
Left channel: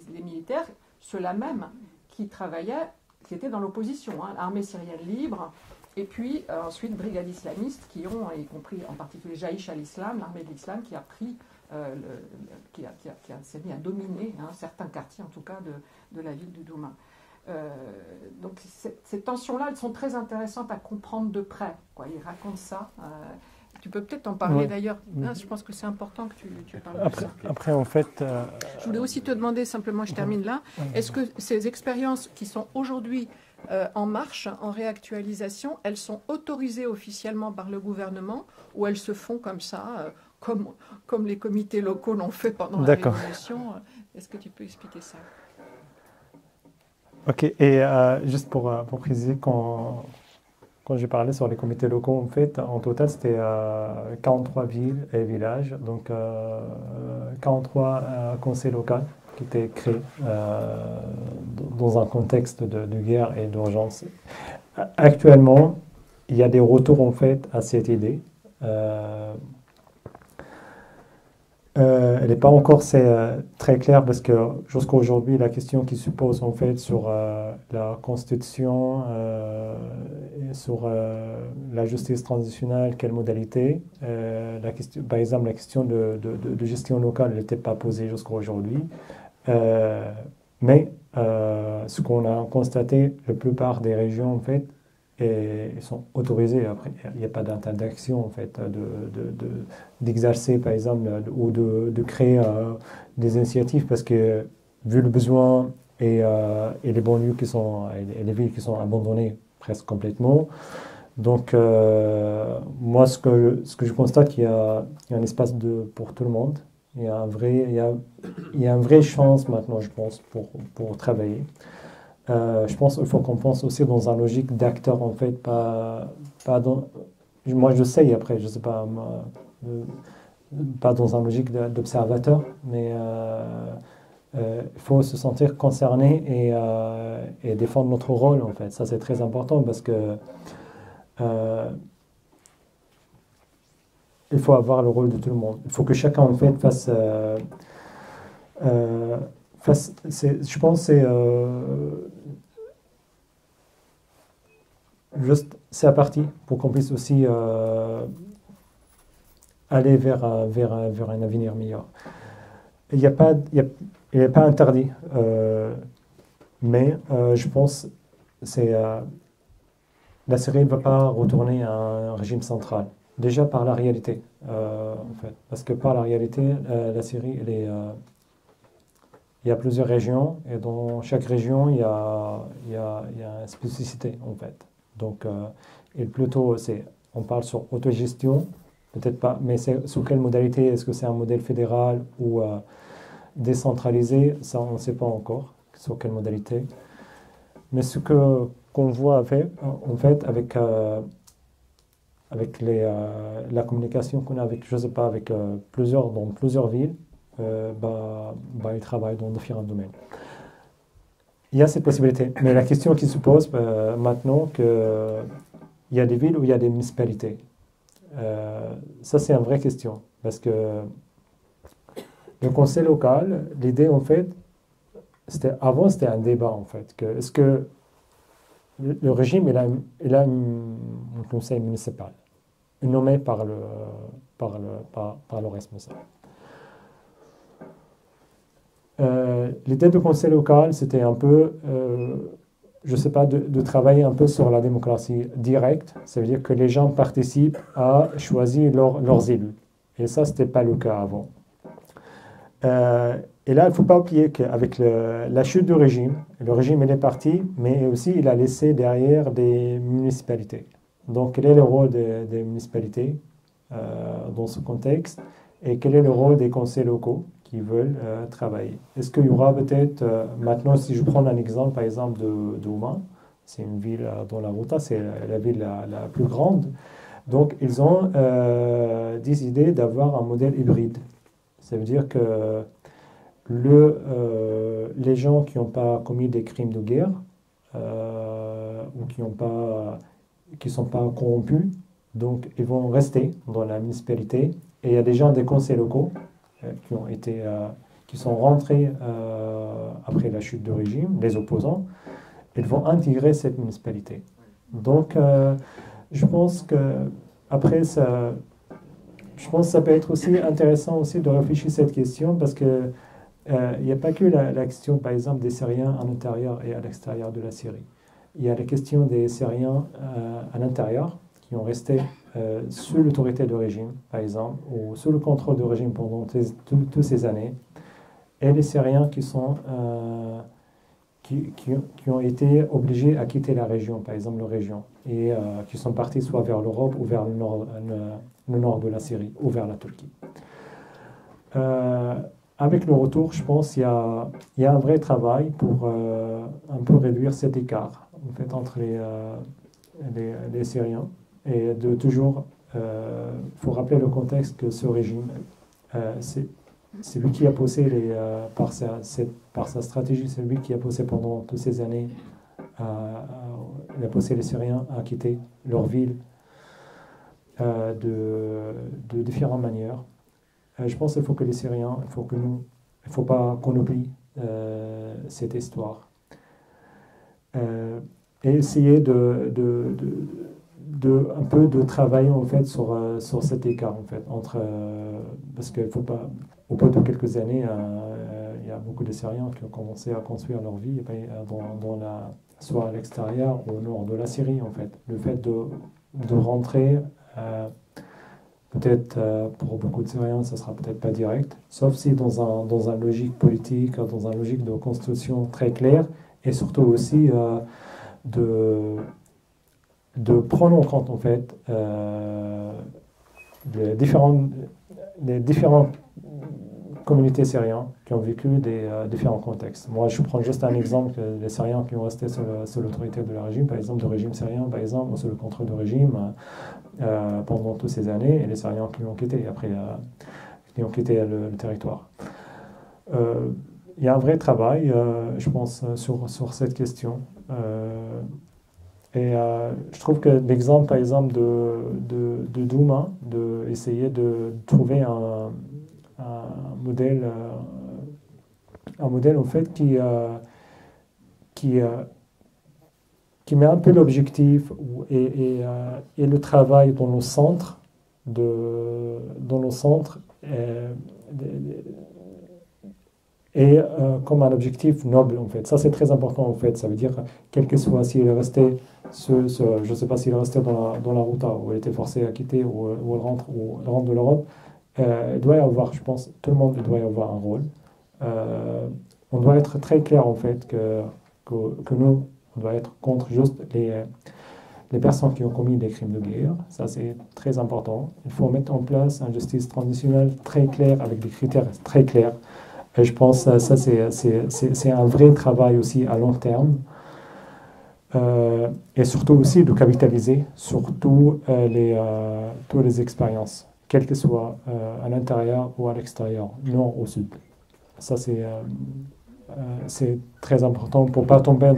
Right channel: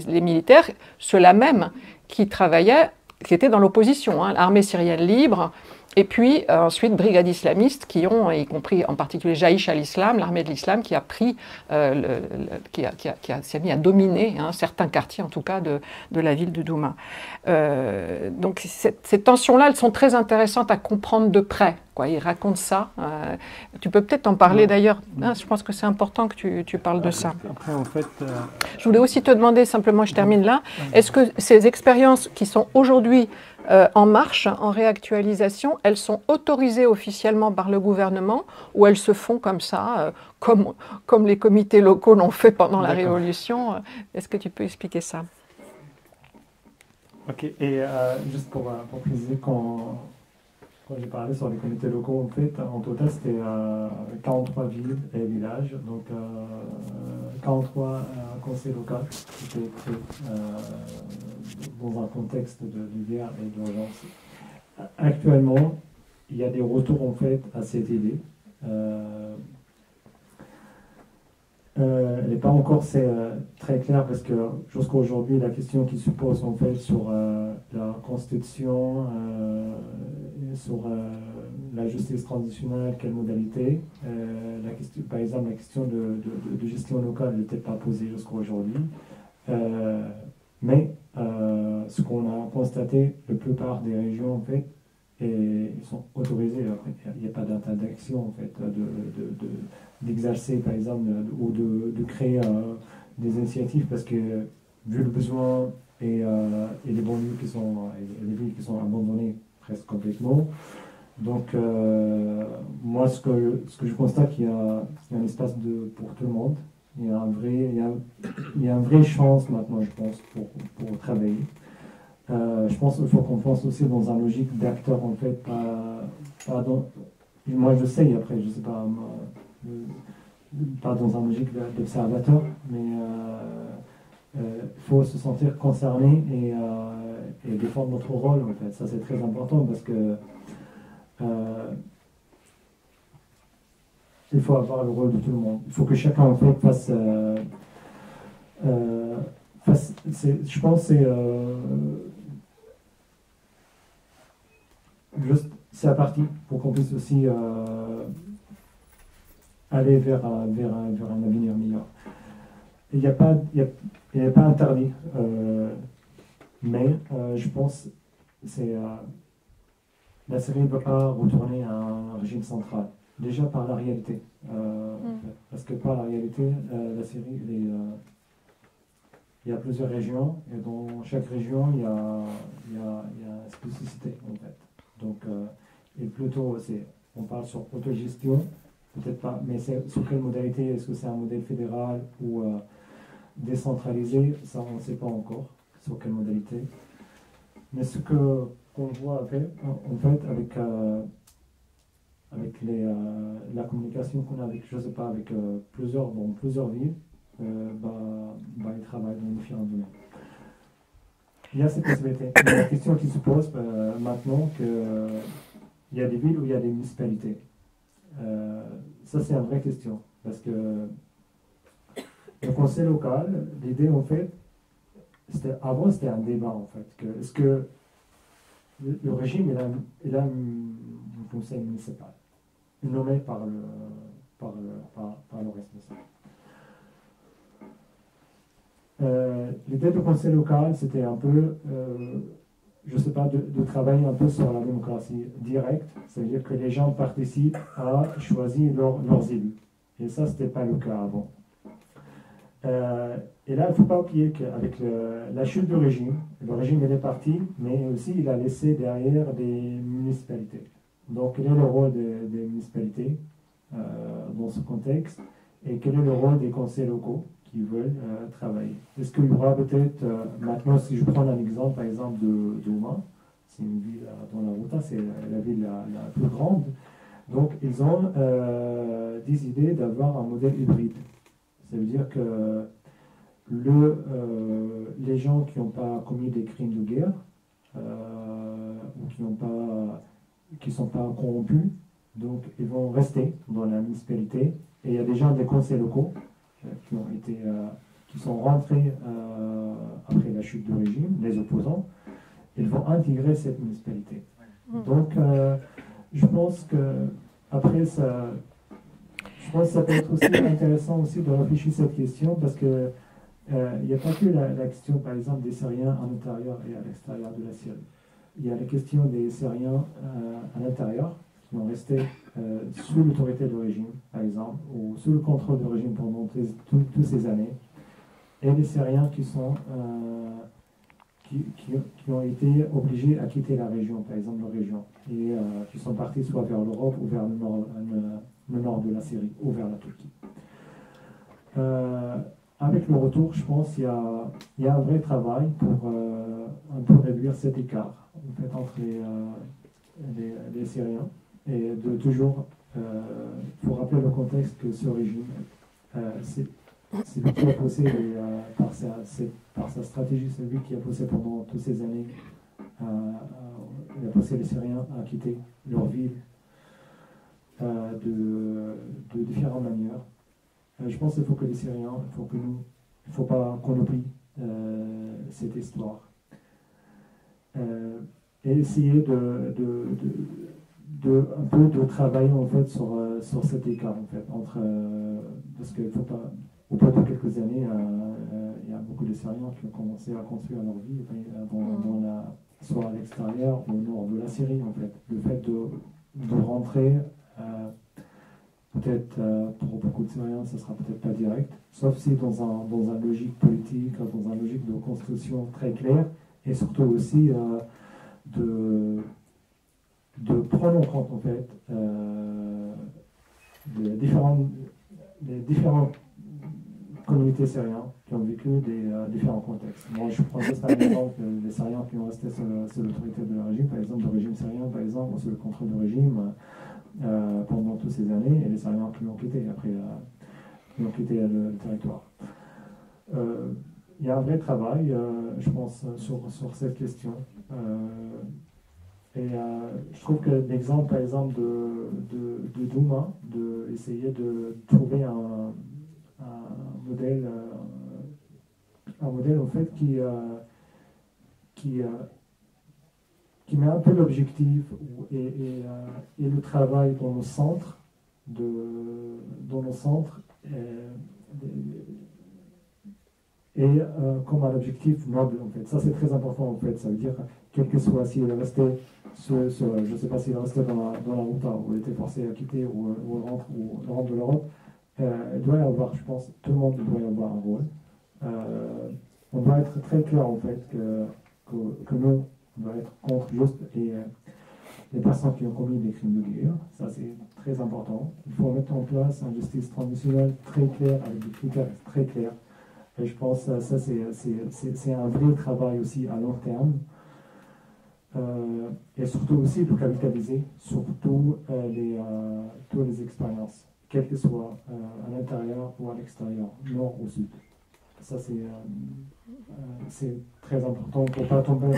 Les militaires, ceux-là même qui travaillaient, qui étaient dans l'opposition, l'armée syrienne libre, et puis ensuite brigades islamistes qui ont, y compris en particulier Jaïch al-Islam, l'armée de l'islam, qui a pris, s'est mis à dominer certains quartiers, en tout cas, de la ville de Douma. Donc ces tensions-là, elles sont très intéressantes à comprendre de près. Il raconte ça. Tu peux peut-être en parler d'ailleurs. Je pense que c'est important que tu parles de ça. Après, en fait... Je voulais aussi te demander, simplement, je termine là, est-ce que ces expériences qui sont aujourd'hui en marche, en réactualisation, elles sont autorisées officiellement par le gouvernement ou elles se font comme ça, comme les comités locaux l'ont fait pendant la Révolution? Est-ce que tu peux expliquer ça? Ok, et juste pour préciser, quand j'ai parlé sur les comités locaux, en fait, en total, c'était 43 villes et villages, donc 43 conseils locaux qui étaient créés dans un contexte de guerre et d'urgence. Actuellement, il y a des retours en fait à cette idée. Elle n'est pas encore très claire parce que jusqu'à aujourd'hui, la question qui se pose en fait sur la constitution, et sur la justice transitionnelle, quelle modalité, par exemple la question de gestion locale n'était pas posée jusqu'à aujourd'hui. Mais ce qu'on a constaté, la plupart des régions en fait, ils sont autorisés. Après, il n'y a pas d'interdiction en fait d'exercer par exemple ou de créer des initiatives parce que vu le besoin et les banlieues et les villes qui sont abandonnées presque complètement. Donc moi ce que je constate qu'il y a un espace pour tout le monde. Il y a une vraie chance maintenant, je pense, pour travailler. Je pense qu'il faut qu'on pense aussi dans une logique d'acteur, en fait, moi je sais, après, je ne sais pas, pas dans une logique d'observateur, mais il faut se sentir concerné et défendre notre rôle, en fait. Ça, c'est très important parce que il faut avoir le rôle de tout le monde. Il faut que chacun, en fait, je pense que c'est la partie pour qu'on puisse aussi aller vers un avenir meilleur. Il n'est pas interdit, mais je pense que la Syrie ne va pas retourner à un régime central. Déjà par la réalité, en fait. Parce que par la réalité, la Syrie, il y a plusieurs régions, et dans chaque région, il y a une spécificité, en fait. Donc, et plutôt, on parle sur autogestion, peut-être pas, mais c'est sous quelle modalité? Est-ce que c'est un modèle fédéral ou décentralisé? Ça, on ne sait pas encore sur quelle modalité. Mais ce qu'on voit en fait avec la communication qu'on a avec, je sais pas, avec dans plusieurs villes, ils travaillent dans différents domaines. Il y a ces possibilités. Mais la question qui se pose maintenant, il y a des villes où il y a des municipalités. Ça, c'est une vraie question. Parce que le conseil local, l'idée, en fait, avant, c'était un débat, en fait. Est-ce que le régime, il a un conseil municipal, nommé par le responsable. L'idée du conseil local, c'était un peu, je ne sais pas, de travailler un peu sur la démocratie directe. Ça veut dire que les gens participent à choisir leurs élus. Et ça, ce n'était pas le cas avant. Et là, il ne faut pas oublier qu'avec la chute du régime, le régime il est parti, mais aussi il a laissé derrière des municipalités. Donc, quel est le rôle des municipalités dans ce contexte et quel est le rôle des conseils locaux qui veulent travailler? Est-ce qu'il y aura peut-être, maintenant, si je prends un exemple, par exemple, de Ouman, c'est une ville dans la Ghouta, c'est la ville la plus grande. Donc, ils ont décidé d'avoir un modèle hybride. Ça veut dire que les gens qui n'ont pas commis des crimes de guerre ou qui ne sont pas corrompus, donc ils vont rester dans la municipalité. Et il y a déjà des conseils locaux qui sont rentrés après la chute du régime, les opposants. Ils vont intégrer cette municipalité. Donc, je pense que après ça. Je pense que ça peut être aussi intéressant aussi de réfléchir à cette question parce que il n'y a pas que la question, par exemple, des Syriens à l'intérieur et à l'extérieur de la Syrie. Il y a la question des Syriens à l'intérieur qui ont resté sous l'autorité du régime, par exemple, ou sous le contrôle du régime pendant toutes ces années, et les Syriens qui ont été obligés à quitter la région, par exemple, la région, et qui sont partis soit vers l'Europe ou vers le nord de la Syrie ou vers la Turquie. Avec le retour, je pense qu'il y a un vrai travail pour un peu réduire cet écart en fait, entre les Syriens et de toujours, faut rappeler le contexte que ce régime, c'est lui qui a poussé par sa stratégie, c'est lui qui a poussé pendant toutes ces années, il a poussé les Syriens à quitter leur ville de différentes manières. Je pense qu'il faut que les Syriens, il ne faut pas qu'on oublie cette histoire. Et essayer un peu de travailler en fait sur cet écart en fait entre parce qu'il faut pas au bout de quelques années il y a beaucoup de Syriens qui ont commencé à construire leur vie soit à l'extérieur ou au nord de la Syrie en fait. Le fait de rentrer peut-être pour beaucoup de Syriens ça sera peut-être pas direct, sauf si dans un logique politique, dans un logique de construction très claire, et surtout aussi de prendre en compte en fait les différentes communautés syriennes qui ont vécu des différents contextes. Moi, je prends juste un exemple des Syriens qui ont resté sous l'autorité de le régime, par exemple, du régime syrien, par exemple, sous le contrôle du régime pendant toutes ces années, et les Syriens qui l'ont quitté après, qui ont quitté le territoire. Il y a un vrai travail, je pense, sur cette question. Et je trouve que l'exemple, par exemple, de Douma, d'essayer de trouver un modèle en fait, qui met un peu l'objectif et le travail dans le centre, et comme un objectif noble en fait. Ça c'est très important en fait. Ça veut dire quel que soit s'il est resté, je ne sais pas s'il est resté dans la Ghouta ou il était forcé à quitter ou rentre de l'Europe, il doit y avoir, je pense, tout le monde doit y avoir un rôle. On doit être très clair en fait que nous on doit être contre juste les personnes qui ont commis des crimes de guerre. Ça c'est très important. Il faut mettre en place une justice transitionnelle très claire avec des critères très clairs. Et je pense que ça, c'est un vrai travail aussi à long terme. Et surtout aussi de capitaliser sur toutes les expériences, quelles que soient à l'intérieur ou à l'extérieur, nord ou sud. Ça, c'est très important pour ne pas tomber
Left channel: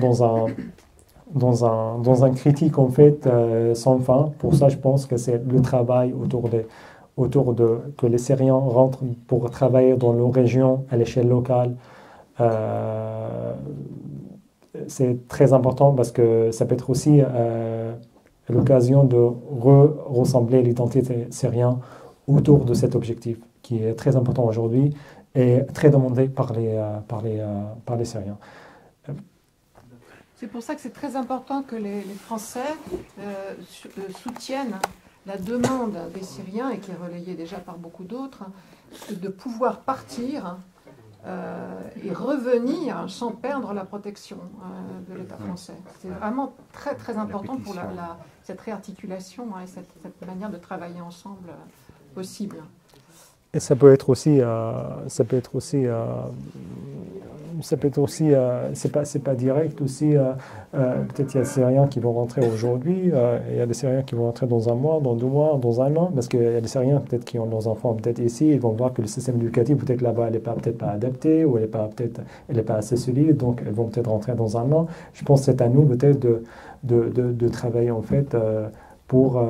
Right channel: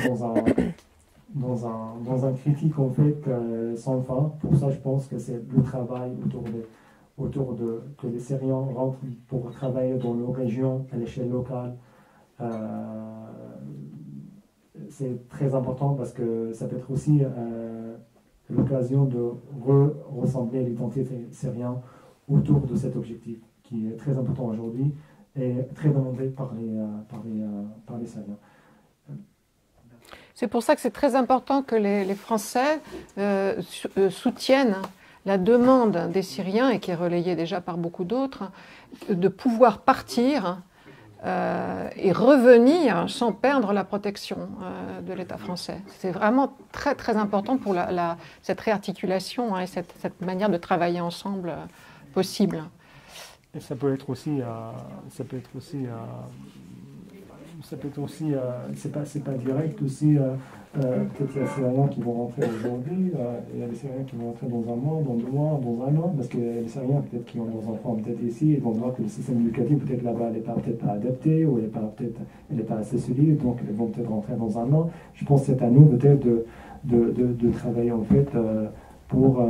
dans un critique en fait sans fin. Pour ça, je pense que c'est le travail autour de que les Syriens rentrent pour travailler dans nos régions à l'échelle locale. C'est très important parce que ça peut être aussi l'occasion de ressembler l'identité syrienne autour de cet objectif qui est très important aujourd'hui et très demandé par les Syriens. C'est pour ça que c'est très important que les Français soutiennent la demande des Syriens, et qui est relayée déjà par beaucoup d'autres, de pouvoir partir et revenir sans perdre la protection de l'État français. C'est vraiment très très important pour cette réarticulation et cette manière de travailler ensemble possible. Et ça peut être aussi, c'est pas direct aussi. Peut-être il y a des Syriens qui vont rentrer aujourd'hui, il y a des Syriens qui vont rentrer dans un mois, dans 2 mois, dans 1 an, parce qu'il y a des Syriens peut-être qui ont leurs enfants peut-être ici, ils vont voir que le système éducatif peut-être là-bas il n'est peut-être pas adapté ou elle n'est pas assez solide, donc ils vont peut-être rentrer dans 1 an. Je pense que c'est à nous peut-être de travailler en fait pour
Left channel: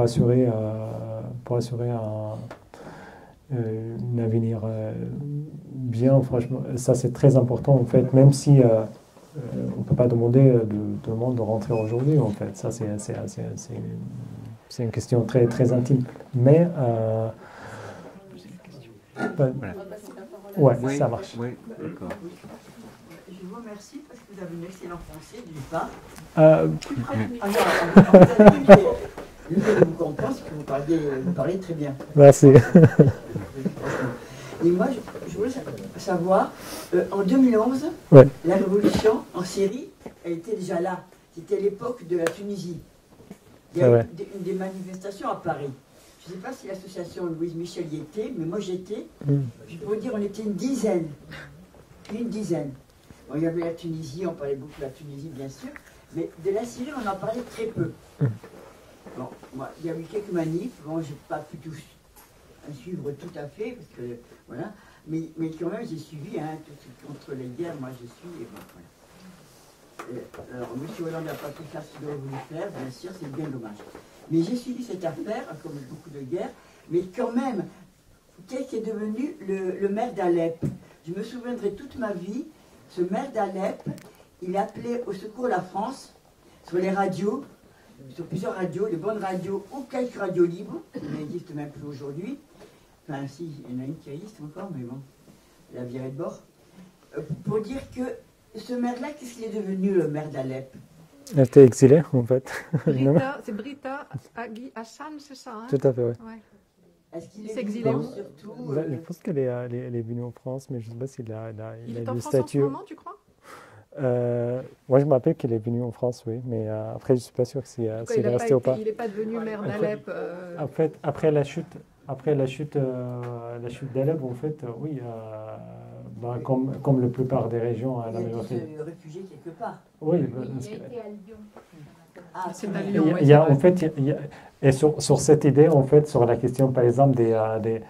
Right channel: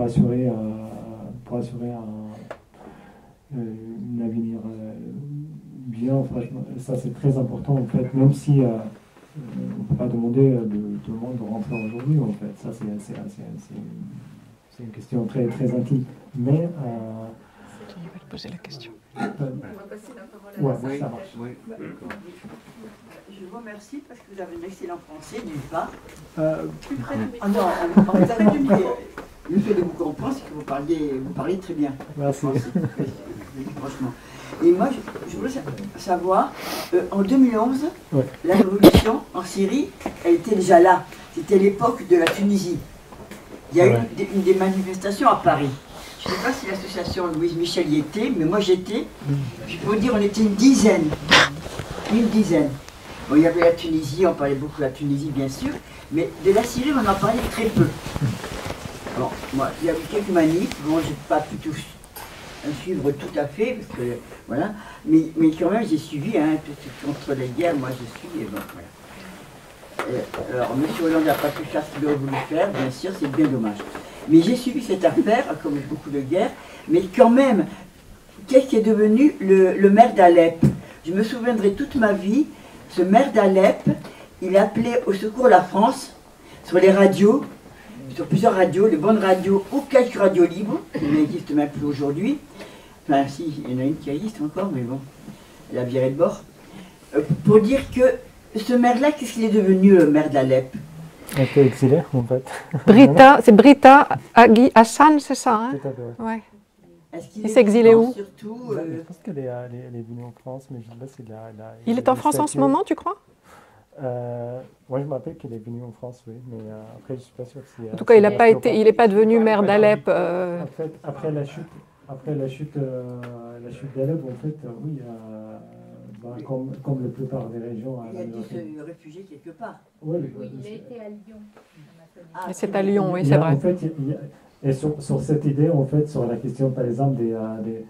assurer un avenir bien, franchement. Ça c'est très important en fait, même si on ne peut pas demander de tout le monde de rentrer aujourd'hui en fait. Ça c'est une question très, très intime. Mais On va poser la question. Ouais, ça marche. Oui, d'accord. Je vous remercie parce que vous avez un excellent français, d'une part. Le fait de vous comprendre, c'est que vous parlez très bien. Merci. Franchement. Et moi, je voulais savoir, en 2011, ouais. La révolution en Syrie, elle était déjà là. C'était l'époque de la Tunisie. Il y a eu des manifestations à Paris. Je ne sais pas si l'association Louise Michel y était, mais moi j'étais. Je peux vous dire, on était une dizaine. Bon, il y avait la Tunisie, on parlait beaucoup de la Tunisie, bien sûr, mais de la Syrie, on en parlait très peu. Bon, moi, il y a eu quelques manifs, bon, je n'ai pas pu tout suivre tout à fait, parce que, voilà, mais quand même, j'ai suivi, hein, contre les guerres, moi je suis, et bon, voilà. Alors, M. Hollande n'a pas pu faire ce qu'il aurait voulu faire, bien sûr, c'est bien dommage. Mais j'ai suivi cette affaire, comme beaucoup de guerres, mais quand même, qu'est-ce qui est devenu le maire d'Alep? Je me souviendrai toute ma vie, ce maire d'Alep, il appelait au secours la France sur les radios, sur plusieurs radios, les bonnes radios ou quelques radios libres, qui n'existent même plus aujourd'hui. Enfin, si, il y en a une qui existe encore, mais bon, elle a viré de bord. Pour dire que ce maire-là, qu'est-ce qu'il est devenu, le maire d'Alep? Elle était exilée, en fait. C'est Britta Agui Hassan, c'est ça, hein? Tout à fait, oui. Ouais. Est-ce qu'il Il s'est exilé où? Surtout, Je pense qu'elle est venue en France, mais je ne sais pas s'il a... Il est en France en ce moment, tu crois? Moi, je me rappelle qu'il est venu en France, oui, mais après, je ne suis pas sûr si... En tout cas, il n'est pas devenu maire d'Alep. En fait, après la chute d'Alep, en fait, oui, comme la plupart des régions... il y a des réfugiés quelque part. Oui, Il a été à Lyon. Ah, c'est à Lyon, oui, il y c'est a, vrai. en fait, et sur cette idée, en fait, sur la question, par exemple, le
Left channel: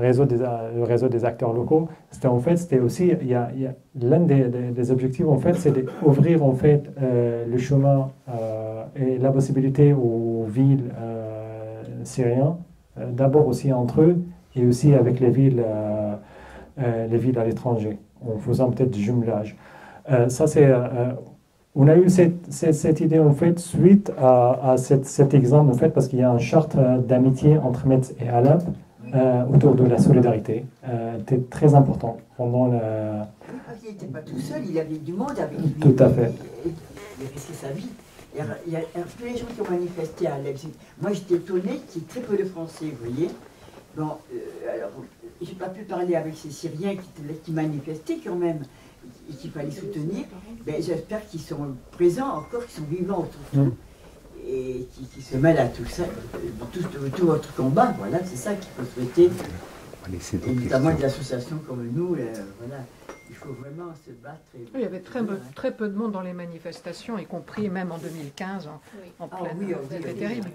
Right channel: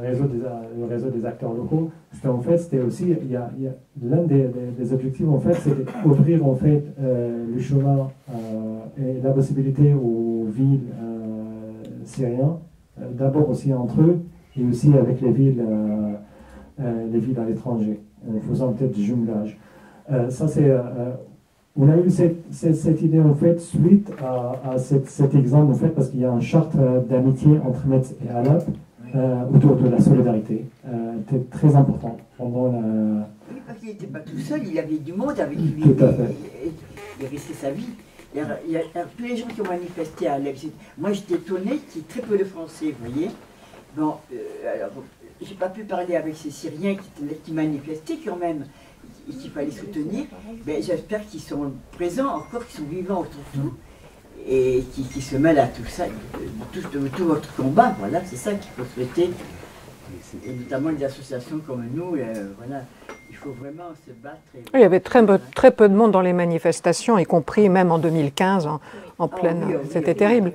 réseau des acteurs locaux, c'était aussi, l'un des objectifs, en fait, c'est d'ouvrir, en fait, le chemin et la possibilité aux villes syriennes, d'abord aussi entre eux, et aussi avec les villes à l'étranger, en faisant peut-être du jumelage. Ça, c'est... on a eu cette idée, en fait, suite à cet exemple, en fait, parce qu'il y a une charte d'amitié entre Metz et Alep autour de la solidarité. C'était très important pendant la... Oui, parce qu'il n'était pas tout seul, il avait du monde avec lui. Tout à fait. Il risquait sa vie. Il y a tous les gens qui ont manifesté à Alep. Moi, j'étais étonnée qu'il y ait très peu de Français, vous voyez. Bon, alors, j'ai pas pu parler avec ces Syriens qui manifestaient quand même, et qu'il fallait soutenir. Ben, j'espère qu'ils sont présents encore, qu'ils sont vivants autour et qui se mêlent à tout ça, tout votre combat. Voilà, c'est ça qu'il faut souhaiter. Et notamment des associations comme nous, voilà, il faut vraiment se battre. Il y avait très peu de monde dans les manifestations, y compris même en 2015, en pleine. C'était terrible.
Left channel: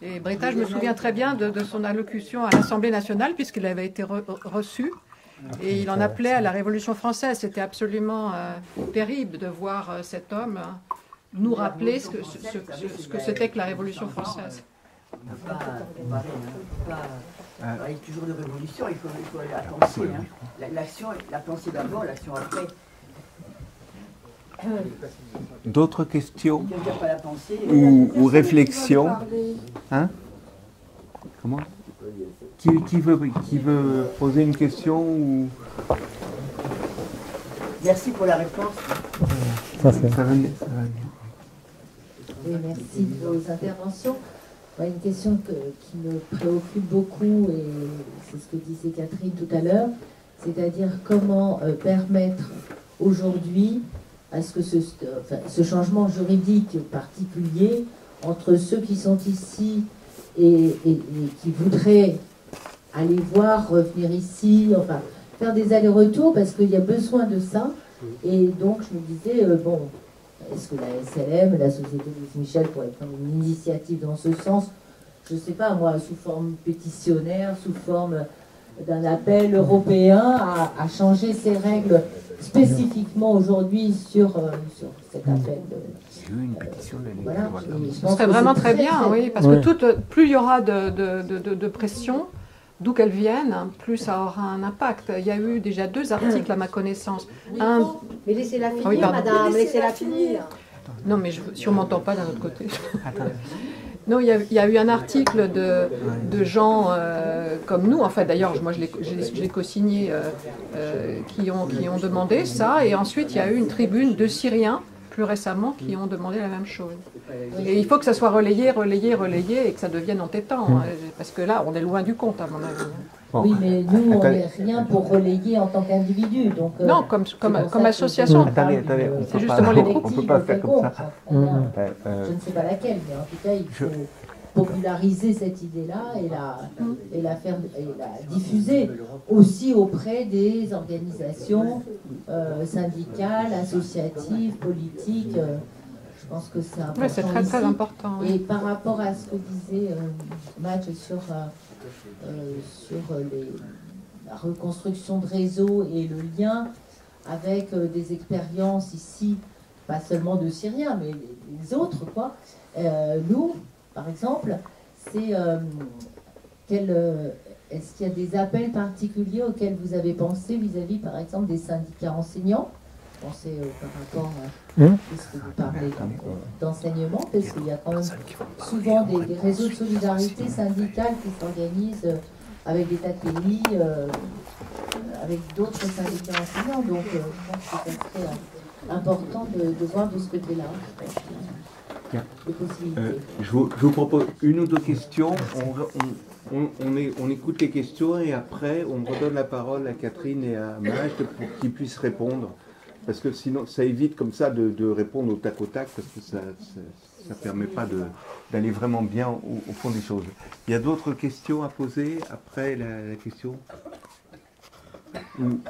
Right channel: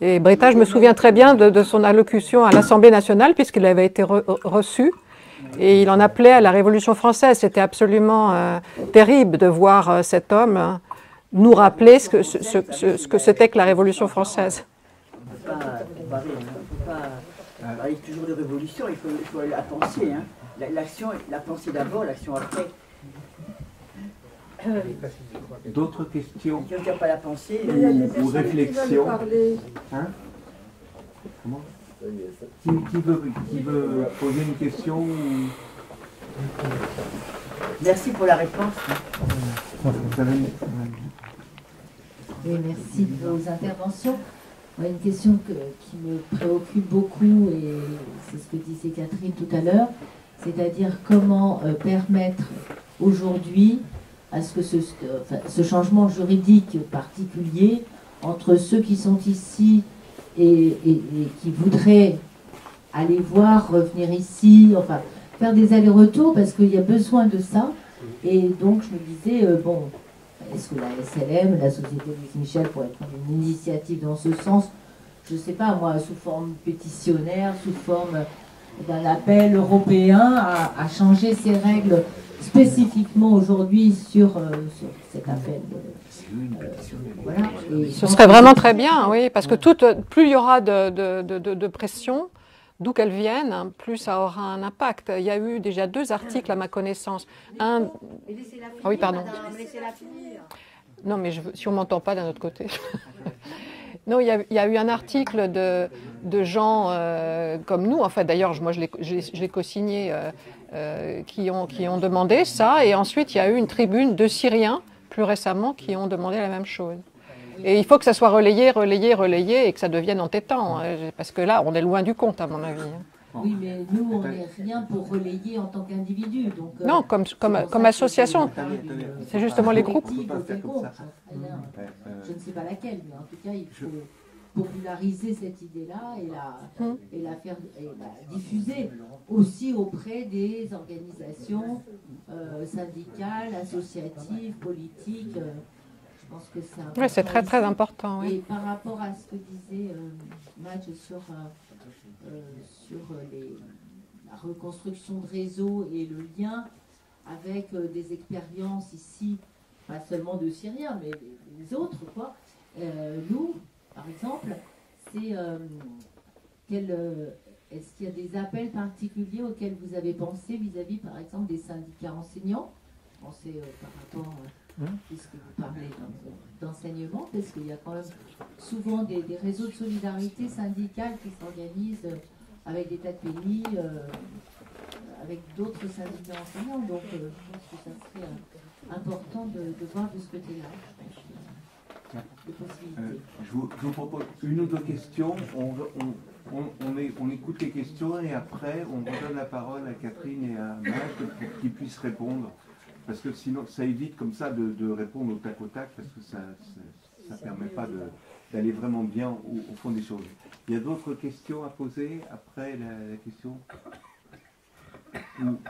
Et Britta, je me souviens très bien de son allocution à l'Assemblée nationale, puisqu'il avait été reçu. Et il en appelait à la Révolution française. C'était absolument terrible de voir cet homme nous rappeler ce que c'était que la Révolution française. On ne peut pas comparer, on ne peut pas parler toujours de révolution, il faut la penser. L'action, la pensée d'abord, l'action après. D'autres questions Il n'y a pas la pensée. ou réflexions? Hein? Comment? Qui veut poser une question ou... Merci pour la réponse. Oui, merci de vos interventions. Moi, une question qui me préoccupe beaucoup, et c'est ce que disait Catherine tout à l'heure, c'est-à-dire comment permettre aujourd'hui à ce que ce changement juridique particulier entre ceux qui sont ici et qui voudraient aller voir, revenir ici, enfin, faire des allers-retours parce qu'il y a besoin de ça. Et donc, je me disais, bon, est-ce que la SLM, la Société Louise Michel, pourrait prendre une initiative dans ce sens? Je ne sais pas, moi, sous forme pétitionnaire, sous forme d'un appel européen à changer ces règles spécifiquement aujourd'hui sur cet appel. Voilà. Ce serait vraiment très bien, oui, parce que plus il y aura de pression, d'où qu'elle vienne, plus ça aura un impact. Il y a eu déjà 2 articles à ma connaissance. Mais laissez-la finir, oui, madame, laissez-la finir. Non, mais si on ne m'entend pas d'un autre côté. Non, il y a eu un article de gens comme nous, en fait, d'ailleurs, moi je l'ai co-signé, qui ont demandé ça, et ensuite il y a eu une tribune de Syriens, plus récemment, qui ont demandé la même chose. Et il faut que ça soit relayé, et que ça devienne entêtant, parce que là, on est loin du compte, à mon avis. Oui, mais nous, on n'est rien pour relayer en tant qu'individu. Non, comme association. C'est justement les groupes. On ne peut pas faire comme ça. Je ne sais pas laquelle, mais en tout cas, il faut populariser cette idée-là et la diffuser aussi auprès des organisations syndicales, associatives, politiques. Je pense que c'est important. Oui, c'est très très important. Oui. Et par rapport à ce que disait Madge sur la reconstruction de réseau et le lien avec des expériences ici, pas seulement de Syriens, mais les autres, quoi. Nous, par exemple, c'est est-ce qu'il y a des appels particuliers auxquels vous avez pensé vis-à-vis, par exemple, des syndicats enseignants? Pensez par rapport à ce que vous parlez d'enseignement, parce qu'il y a quand même souvent des réseaux de solidarité syndicale qui s'organisent avec des TATPI, avec d'autres syndicats enseignants. Donc, je pense que ça serait important de voir de ce côté-là. Les possibilités. Je vous propose une ou deux questions. On écoute les questions et après, on redonne la parole à Catherine et à Maj pour qu'ils puissent répondre. Parce que sinon, ça évite comme ça de répondre au tac, parce que ça ne permet pas d'aller vraiment bien au fond des choses. Il y a d'autres questions à poser après la question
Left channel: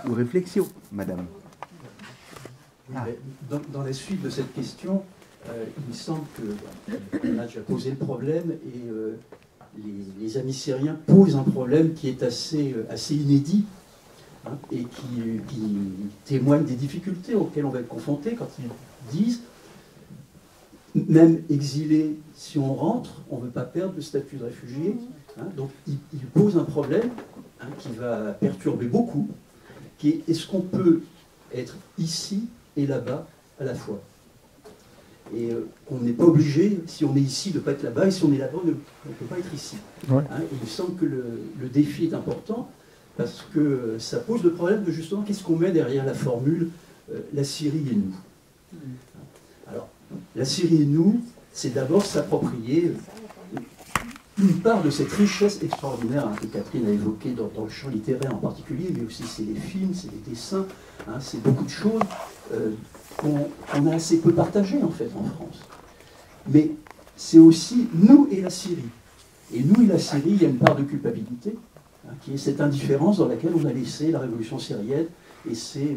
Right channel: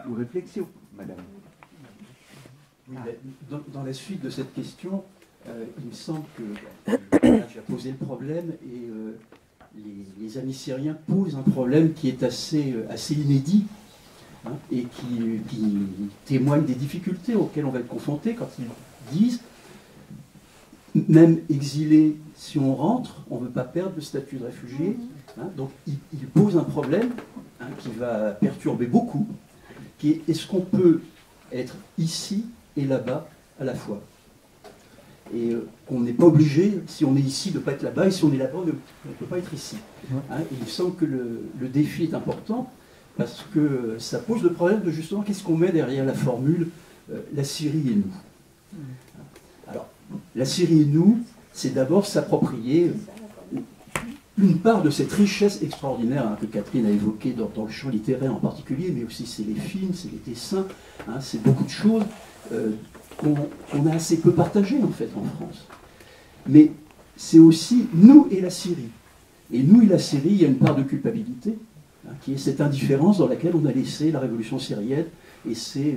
ou réflexion, madame? Oui, dans la suite de cette question, il me semble que j'ai posé le problème et les amis syriens posent un problème qui est assez inédit, hein, et qui témoigne des difficultés auxquelles on va être confronté quand ils disent, même exilés, si on rentre, on ne veut pas perdre le statut de réfugié. Hein, donc ils posent un problème, hein, qui va perturber beaucoup, qui est: est-ce qu'on peut être ici et là-bas à la fois? Et qu'on n'est pas obligé, si on est ici, de ne pas être là-bas, et si on est là-bas, on ne peut pas être ici. Ouais. Hein, et il me semble que le défi est important, parce que ça pose le problème de justement qu'est-ce qu'on met derrière la formule la Syrie et nous. Alors, la Syrie et nous, c'est d'abord s'approprier une part de cette richesse extraordinaire, hein, que Catherine a évoquée dans le champ littéraire en particulier, mais aussi c'est les films, c'est les dessins, hein, c'est beaucoup de choses qu'on a assez peu partagées en fait en France. Mais c'est aussi nous et la Syrie. Et nous et la Syrie, il y a une part de culpabilité, hein, qui est cette indifférence dans laquelle on a laissé la révolution syrienne et ces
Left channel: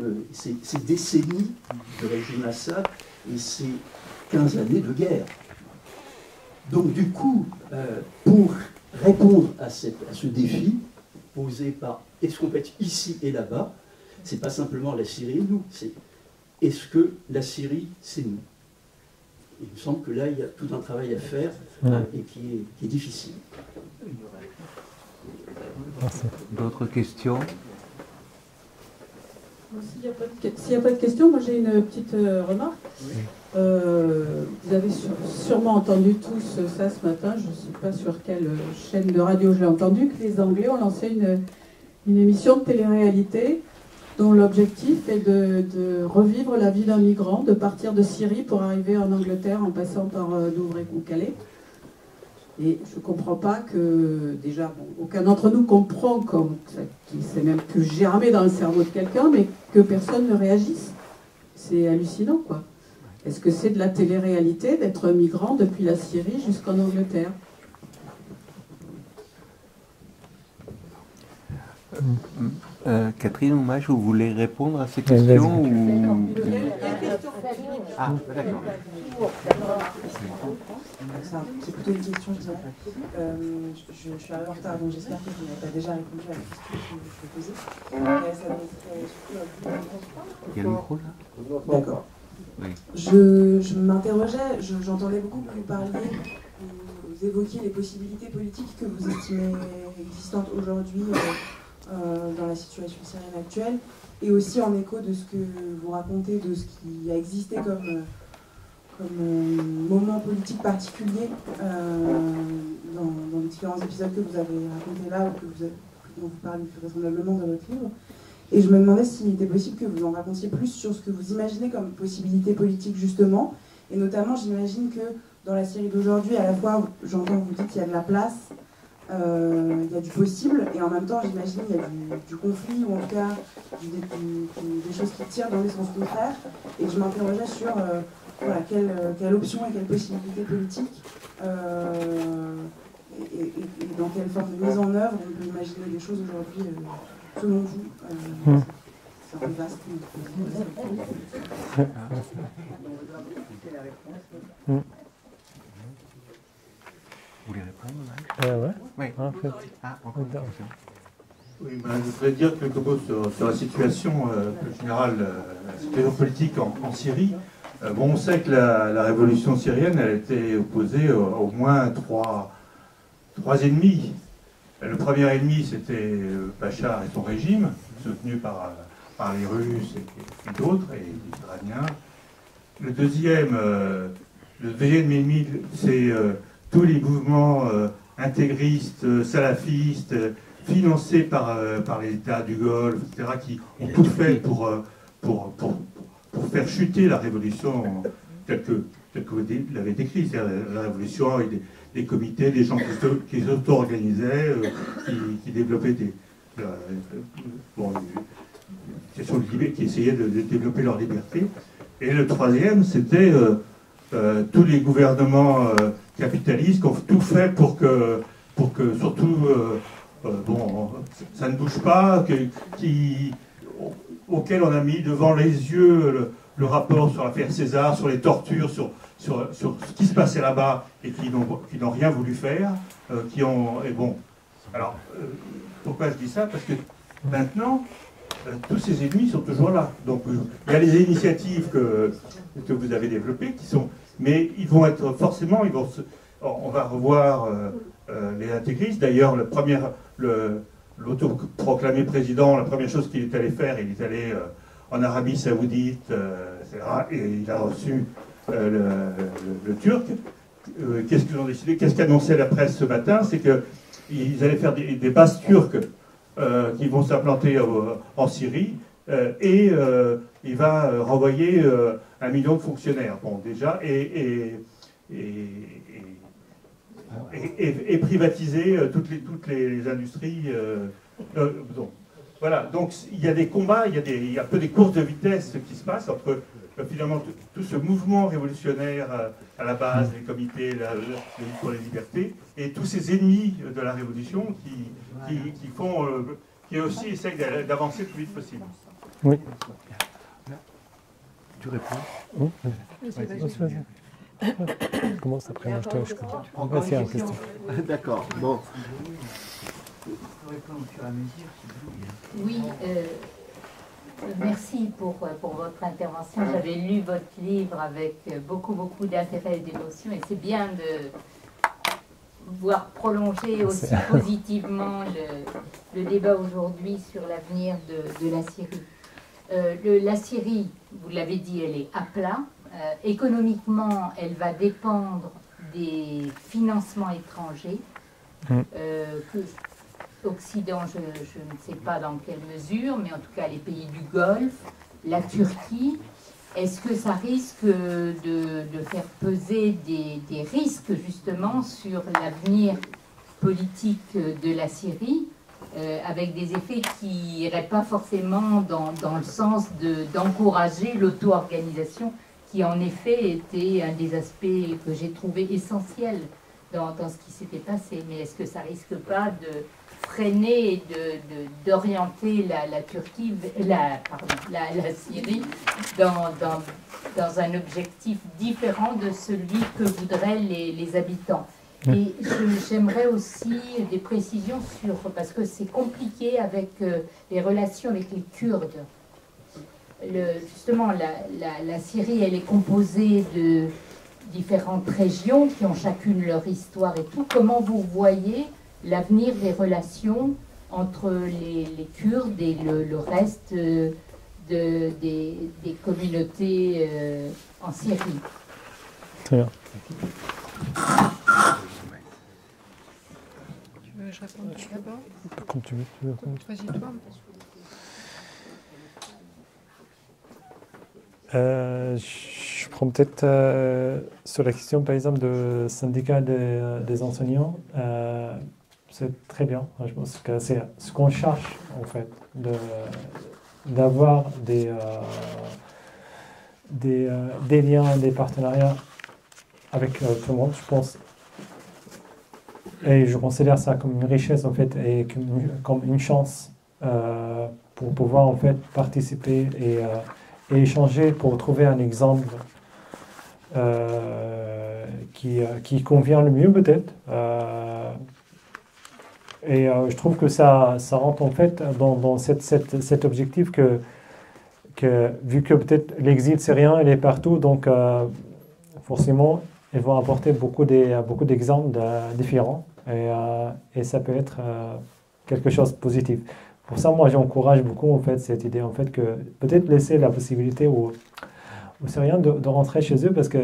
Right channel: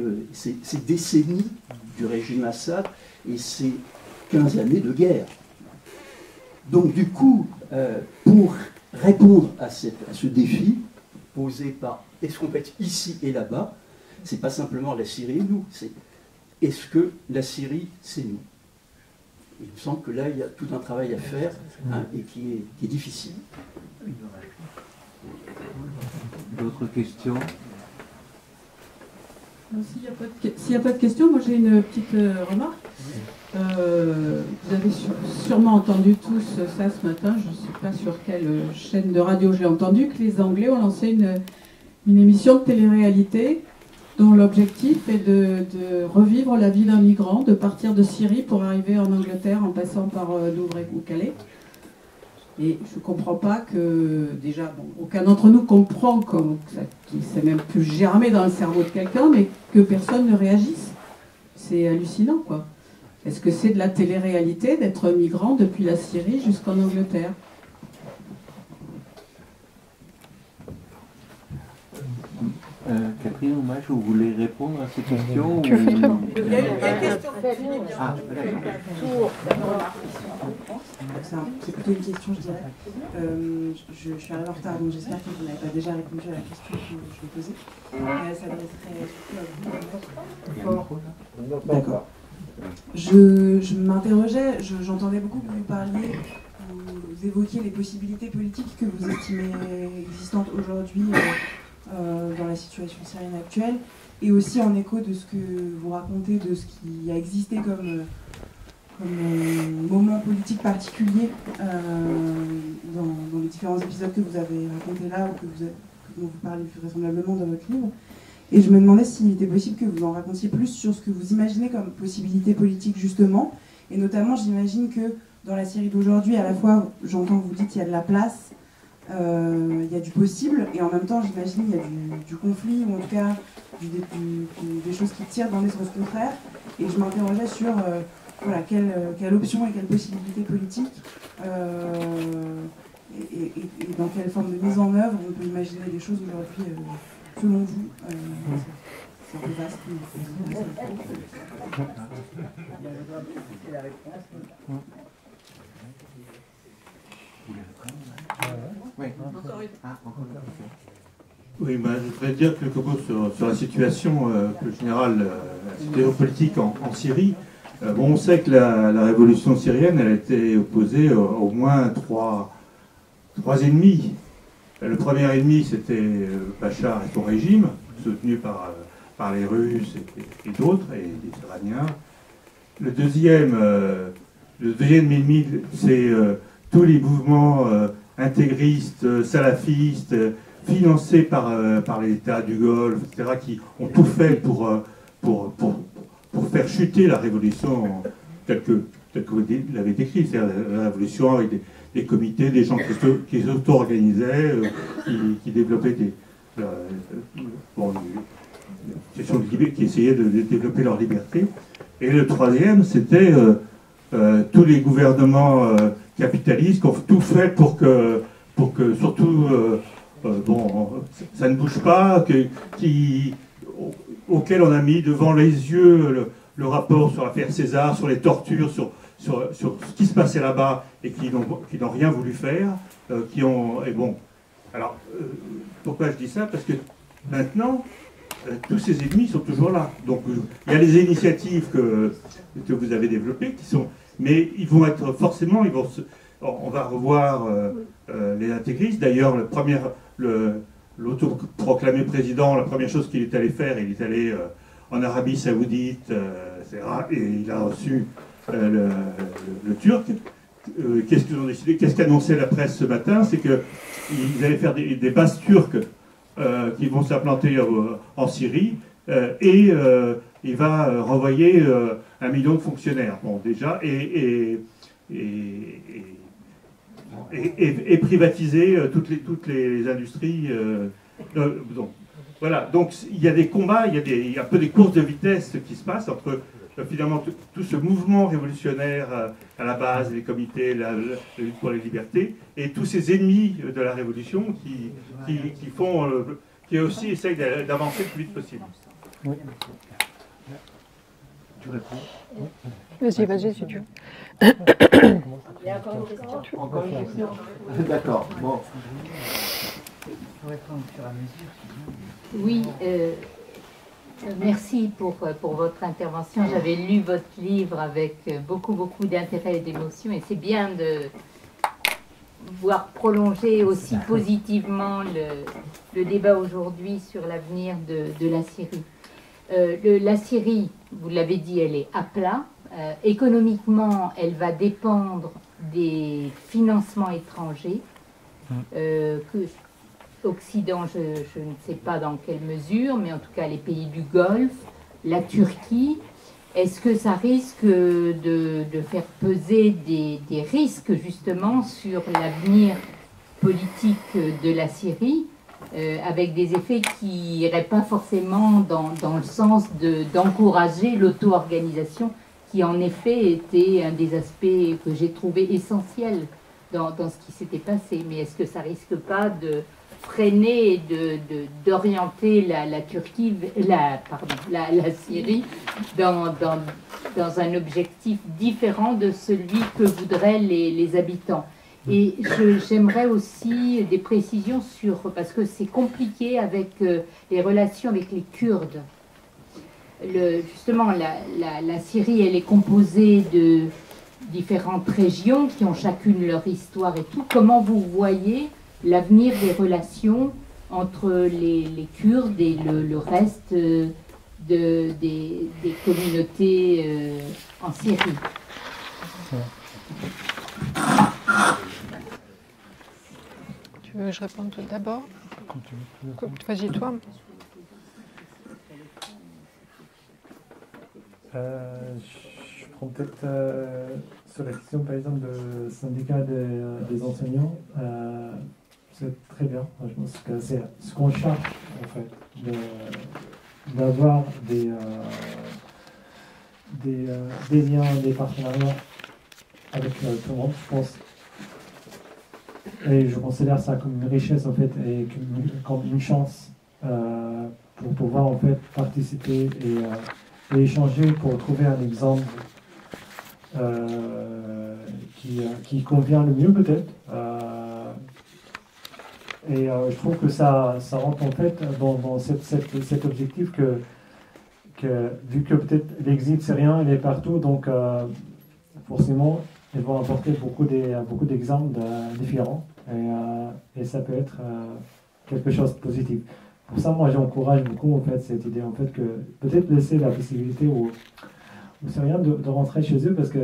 décennies du régime Assad et ces 15 années de guerre. Donc du coup, pour répondre à ce défi posé par est-ce qu'on peut être ici et là-bas, c'est pas simplement la Syrie et nous, c'est est-ce que la Syrie c'est nous. Il me semble que là il y a tout un travail à faire, hein, et qui est difficile. D'autres questions? S'il n'y a pas de questions, moi j'ai une petite remarque. Vous avez sûrement entendu tous ça ce matin, je ne sais pas sur quelle chaîne de radio je l'ai entendu, que les Anglais ont lancé une émission de télé-réalité dont l'objectif est de revivre la vie d'un migrant, de partir de Syrie pour arriver en Angleterre en passant par Douvres ou Calais. Et je ne comprends pas que, déjà, aucun d'entre nous comprend qu'il s'est même plus germé dans le cerveau de quelqu'un, mais que personne ne réagisse. C'est hallucinant, quoi. Est-ce que c'est de la télé-réalité d'être migrant depuis la Syrie jusqu'en Angleterre? Catherine ou Maj, vous voulez répondre à ces questions? Tu fais vraiment. Il y a une question. Ah, d'accord. C'est plutôt une question, je dirais. Je suis arrivée en retard, donc j'espère que vous n'avez pas déjà répondu à la question que je vais poser. Elle s'adresserait surtout à vous. D'accord. Je m'interrogeais, j'entendais beaucoup que vous parliez, vous évoquiez les possibilités politiques que vous estimez existantes aujourd'hui dans la situation syrienne actuelle, et aussi en écho de ce que vous racontez, de ce qui a existé comme moment politique particulier dans les différents épisodes que vous avez racontés là, ou dont vous parlez plus vraisemblablement dans votre livre. Et je me demandais s'il était possible que vous en racontiez plus sur ce que vous imaginez comme possibilité politique justement, et notamment j'imagine que dans la Syrie d'aujourd'hui, à la fois j'entends que vous dites qu'il y a de la place, il y a du possible, et en même temps j'imagine qu'il y a du conflit, ou en tout cas des choses qui tirent dans les sens contraires, et je m'interrogeais sur voilà, quelle option et quelle possibilité politique, et dans quelle forme de mise en œuvre on peut imaginer les choses aujourd'hui, selon vous. C'est un peu vaste. Vous voulez répondre? Ouais. Oui. Ah, Ah, encore une question. Oui, ben, je voudrais dire quelques mots sur la situation plus générale, la situation politique en Syrie. Bon, on sait que la révolution syrienne, elle a été opposée au moins trois ennemis. Le premier ennemi, c'était Bachar et son régime, soutenu par les Russes et d'autres, et les Iraniens. Le deuxième ennemi, c'est tous les mouvements intégristes, salafistes, financés par les États du Golfe, etc., qui ont tout fait pour faire chuter la révolution telle que vous l'avez décrit, c'est-à-dire la révolution avec des comités, des gens qui s'auto-organisaient, qui développaient qui essayaient de développer leur liberté. Et le troisième, c'était tous les gouvernements capitalistes qui ont tout fait pour que surtout, ça ne bouge pas, auquel on a mis devant les yeux le rapport sur l'affaire César, sur les tortures, sur ce qui se passait là-bas et qui n'ont rien voulu faire, Alors, pourquoi je dis ça? Parce que maintenant, tous ces ennemis sont toujours là. Donc, il y a les initiatives que vous avez développées, mais ils vont être forcément, on va revoir les intégristes. D'ailleurs, l'autoproclamé président, la première chose qu'il est allé faire, il est allé en Arabie Saoudite, etc., et il a reçu le Turc. Qu'est-ce qu'ils ont décidé? Qu'est-ce qu'annonçait la presse ce matin? C'est qu'ils allaient faire des bases turques qui vont s'implanter en Syrie, et il va renvoyer 1 million de fonctionnaires, bon, déjà, et privatiser toutes les industries. Donc, voilà, donc il y a des combats, il y a un peu des courses de vitesse qui se passent entre finalement tout ce mouvement révolutionnaire à la base, les comités, la lutte pour les libertés, et tous ces ennemis de la révolution qui aussi essayent d'avancer le plus vite possible. Oui. Tu réponds? Oui. Vas-y, si tu veux. Comment ça s'appelle? D'accord, bon. Oui, merci pour votre intervention. J'avais lu votre livre avec beaucoup d'intérêt et d'émotion, et c'est bien de voir prolonger aussi positivement le débat aujourd'hui sur l'avenir de la Syrie. La Syrie, vous l'avez dit, elle est à plat. Économiquement, elle va dépendre des financements étrangers. Occident, je ne sais pas dans quelle mesure, mais en tout cas les pays du Golfe, la Turquie. Est-ce que ça risque de faire peser des risques justement sur l'avenir politique de la Syrie, avec des effets qui n'iraient pas forcément dans le sens d'encourager l'auto-organisation, qui en effet était un des aspects que j'ai trouvé essentiel dans ce qui s'était passé? Mais est-ce que ça risque pas de freiner et d'orienter la Turquie, la Syrie dans un objectif différent de celui que voudraient les habitants? Et j'aimerais aussi des précisions parce que c'est compliqué avec les relations avec les Kurdes. Justement, la Syrie, elle est composée de différentes régions qui ont chacune leur histoire et tout. Comment vous voyez l'avenir des relations entre les Kurdes et le reste des communautés en Syrie? Très bien. Tu veux que je réponde d'abord? Comme tu veux. Vas-y, toi. Je prends peut-être sur la question, par exemple, de syndicat des enseignants. C'est très bien. Je pense que c'est ce qu'on cherche, en fait, d'avoir des liens, des partenariats avec tout le monde, je pense. Et je considère ça comme une richesse, en fait, et comme une chance pour pouvoir, en fait, participer et échanger pour trouver un exemple qui convient le mieux, peut-être. Et je trouve que ça rentre en fait dans cet objectif vu que peut-être l'exil syrien il est partout, donc forcément ils vont apporter beaucoup d'exemples différents et ça peut être quelque chose de positif. Pour ça, moi j'encourage beaucoup en fait cette idée en fait que peut-être laisser la possibilité aux Syriens de rentrer chez eux parce que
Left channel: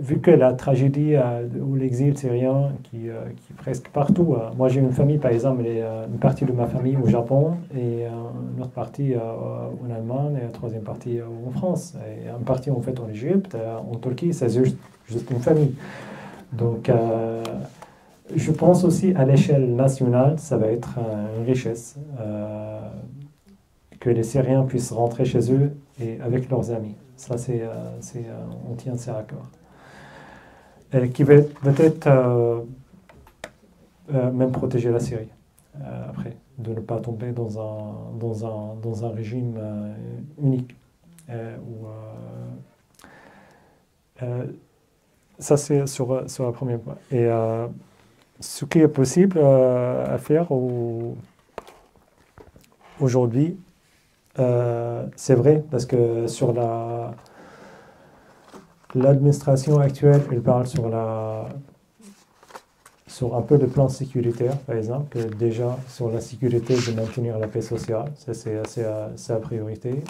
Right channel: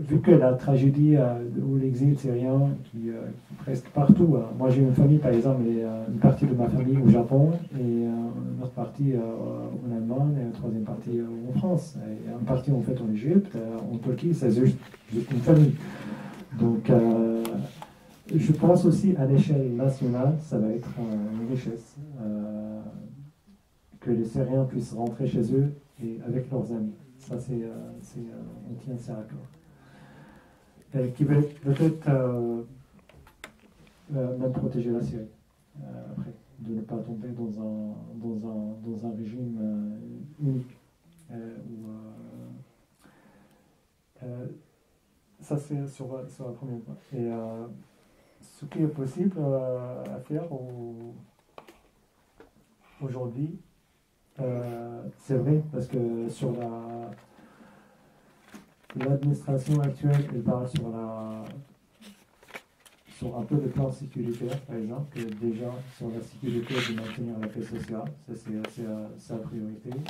vu que la tragédie ou l'exil syrien qui est presque partout, moi j'ai une famille par exemple, une partie de ma famille au Japon et une autre partie en Allemagne et une troisième partie en France et une partie en fait en Égypte, en Turquie, c'est juste une famille. Donc je pense aussi à l'échelle nationale, ça va être une richesse que les Syriens puissent rentrer chez eux et avec leurs amis. Ça on tient ça à cœur. Et qui va peut-être même protéger la Syrie après, de ne pas tomber dans un régime unique. Ça, c'est sur la première point. Et ce qui est possible à faire aujourd'hui, c'est vrai, parce que sur l'administration actuelle, elle parle sur un peu le plan sécuritaire, par exemple, que déjà sur la sécurité de maintenir la paix sociale, ça c'est la priorité.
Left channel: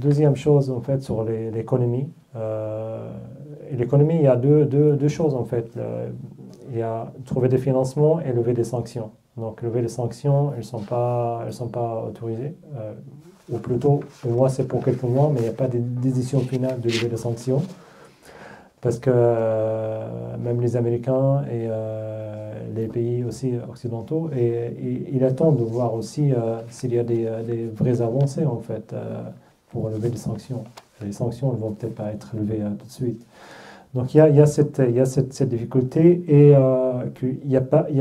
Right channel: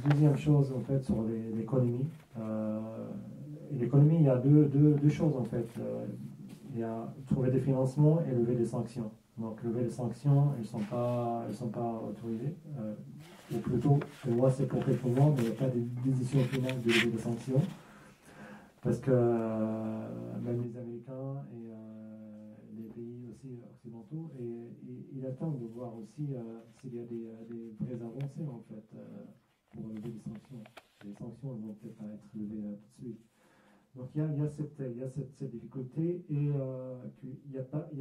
Deuxième chose, en fait, sur l'économie. Et l'économie, il y a deux choses, en fait. Il y a trouver des financements et lever des sanctions. Donc, lever les sanctions, elles sont pas autorisées. Ou plutôt, pour moi, c'est pour quelques mois, mais il n'y a pas de décision finale de lever des sanctions. Parce que même les Américains et les pays aussi occidentaux, ils attendent de voir aussi s'il y a des vraies avancées en fait pour lever des sanctions. Les sanctions ne vont peut-être pas être levées tout de suite. Donc il y a cette difficulté et qu'il n'y a pas eu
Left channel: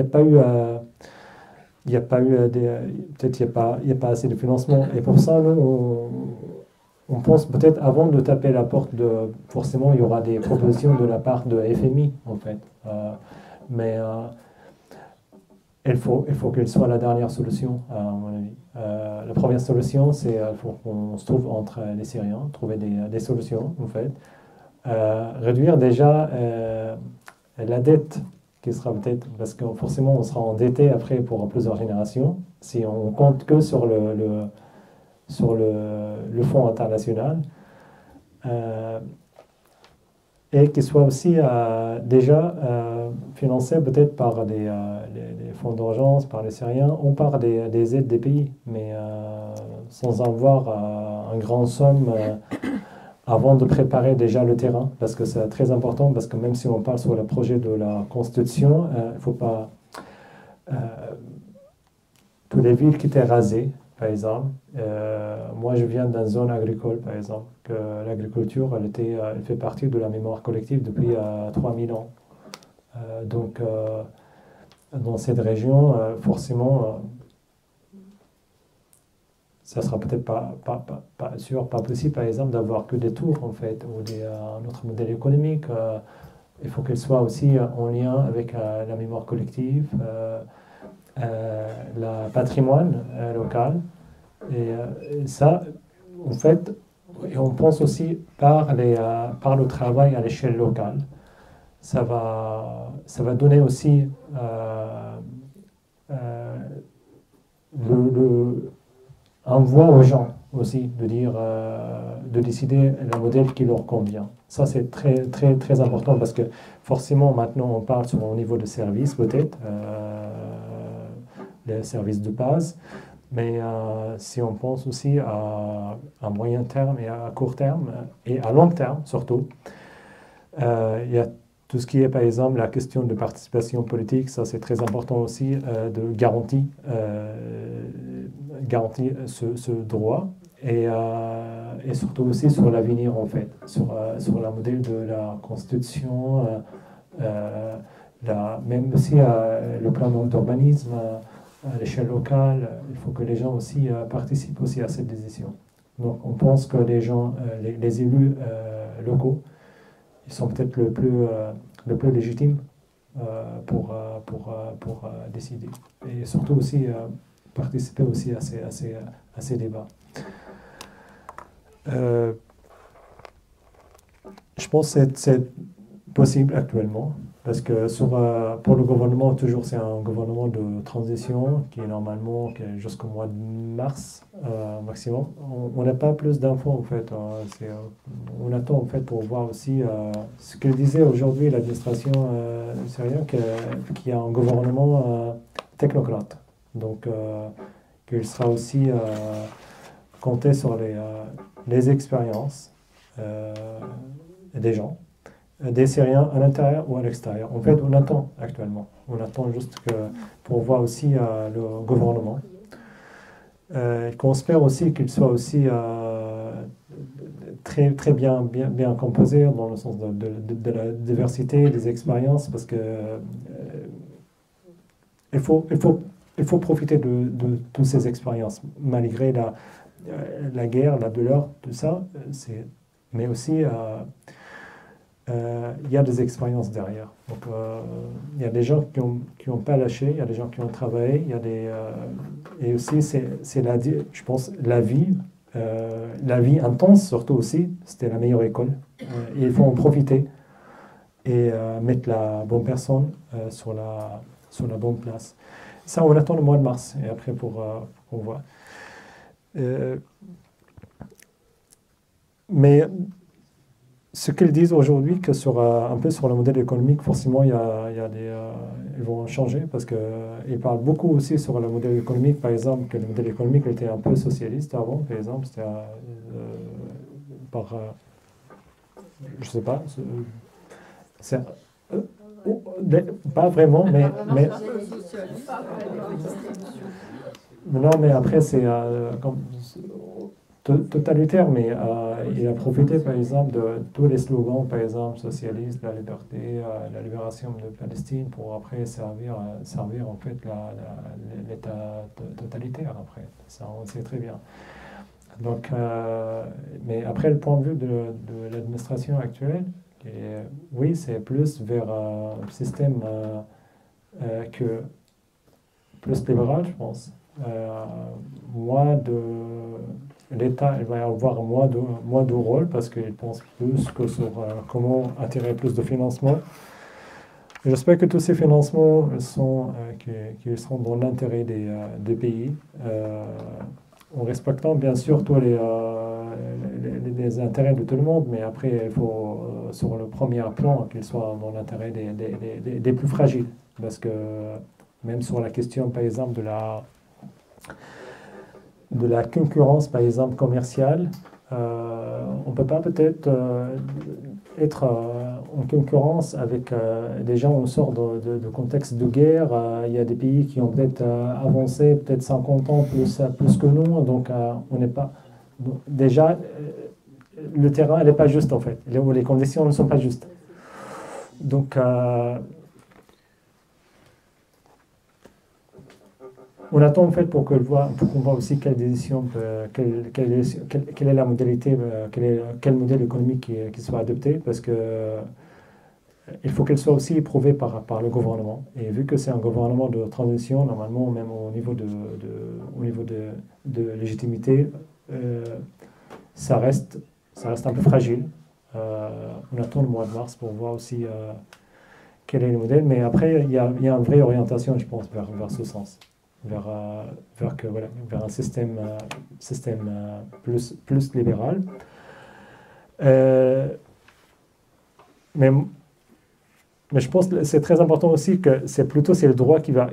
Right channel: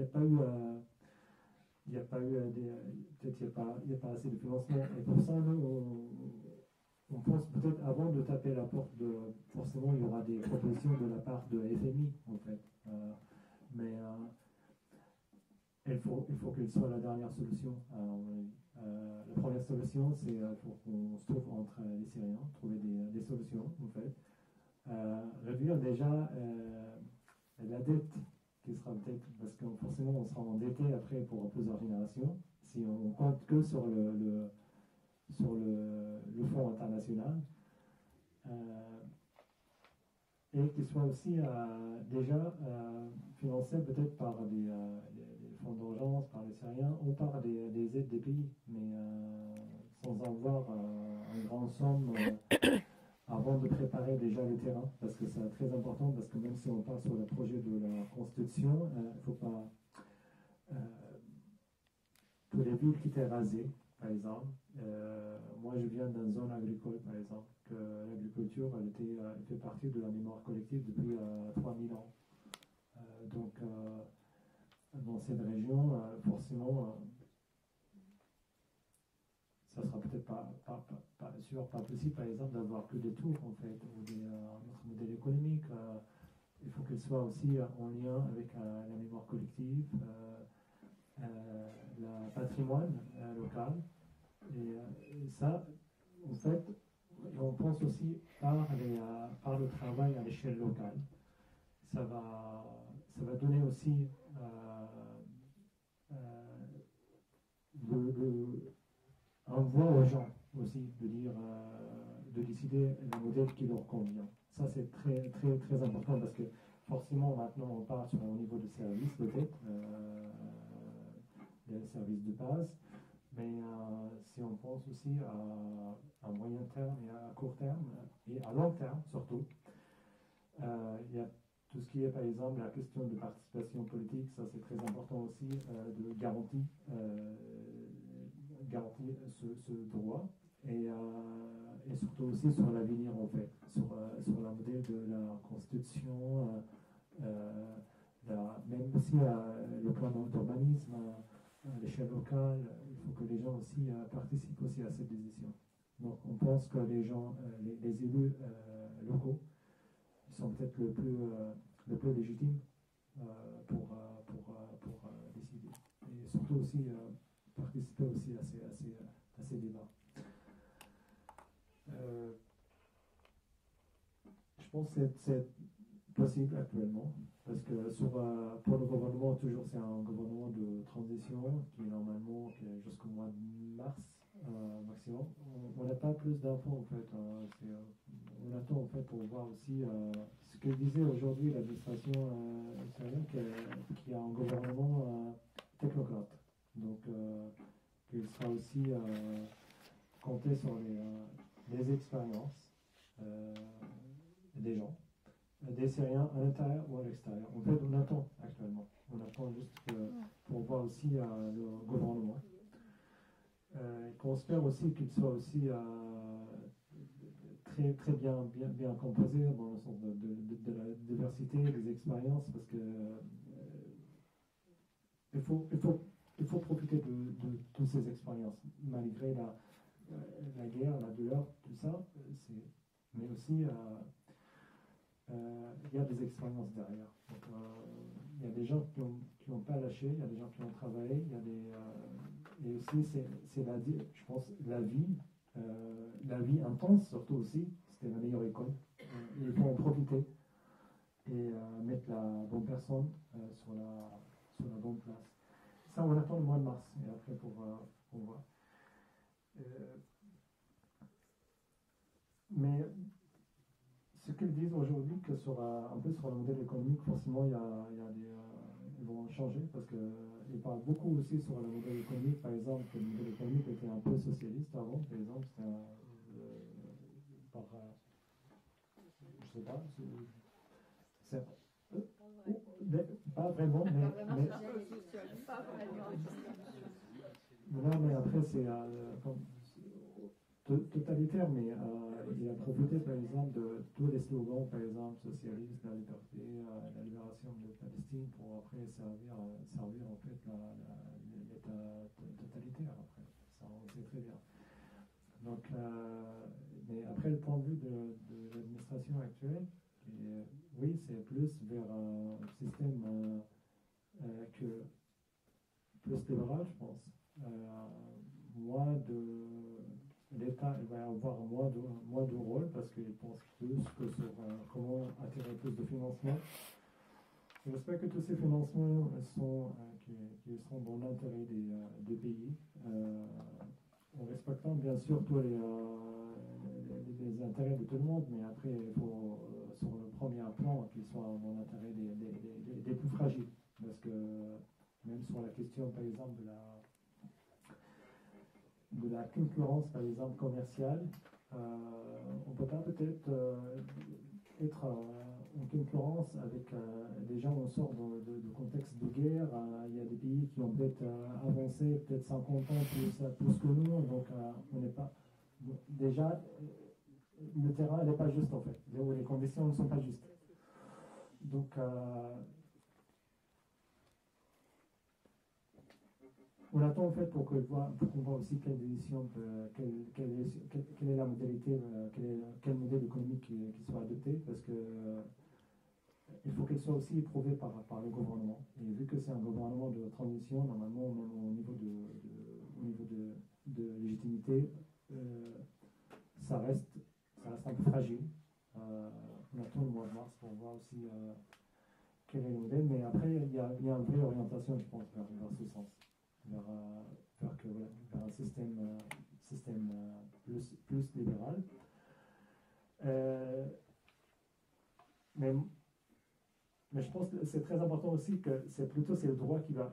peut-être il n'y a pas assez de financement. Et pour ça, nous, on pense peut-être avant de taper la porte forcément il y aura des propositions de la part de FMI en fait. Mais il faut qu'elle soit la dernière solution à mon avis. La première solution c'est qu'il faut qu'on se trouve entre les Syriens, trouver des solutions en fait. Réduire déjà la dette qui sera peut-être, parce que forcément on sera endetté après pour plusieurs générations si on compte que sur le fonds international et qui soit aussi déjà financé peut-être par les fonds d'urgence, par les Syriens ou par des aides des pays, mais sans avoir un grand somme avant de préparer déjà le terrain, parce que c'est très important, parce que même si on parle sur le projet de la Constitution, il ne faut pas... toutes les villes qui étaient rasées, par exemple, moi je viens d'une zone agricole, par exemple, que l'agriculture, elle fait partie de la mémoire collective depuis 3000 ans. Donc, dans cette région, forcément, ça sera peut-être pas possible, par exemple, d'avoir que des tours, en fait, ou un autre modèle économique. Il faut qu'elle soit aussi en lien avec la mémoire collective, le patrimoine local. Et ça, en fait, et on pense aussi par le travail à l'échelle locale. Ça va donner aussi un voix aux gens aussi, de décider le modèle qui leur convient. Ça, c'est très, très, très important parce que forcément, maintenant, on parle sur un niveau de service, peut-être, les services de base, mais si on pense aussi à moyen terme et à court terme, et à long terme surtout, il y a tout ce qui est, par exemple, la question de participation politique, ça c'est très important aussi, de garantir ce droit, et surtout aussi sur l'avenir, en fait, sur le modèle de la Constitution, même aussi le plan d'urbanisme à l'échelle locale. Il faut que les gens aussi participent aussi à cette décision. Donc on pense que les gens, les élus locaux, ils sont peut-être le plus légitimes pour décider. Et surtout aussi participer aussi à ces débats. Je pense que c'est possible actuellement, parce que pour le gouvernement, toujours c'est un gouvernement de transition qui est normalement jusqu'au mois de mars maximum. On n'a pas plus d'infos en fait. On attend en fait pour voir aussi ce que disait aujourd'hui l'administration syrienne, qu'il y a un gouvernement technocrate. Donc qu'il sera aussi compté sur les expériences des gens, des Syriens à l'intérieur ou à l'extérieur. En fait, on attend actuellement. On attend juste pour voir aussi le gouvernement. Qu'on espère aussi qu'il soit aussi très, très bien composé dans le sens de la diversité des expériences, parce que il faut profiter de toutes ces expériences, malgré la guerre, la douleur, tout ça. Mais aussi, il y a des expériences derrière. Donc, il y a des gens qui ont pas lâché, il y a des gens qui ont travaillé, il y a et aussi, je pense, la vie intense, surtout aussi, c'était la meilleure école. Et il faut en profiter et mettre la bonne personne sur la bonne place. Ça, on attend le mois de mars, et après, pour voir. Mais ce qu'ils disent aujourd'hui, que un peu sur le modèle économique, forcément, ils vont changer, parce qu'ils parlent beaucoup aussi sur le modèle économique, par exemple, que le modèle économique était un peu socialiste avant, par exemple, c'était je ne sais pas, pas vraiment, mais non, mais après, c'est totalitaire, mais il a profité, par exemple, de tous les slogans, par exemple, socialistes, la liberté, la libération de Palestine, pour après servir en fait l'État totalitaire, après. Ça, on sait très bien. Donc, mais après, le point de vue de l'administration actuelle, oui, c'est plus vers un système plus libéral, je pense. L'État il va y avoir moins de rôle, parce qu'il pense plus que sur comment attirer plus de financement. J'espère que tous ces financements qui seront dans l'intérêt des pays, en respectant bien sûr tous les intérêts de tout le monde, mais après il faut sur le premier plan qu'ils soient dans l'intérêt des plus fragiles, parce que même sur la question par exemple de la concurrence, par exemple, commerciale, on ne peut pas peut-être être en concurrence avec des gens où on sort de contexte de guerre. Il y a des pays qui ont peut-être avancé, peut-être 50 ans plus que nous, donc on n'est pas... Donc, déjà, le terrain n'est pas juste, en fait. Les conditions ne sont pas justes. Donc... on attend en fait pour qu'on voit aussi quelle décision, quelle est la modalité, quel modèle économique qui soit adopté, parce que il faut qu'elle soit aussi éprouvée par le gouvernement. Et vu que c'est un gouvernement de transition, normalement, même au niveau de légitimité, ça reste un peu fragile. On attend le mois de mars pour voir aussi quel est le modèle. Mais après, il y a une vraie orientation, je pense, vers ce sens. Vers un système plus libéral. Mais je pense que c'est très important aussi que c'est le droit qui va...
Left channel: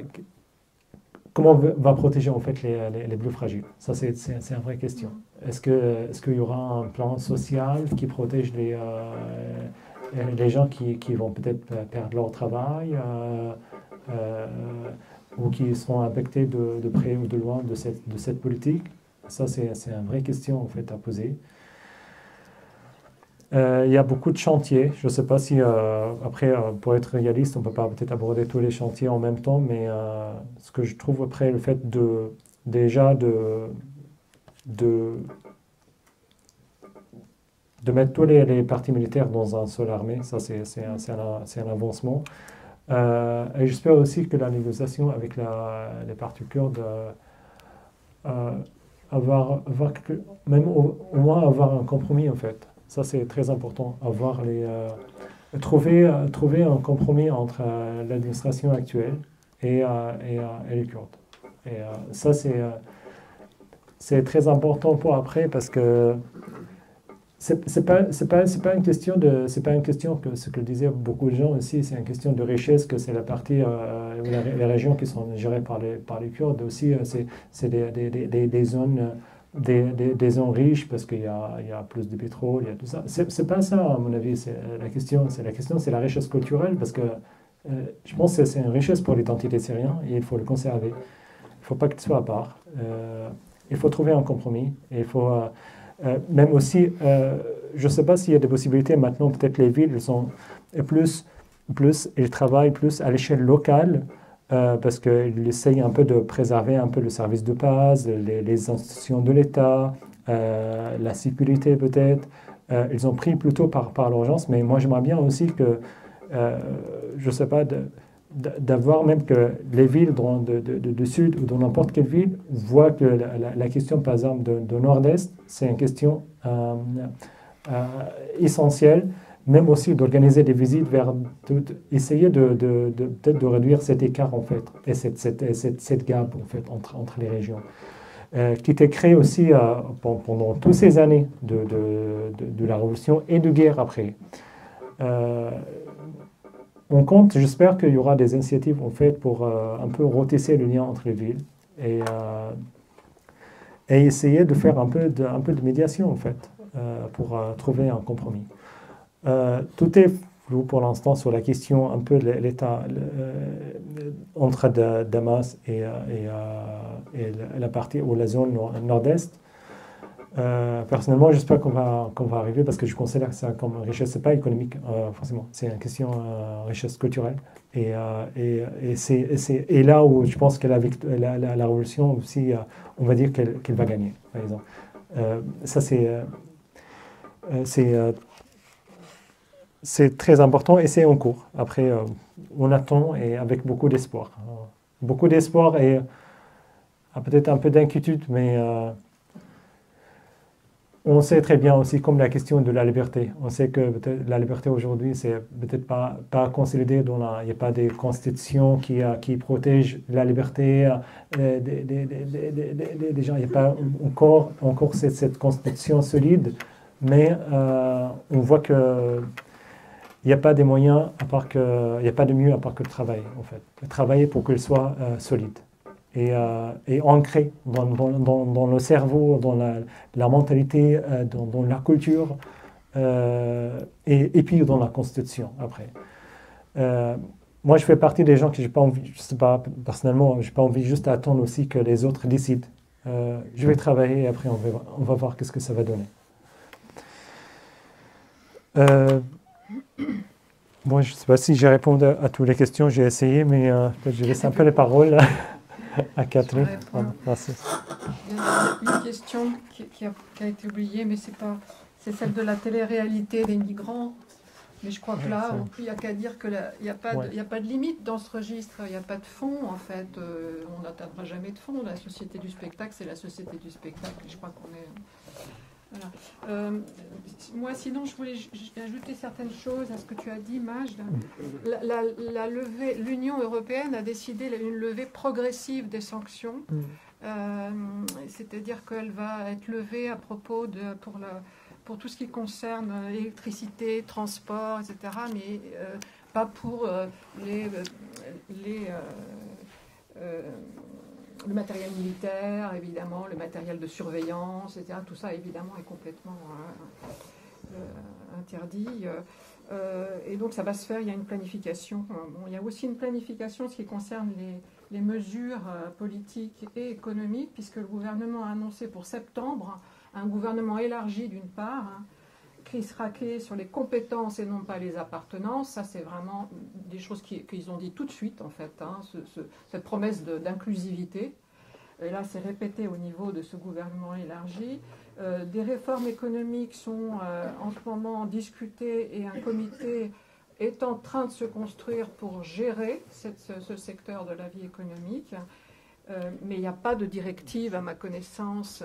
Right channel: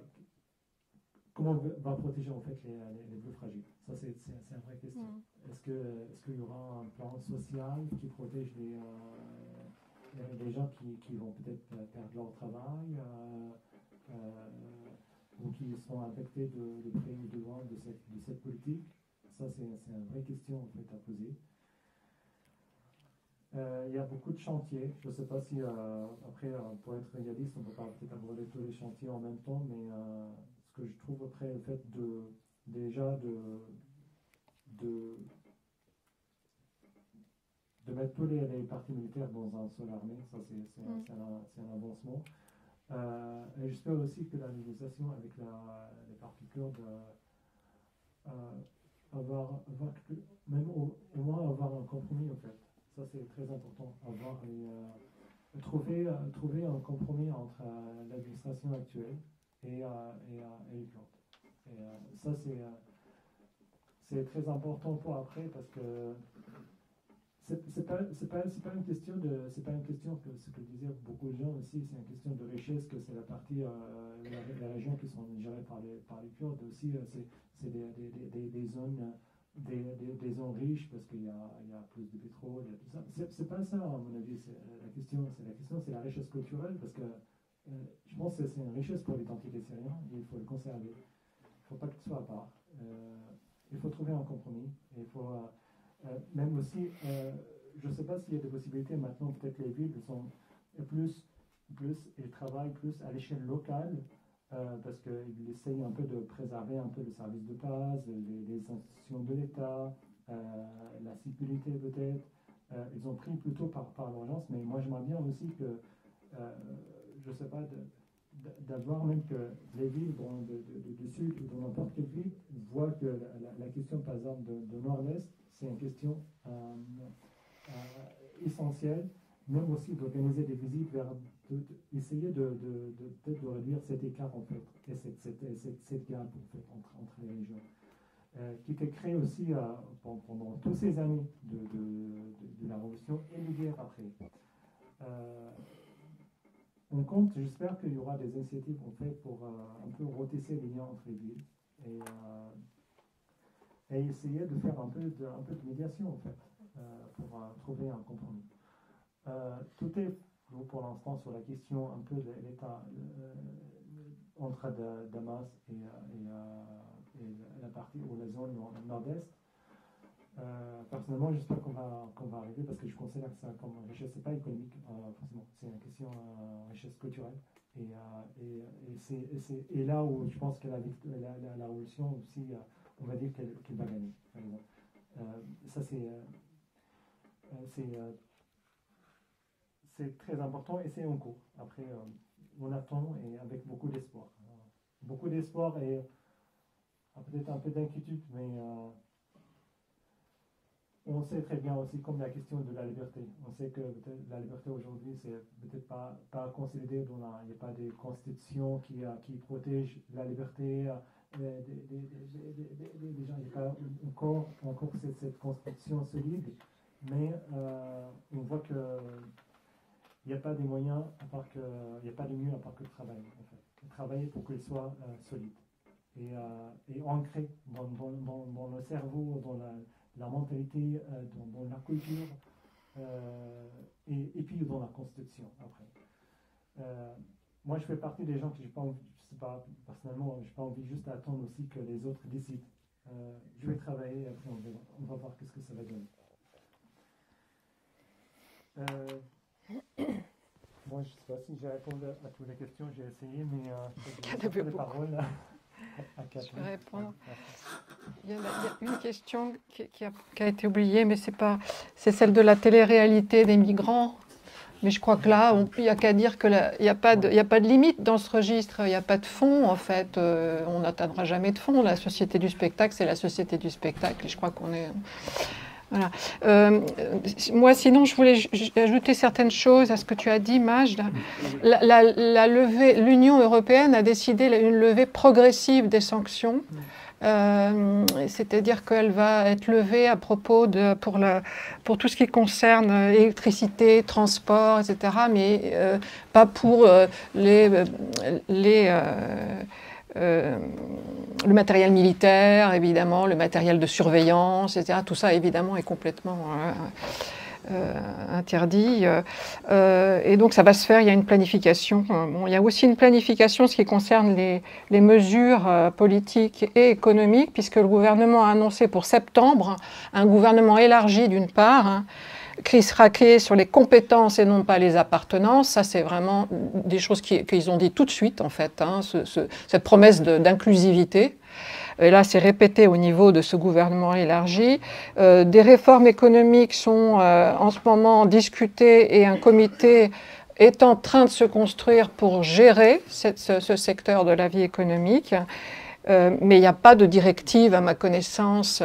Comment va protéger en fait les plus fragiles? Ça, c'est une vraie question. Est-ce qu'il y aura un plan social qui protège les gens qui vont peut-être perdre leur travail ou qui seront affectés de près ou de loin de cette politique? Ça, c'est une vraie question en fait à poser. Il y a beaucoup de chantiers. Je ne sais pas si, après, pour être réaliste, on ne peut pas peut-être aborder tous les chantiers en même temps, mais ce que je trouve après, le fait de mettre tous les partis militaires dans un seul armée, ça c'est un avancement. Et j'espère aussi que la négociation avec les partis kurdes, même au moins avoir un compromis en fait. Ça c'est très important, trouver un compromis entre l'administration actuelle et les Kurdes. Et ça c'est très important pour après parce que c'est pas une question que ce que disaient beaucoup de gens aussi, c'est une question de richesse, que c'est la partie, les régions qui sont gérées par les Kurdes aussi, c'est des zones, des zones riches parce qu'il y a plus de pétrole, il y a tout ça. C'est pas ça à mon avis, c'est la richesse culturelle parce que je pense que c'est une richesse pour l'identité syrienne et il faut le conserver. Il ne faut pas qu'il soit à part. Il faut trouver un compromis et il faut même aussi, je ne sais pas s'il y a des possibilités maintenant, peut-être les villes, ils travaillent plus à l'échelle locale parce qu'ils essayent un peu de préserver un peu le service de base, les institutions de l'État, la sécurité peut-être. Ils ont pris plutôt par l'urgence, mais moi j'aimerais bien aussi que, je ne sais pas, d'avoir même que les villes de sud ou de n'importe quelle ville voient que la question, par exemple, de nord-est, c'est une question essentielle, même aussi d'organiser des visites essayer peut-être de réduire cet écart, en fait, et cette gap, en fait, entre les régions, qui était créée aussi pendant toutes ces années de la Révolution et de guerre après. On compte, j'espère qu'il y aura des initiatives en fait pour un peu retisser le lien entre les villes et essayer de faire un peu de médiation en fait pour trouver un compromis. Tout est flou pour l'instant sur la question un peu de l'État entre Damas et la partie ou la zone nord-est. Personnellement, j'espère qu'on va arriver parce que je considère que c'est comme richesse, c'est pas économique forcément, c'est une question richesse culturelle et c'est là où je pense que la révolution aussi, on va dire qu'elle va gagner, par exemple. Ça c'est très important et c'est en cours. Après, on attend et avec beaucoup d'espoir et peut-être un peu d'inquiétude, mais on sait très bien aussi, comme la question de la liberté. On sait que la liberté aujourd'hui, c'est peut-être pas consolidé. Il n'y a pas de constitution qui protège la liberté des gens. Il n'y a pas encore cette constitution solide, mais on voit que il n'y a pas de moyens il n'y a pas de mieux à part que le travail, en fait. Travailler pour qu'il soit solide. Et ancré dans le cerveau, dans la mentalité, dans la culture, et puis dans la constitution après. Moi, je fais partie des gens que j'ai pas envie, je sais pas, personnellement, j'ai pas envie juste d'attendre aussi que les autres décident. Je vais travailler et après on va voir qu'est-ce que ça va donner. Bon, je ne sais pas si j'ai répondu à toutes les questions, j'ai essayé, mais je laisse un peu les paroles à Catherine. Merci. Il y a une question qui a été oubliée, mais c'est celle de la télé-réalité des migrants. Mais je crois que là, il n'y a qu'à dire qu'il n'y a pas de limite dans ce registre, il n'y a pas de fond en fait. On n'atteindra jamais de fond. La société du spectacle, c'est la société du spectacle. Et je crois qu'on est... Voilà. Moi, sinon, je voulais ajouter certaines choses à ce que tu as dit, Majd. L'Union européenne a décidé une levée progressive des sanctions. C'est-à-dire qu'elle va être levée à propos pour tout ce qui concerne électricité, transport, etc., mais pas pour le matériel militaire, évidemment, le matériel de surveillance, etc. Tout ça, évidemment, est complètement interdit. Et donc, ça va se faire, il y a une planification. Bon, il y a aussi une planification, ce qui concerne les mesures politiques et économiques, puisque le gouvernement a annoncé pour septembre un gouvernement élargi, d'une part, qui sera créé sur les compétences et non pas les appartenances. Ça, c'est vraiment des choses qu'ils ont dit tout de suite, en fait, cette promesse d'inclusivité. Et là, c'est répété au niveau de ce gouvernement élargi. Des réformes économiques sont en ce moment discutées et un comité est en train de se construire pour gérer ce secteur de la vie économique, mais il n'y a pas de directive, à ma connaissance,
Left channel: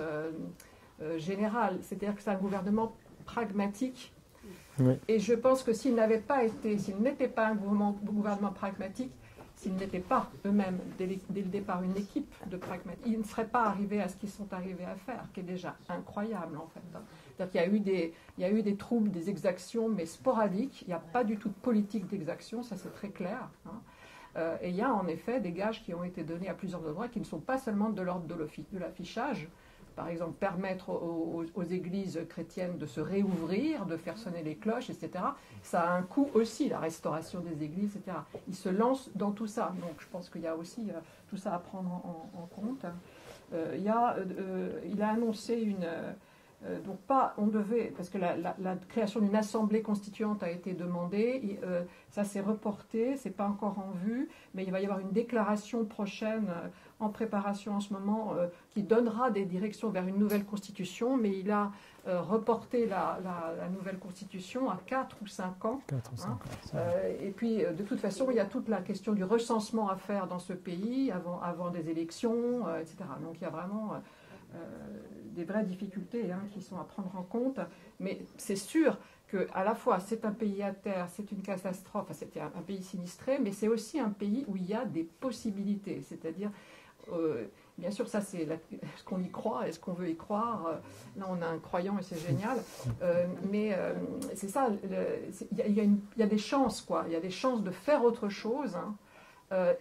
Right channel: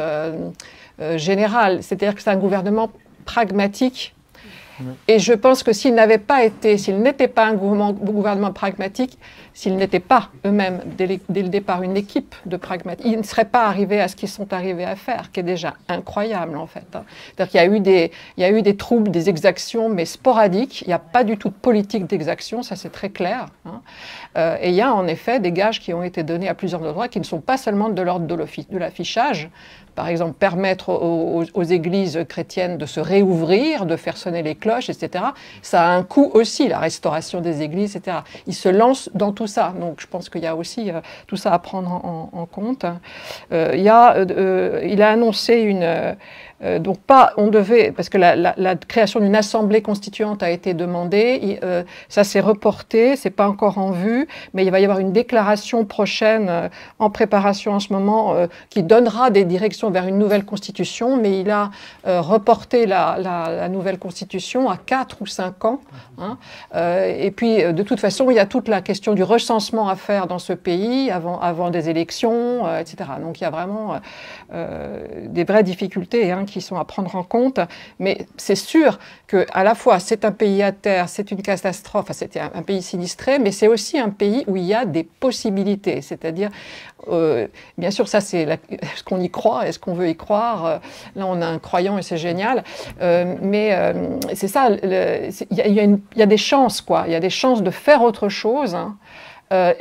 générale. C'est-à-dire que c'est un gouvernement pragmatique. Et je pense que s'il n'était pas un gouvernement pragmatique, s'ils n'étaient pas eux-mêmes, dès le départ, une équipe de pragmatiques, ils ne seraient pas arrivés à ce qu'ils sont arrivés à faire, qui est déjà incroyable en fait. C'est-à-dire qu'il y a eu des troubles, des exactions, mais sporadiques. Il n'y a pas du tout de politique d'exaction, ça c'est très clair. Et il y a en effet des gages qui ont été donnés à plusieurs endroits qui ne sont pas seulement de l'ordre de l'affichage. Par exemple, permettre aux églises chrétiennes de se réouvrir, de faire sonner les cloches, etc. Ça a un coût aussi, la restauration des églises, etc. Ils se lancent dans tout ça. Donc, je pense qu'il y a aussi tout ça à prendre en compte. Il a annoncé donc pas, on devait, parce que la création d'une assemblée constituante a été demandée, ça s'est reporté, c'est pas encore en vue, mais il va y avoir une déclaration prochaine en préparation en ce moment qui donnera des directions vers une nouvelle constitution, mais il a reporté la nouvelle constitution à 4 ou 5 ans. Et puis, de toute façon, il y a toute la question du recensement à faire dans ce pays avant des élections, etc. Donc il y a vraiment des vraies difficultés qui sont à prendre en compte, mais c'est sûr qu'à la fois c'est un pays à terre, c'est une catastrophe, c'est un pays sinistré, mais c'est aussi un pays où il y a des possibilités, c'est-à-dire, bien sûr ça c'est est-ce qu'on y croit, est-ce qu'on veut y croire, là on a un croyant et c'est génial, mais c'est ça, il y a des chances, quoi, il y a des chances de faire autre chose.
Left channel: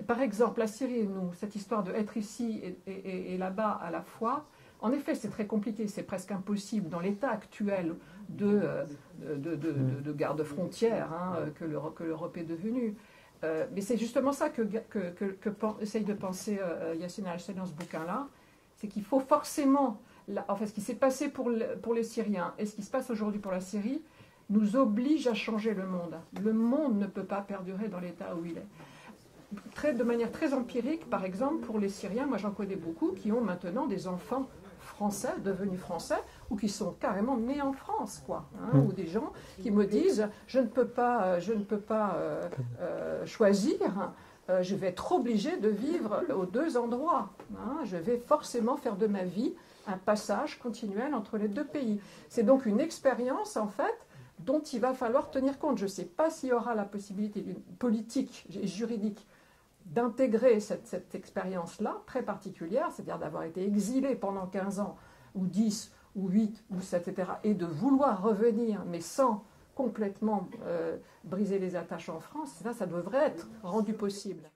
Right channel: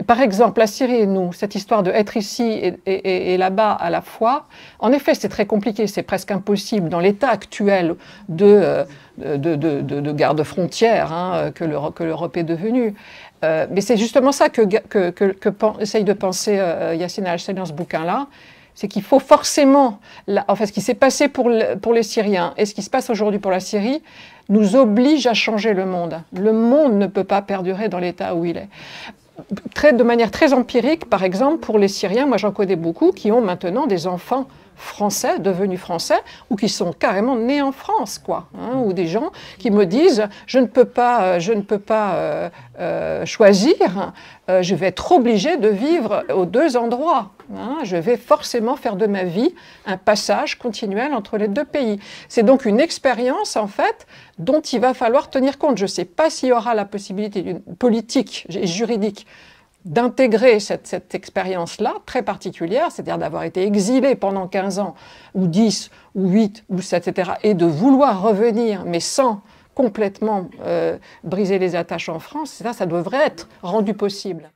Par exemple, la Syrie et nous, cette histoire de être ici et là-bas à la fois, en effet, c'est très compliqué, c'est presque impossible dans l'état actuel de garde-frontière que l'Europe est devenue. Mais c'est justement ça que essaye de penser Yassine Al-Sel dans ce bouquin-là, c'est qu'il faut forcément, ce qui s'est passé pour les Syriens et ce qui se passe aujourd'hui pour la Syrie, nous oblige à changer le monde. Le monde ne peut pas perdurer dans l'état où il est. De manière très empirique, par exemple, pour les Syriens, moi j'en connais beaucoup qui ont maintenant des enfants français, devenus français, ou qui sont carrément nés en France, quoi. Ou des gens qui me disent « je ne peux pas choisir, je vais être obligé de vivre aux deux endroits. Je vais forcément faire de ma vie un passage continuel entre les deux pays. » C'est donc une expérience, en fait, dont il va falloir tenir compte. Je ne sais pas s'il y aura la possibilité politique et juridique d'intégrer cette expérience-là, très particulière, c'est-à-dire d'avoir été exilé pendant 15 ans, ou 10, ou 8, ou 7, etc., et de vouloir revenir, mais sans complètement briser les attaches en France, ça devrait être rendu possible.